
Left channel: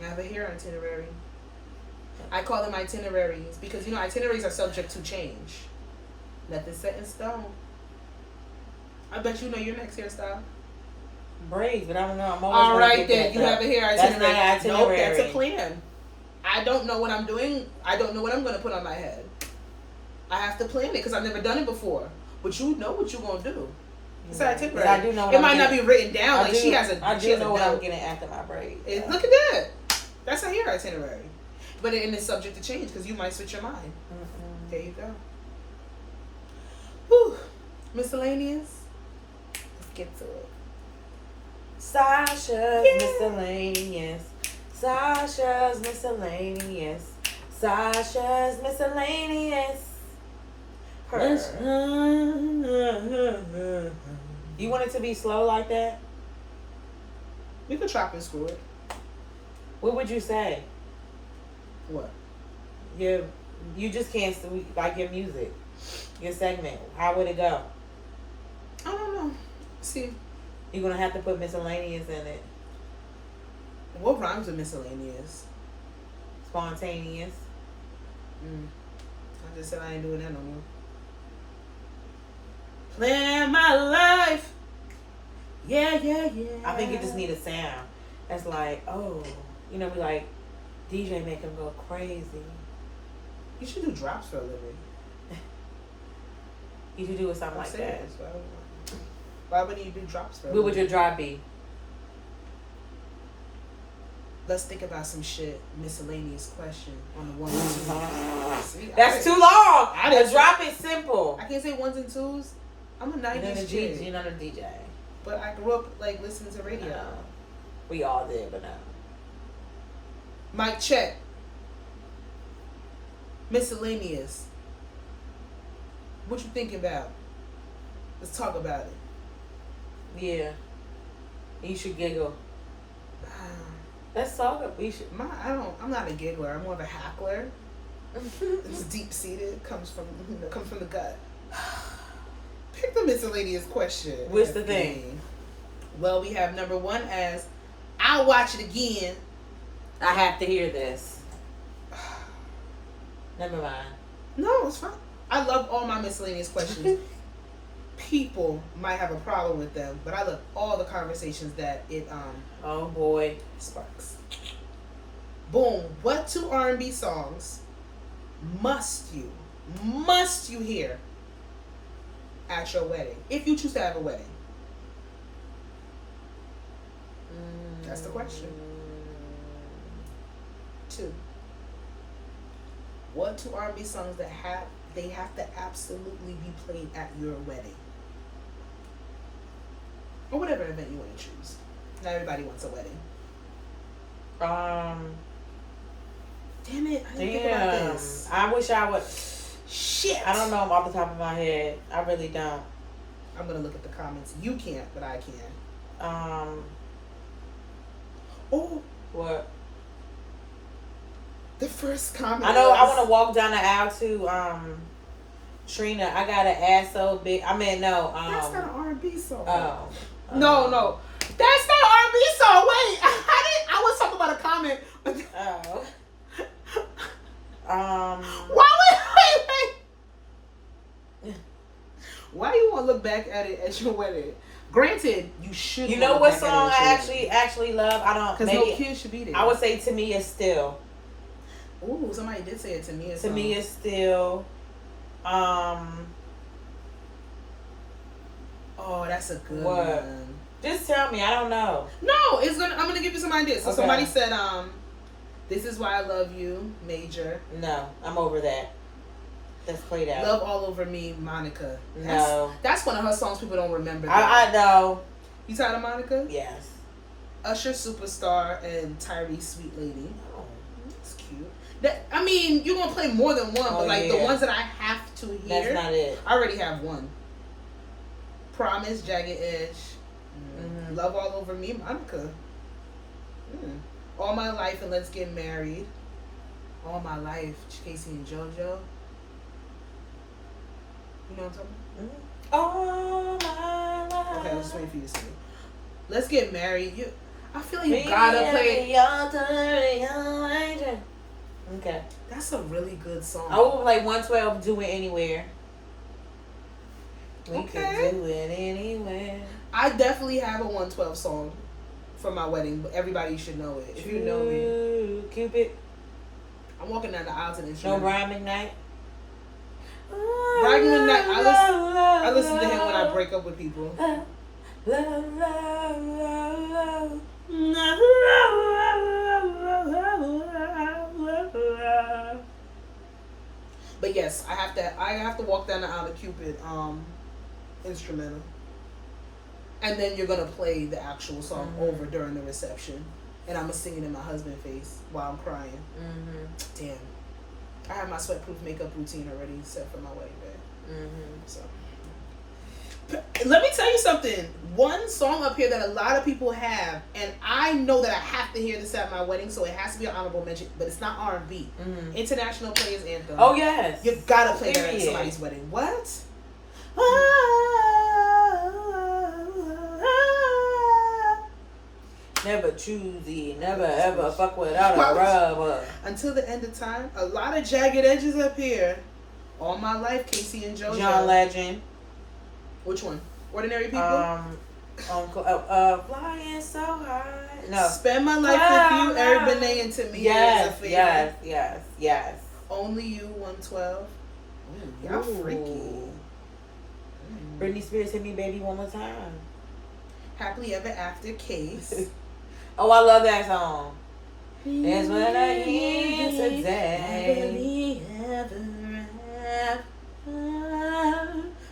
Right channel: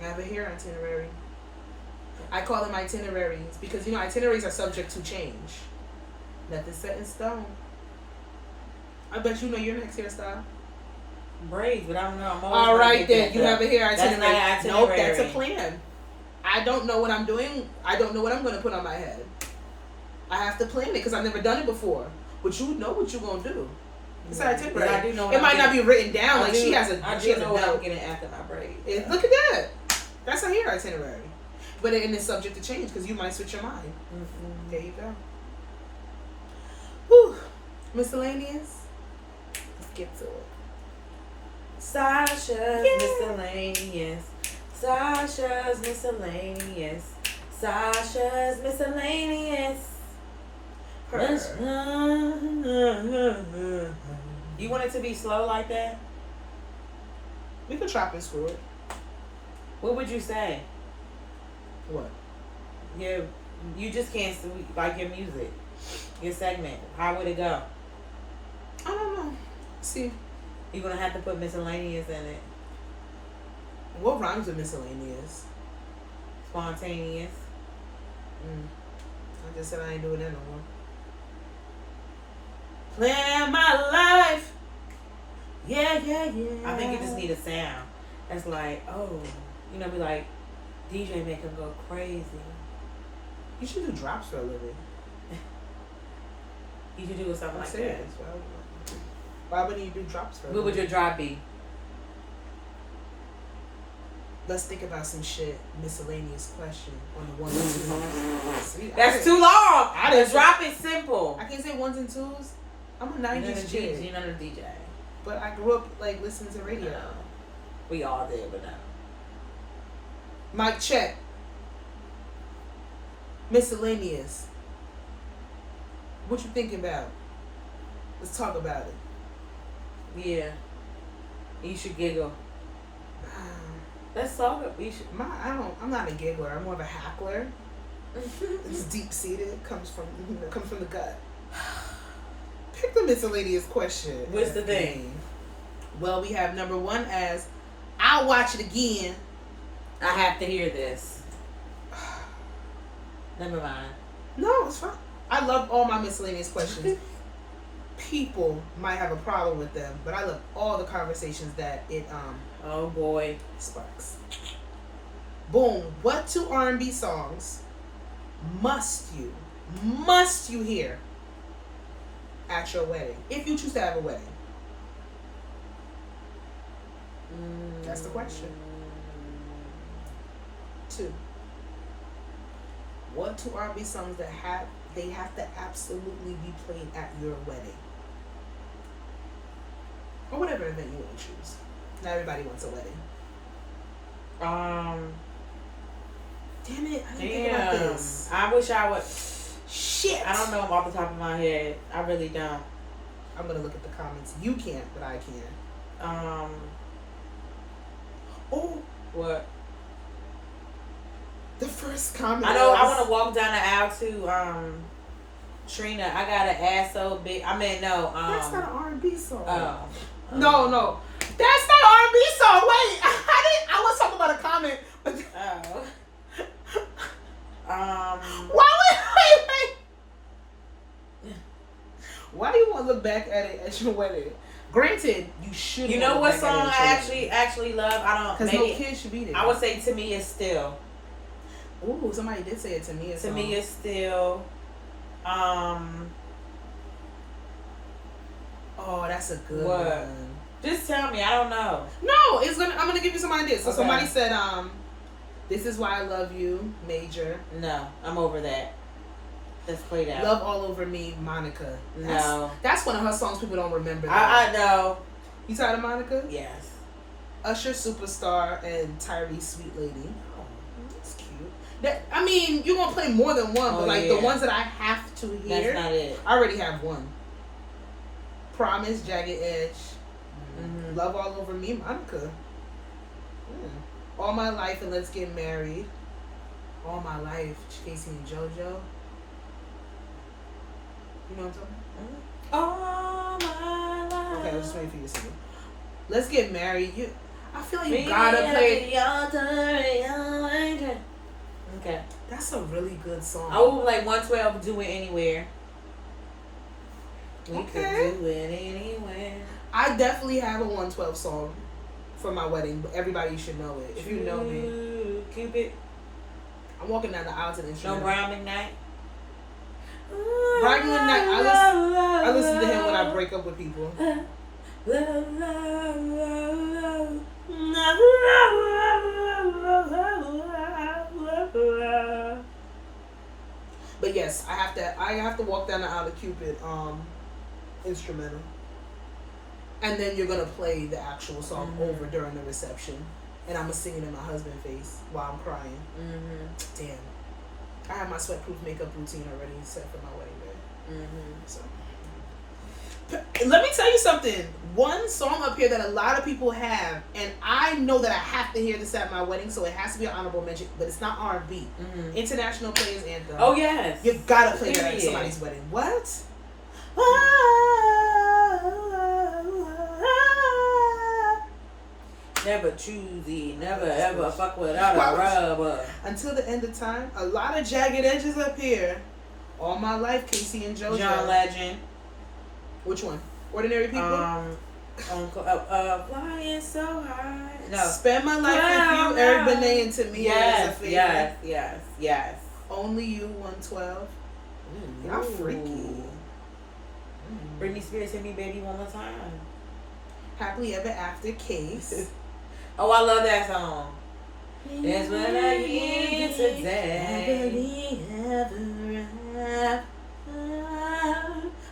I have a hair itinerary. I call them itineraries because itineraries are subject to change. Nothing's set in stone. I bet you know your next hairstyle. Braids, but I don't know. I'm all right, then you have a hair itinerary. That's not Nope, that's a plan. I don't know what I'm doing. I don't know what I'm going to put on my head. I have to plan it because I've never done it before. But you know what you're going to do. It's an itinerary. I do know it might not be written down. I do know what I'm note. getting after my braids. Look at that. That's a hair itinerary. But it's subject to change because you might switch your mind. There you go. Whew. Miscellaneous. Let's get to it. Sasha's miscellaneous. Sasha's miscellaneous. Sasha's miscellaneous. You want it to be slow like that? We could chop and screw it. What would you say? What? You just can't like your music, your segment. How would it go? I don't know. See, you're gonna have to put miscellaneous in it. What rhymes with miscellaneous? Spontaneous. I just said I ain't doing that no more. Plan my life. Yeah. I think you just need a sound that's like, be like, DJ make them go crazy. You should do drops for a living. You should do something like that. Why wouldn't you do drops for a living? What would your drop be? Let's think about some shit. Miscellaneous question on the 1 and 2. That's too long. The drop is simple. I can't say 1s and 2s. I'm a 90s chick. You're not a DJ. But I grew up listening to radio. No. We all did, but no. Mic check. Miscellaneous. What you thinking about? Let's talk about it. Yeah. You should giggle. Let's talk. I'm not a giggler. I'm more of a hackler. It's deep seated. Comes from the gut. Pick the miscellaneous question. What's the thing? Well, we have number 1 as I'll watch it again. I have to hear this. Never mind. No, it's fine. I love all my miscellaneous questions. People might have a problem with them, but I love all the conversations that it oh boy sparks. Boom. What 2 R&B songs must you hear at your wedding if you choose to have a wedding? That's the question. 2. What 2 R&B songs that have to absolutely be played at your wedding? Or whatever event you want to choose. Not everybody wants a wedding. Damn it, I didn't think about this. I wish I would. Shit. I don't know off the top of my head. I really don't. I'm gonna look at the comments. You can't, but I can. Oh, What? the first comment. I know. I want to walk down the aisle to Trina. I got an ass so big. I mean, no. That's not an R&B song. Oh. No. That's not an R&B song. Wait, I was talking about a comment. Oh. Why? Wait. Why do you want to look back at it at your wedding? Granted, you should. You know what song I actually love? I don't. Because no kid should be there. I would say "To Me Is Still." Ooh, somebody did say it to me. To Me Is Still. Oh, that's a good one. Just tell me. I don't know. No, I'm gonna give you some ideas. So Okay. somebody said, "This Is Why I Love You," Major. No, I'm over that. Let's play that. Love All Over Me, Monica. No. That's one of her songs people don't remember. I know. You tired of Monica? Yes. Usher, Superstar, and Tyrese, Sweet Lady. Oh. That's cute. I mean, you're gonna play more than one, but the ones that I have to hear. That's not it. I already have one. Promise, Jagged Edge. Mm-hmm. Love All Over Me, Monica. All My Life and Let's Get Married. All My Life, Casey and JoJo. You know what I'm talking about? All my life. Okay, I was just waiting for you to sing it. Let's Get Married. I feel like you gotta play. Okay. That's a really good song. I would like 112. Do It Anywhere. We Okay. could do it anywhere. I definitely have a 112 song for my wedding, but everybody should know it. If you know me, Cupid. I'm walking down the aisle to the No instrument. Brian McKnight. Brian McKnight. I listen to him when I break up with people. But yes, I have to walk down the aisle to Cupid instrumental. And then you're gonna play the actual song over during the reception. And I'm gonna sing it in my husband's face while I'm crying. Damn. I have my sweatproof makeup routine already set for my wedding day. So let me tell you something. One song up here that a lot of people have, and I know that I have to hear this at my wedding, so it has to be an honorable mention, but it's not R&B. International Players Anthem. Oh yes. You gotta play that at somebody's wedding. What? Never choosy, never ever fuck without a rubber. Until the end of time, a lot of Jagged Edges up here. All My Life, Casey and JoJo. John Legend. Which one? Ordinary People? Flying so high. No. Spend My Life with You, Eric Benet, and to me is a favorite. Yes. Only You, 112. Y'all freaky. Britney Spears, Hit Me Baby One More Time. Happily Ever After, Case. Oh, I love that song. That's what I need today.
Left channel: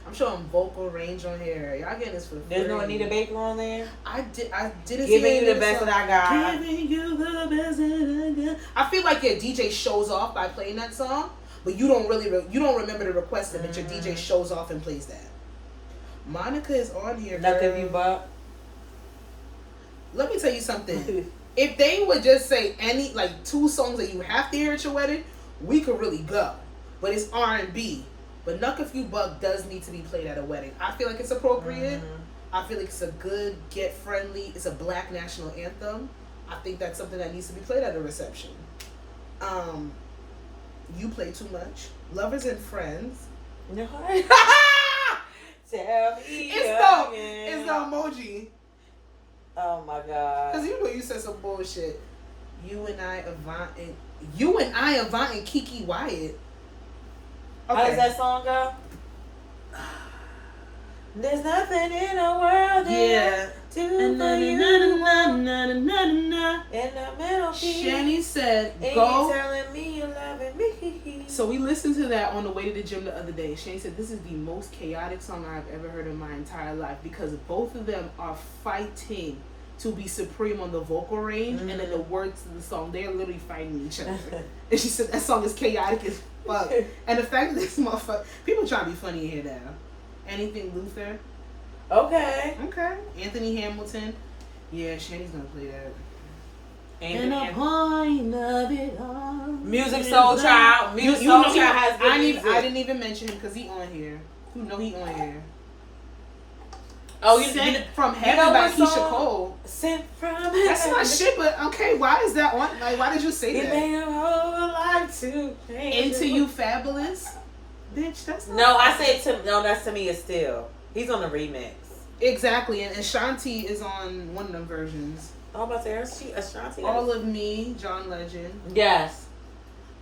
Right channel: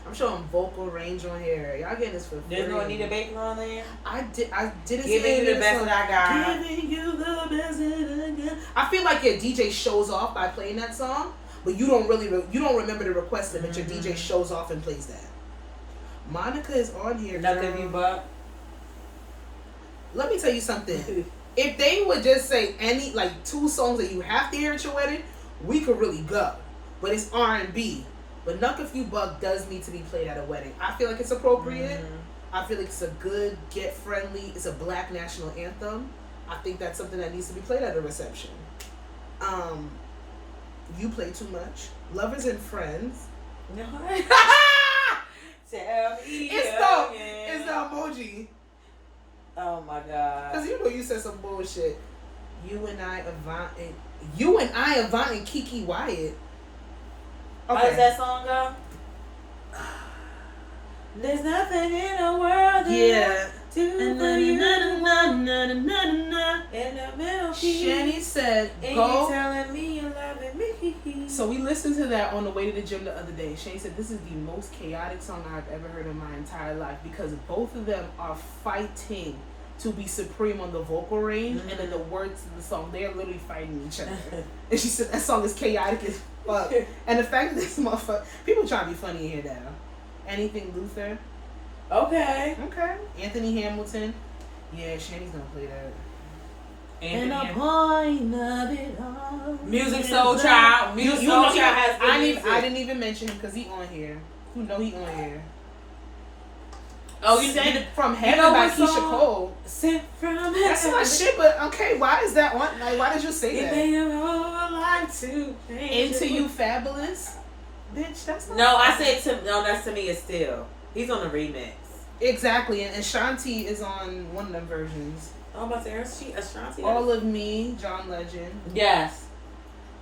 I'm showing vocal range on here. Y'all getting this for free. There's no Anita Baker on there. I didn't Giving see you the best that I got. Giving you the best that I got. I feel like your DJ shows off by playing that song, but you don't remember to request it, but your DJ shows off and plays that. Monica is on here. Knuck If You Buck. Let me tell you something. If they would just say any two songs that you have to hear at your wedding, we could really go. But it's R&B. But Knuck If You Buck does need to be played at a wedding. I feel like it's appropriate. I feel like it's a good, get-friendly, it's a black national anthem. I think that's something that needs to be played at a reception. You Play Too Much. Lovers and Friends. Tell me It's the emoji. Oh my god. Because you said some bullshit. You and I, Avant, and Kiki Wyatt. Okay. How does that song go? There's nothing in the world Yeah. to for you. In the middle key. Shani said, And go. you telling me you loving me. So we listened to that on the way to the gym the other day. Shani said, this is the most chaotic song I've ever heard in my entire life because both of them are fighting to be supreme on the vocal range, and then the words to the song, they're literally fighting each other. And she said that song is chaotic as fuck. And the fact that this motherfucker, people trying to be funny here now. Anything Luther? Okay. Anthony Hamilton. Yeah, Shanny's gonna play that. And the point of it all. Music Soul Child. Music You Soul know Child has good music. I didn't even mention him because he on here. You know he on here. Oh, you Sent did from Heaven by what Keisha song? Cole. Sent from Heaven. That's my shit, but okay, why is that on? Like, why did you say that? Into You Fabulous? Bitch, that's not. No, I said that's to me is still. He's on the remix. Exactly, and Ashanti is on one of them versions. I'm about to say, Ashanti. All of Me, John Legend. Yes.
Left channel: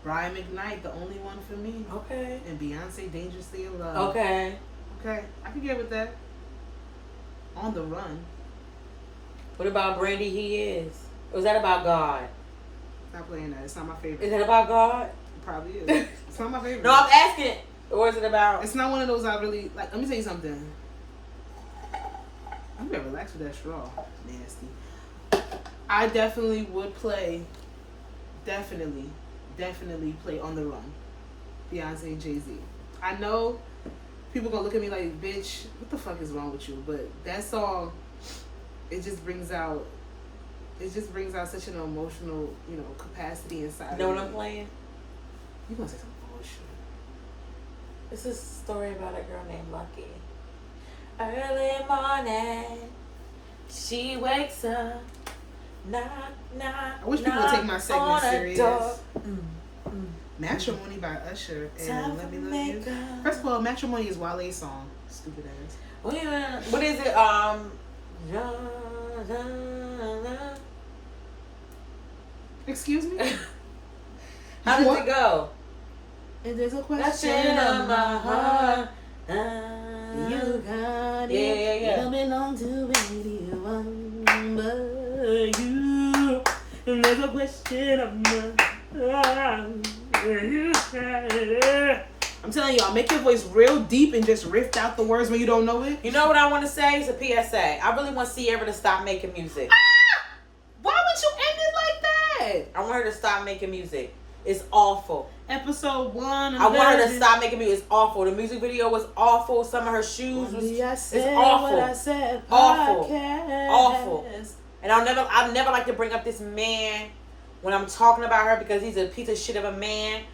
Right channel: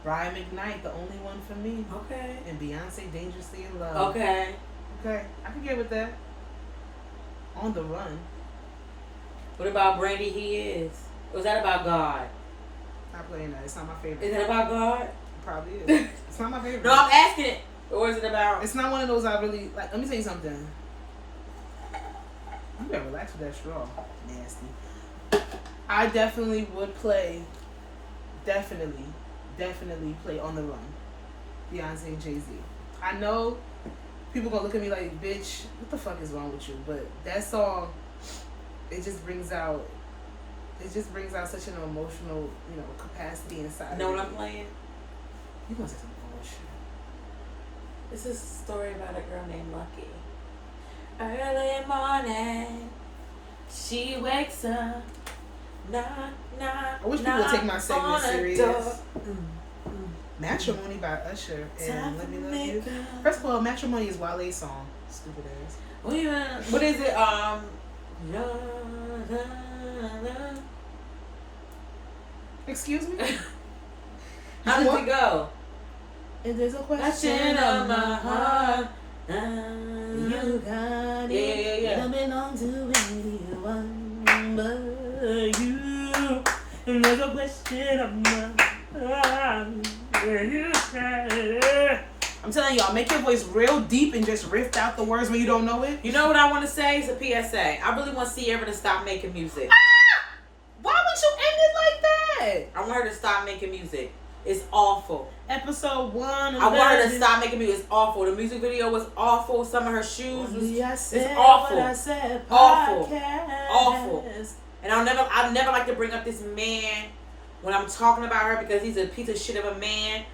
Brian McKnight, The Only One for Me. Okay. And Beyonce, Dangerously in Love. Okay. Okay, I can get with that. On the Run. What about Brandy He Is? Or is that about God? Stop playing that. It's not my favorite. Is that about God? It probably is. It's not my favorite. No, I'm asking it. Or is it about... It's not one of those I really... Like, let me tell you something. You better relax with that straw. Nasty. I definitely would play... Definitely play On the Run. Beyonce and Jay-Z. I know people gonna look at me like, bitch, what the fuck is wrong with you? But that song, it just brings out such an emotional, capacity inside. You know what I'm playing? You gonna say some bullshit. This is a story about a girl named Lucky. Early morning, she wakes up, knock, knock. I wish people would take my segment serious. Mm. Matrimony by Usher and Let Me Love You. First of all, Matrimony is Wale's song. Stupid ass. What is it? Excuse me? How does it go? And there's a question of my heart. You got it. Yeah. Don't belong to anyone but you. And there's a question of my heart. I'm telling y'all, make your voice real deep and just riff out the words when you don't know it. You know what I want to say? It's a PSA. I really want Sierra to stop making music. Why would you end it like that? I want her to stop making music. It's awful. Episode 1. I want her to stop making music. It's awful. The music video was awful. Some of her shoes was it's awful. Awful. And I'll never like to bring up this man when I'm talking about her because he's a piece of shit of a man.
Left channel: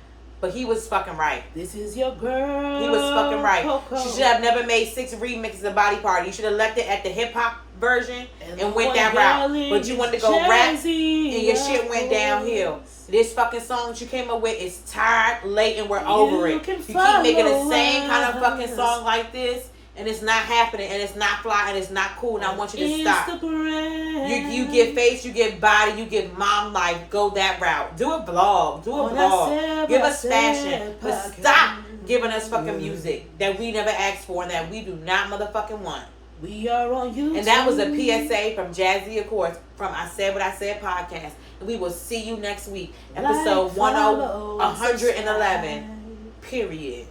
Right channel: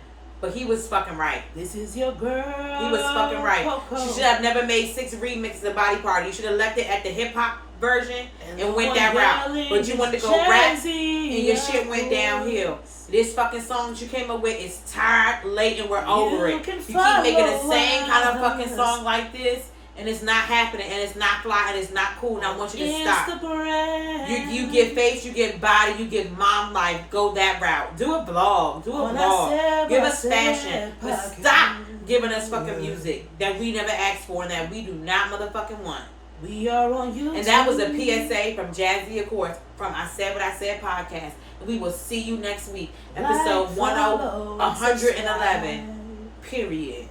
But he was fucking right. This is your girl. He was fucking right. Coco. She should have never made 6 remixes of Body Party. You should have left it at the hip hop version and went that route. But you wanted to go rap and your shit went downhill. This fucking song that you came up with is tired, late, and we're over it. You keep making the same kind of fucking song like this, and it's not happening, and it's not fly, and it's not cool, and I want you to stop. You get face, you get body, you get mom life. Go that route. Do a blog. Give us fashion. But stop giving us fucking music that we never asked for and that we do not motherfucking want. We are on YouTube. And that was a PSA from Jazzy Accords from I Said What I Said podcast. And we will see you next week. Episode 111. Period.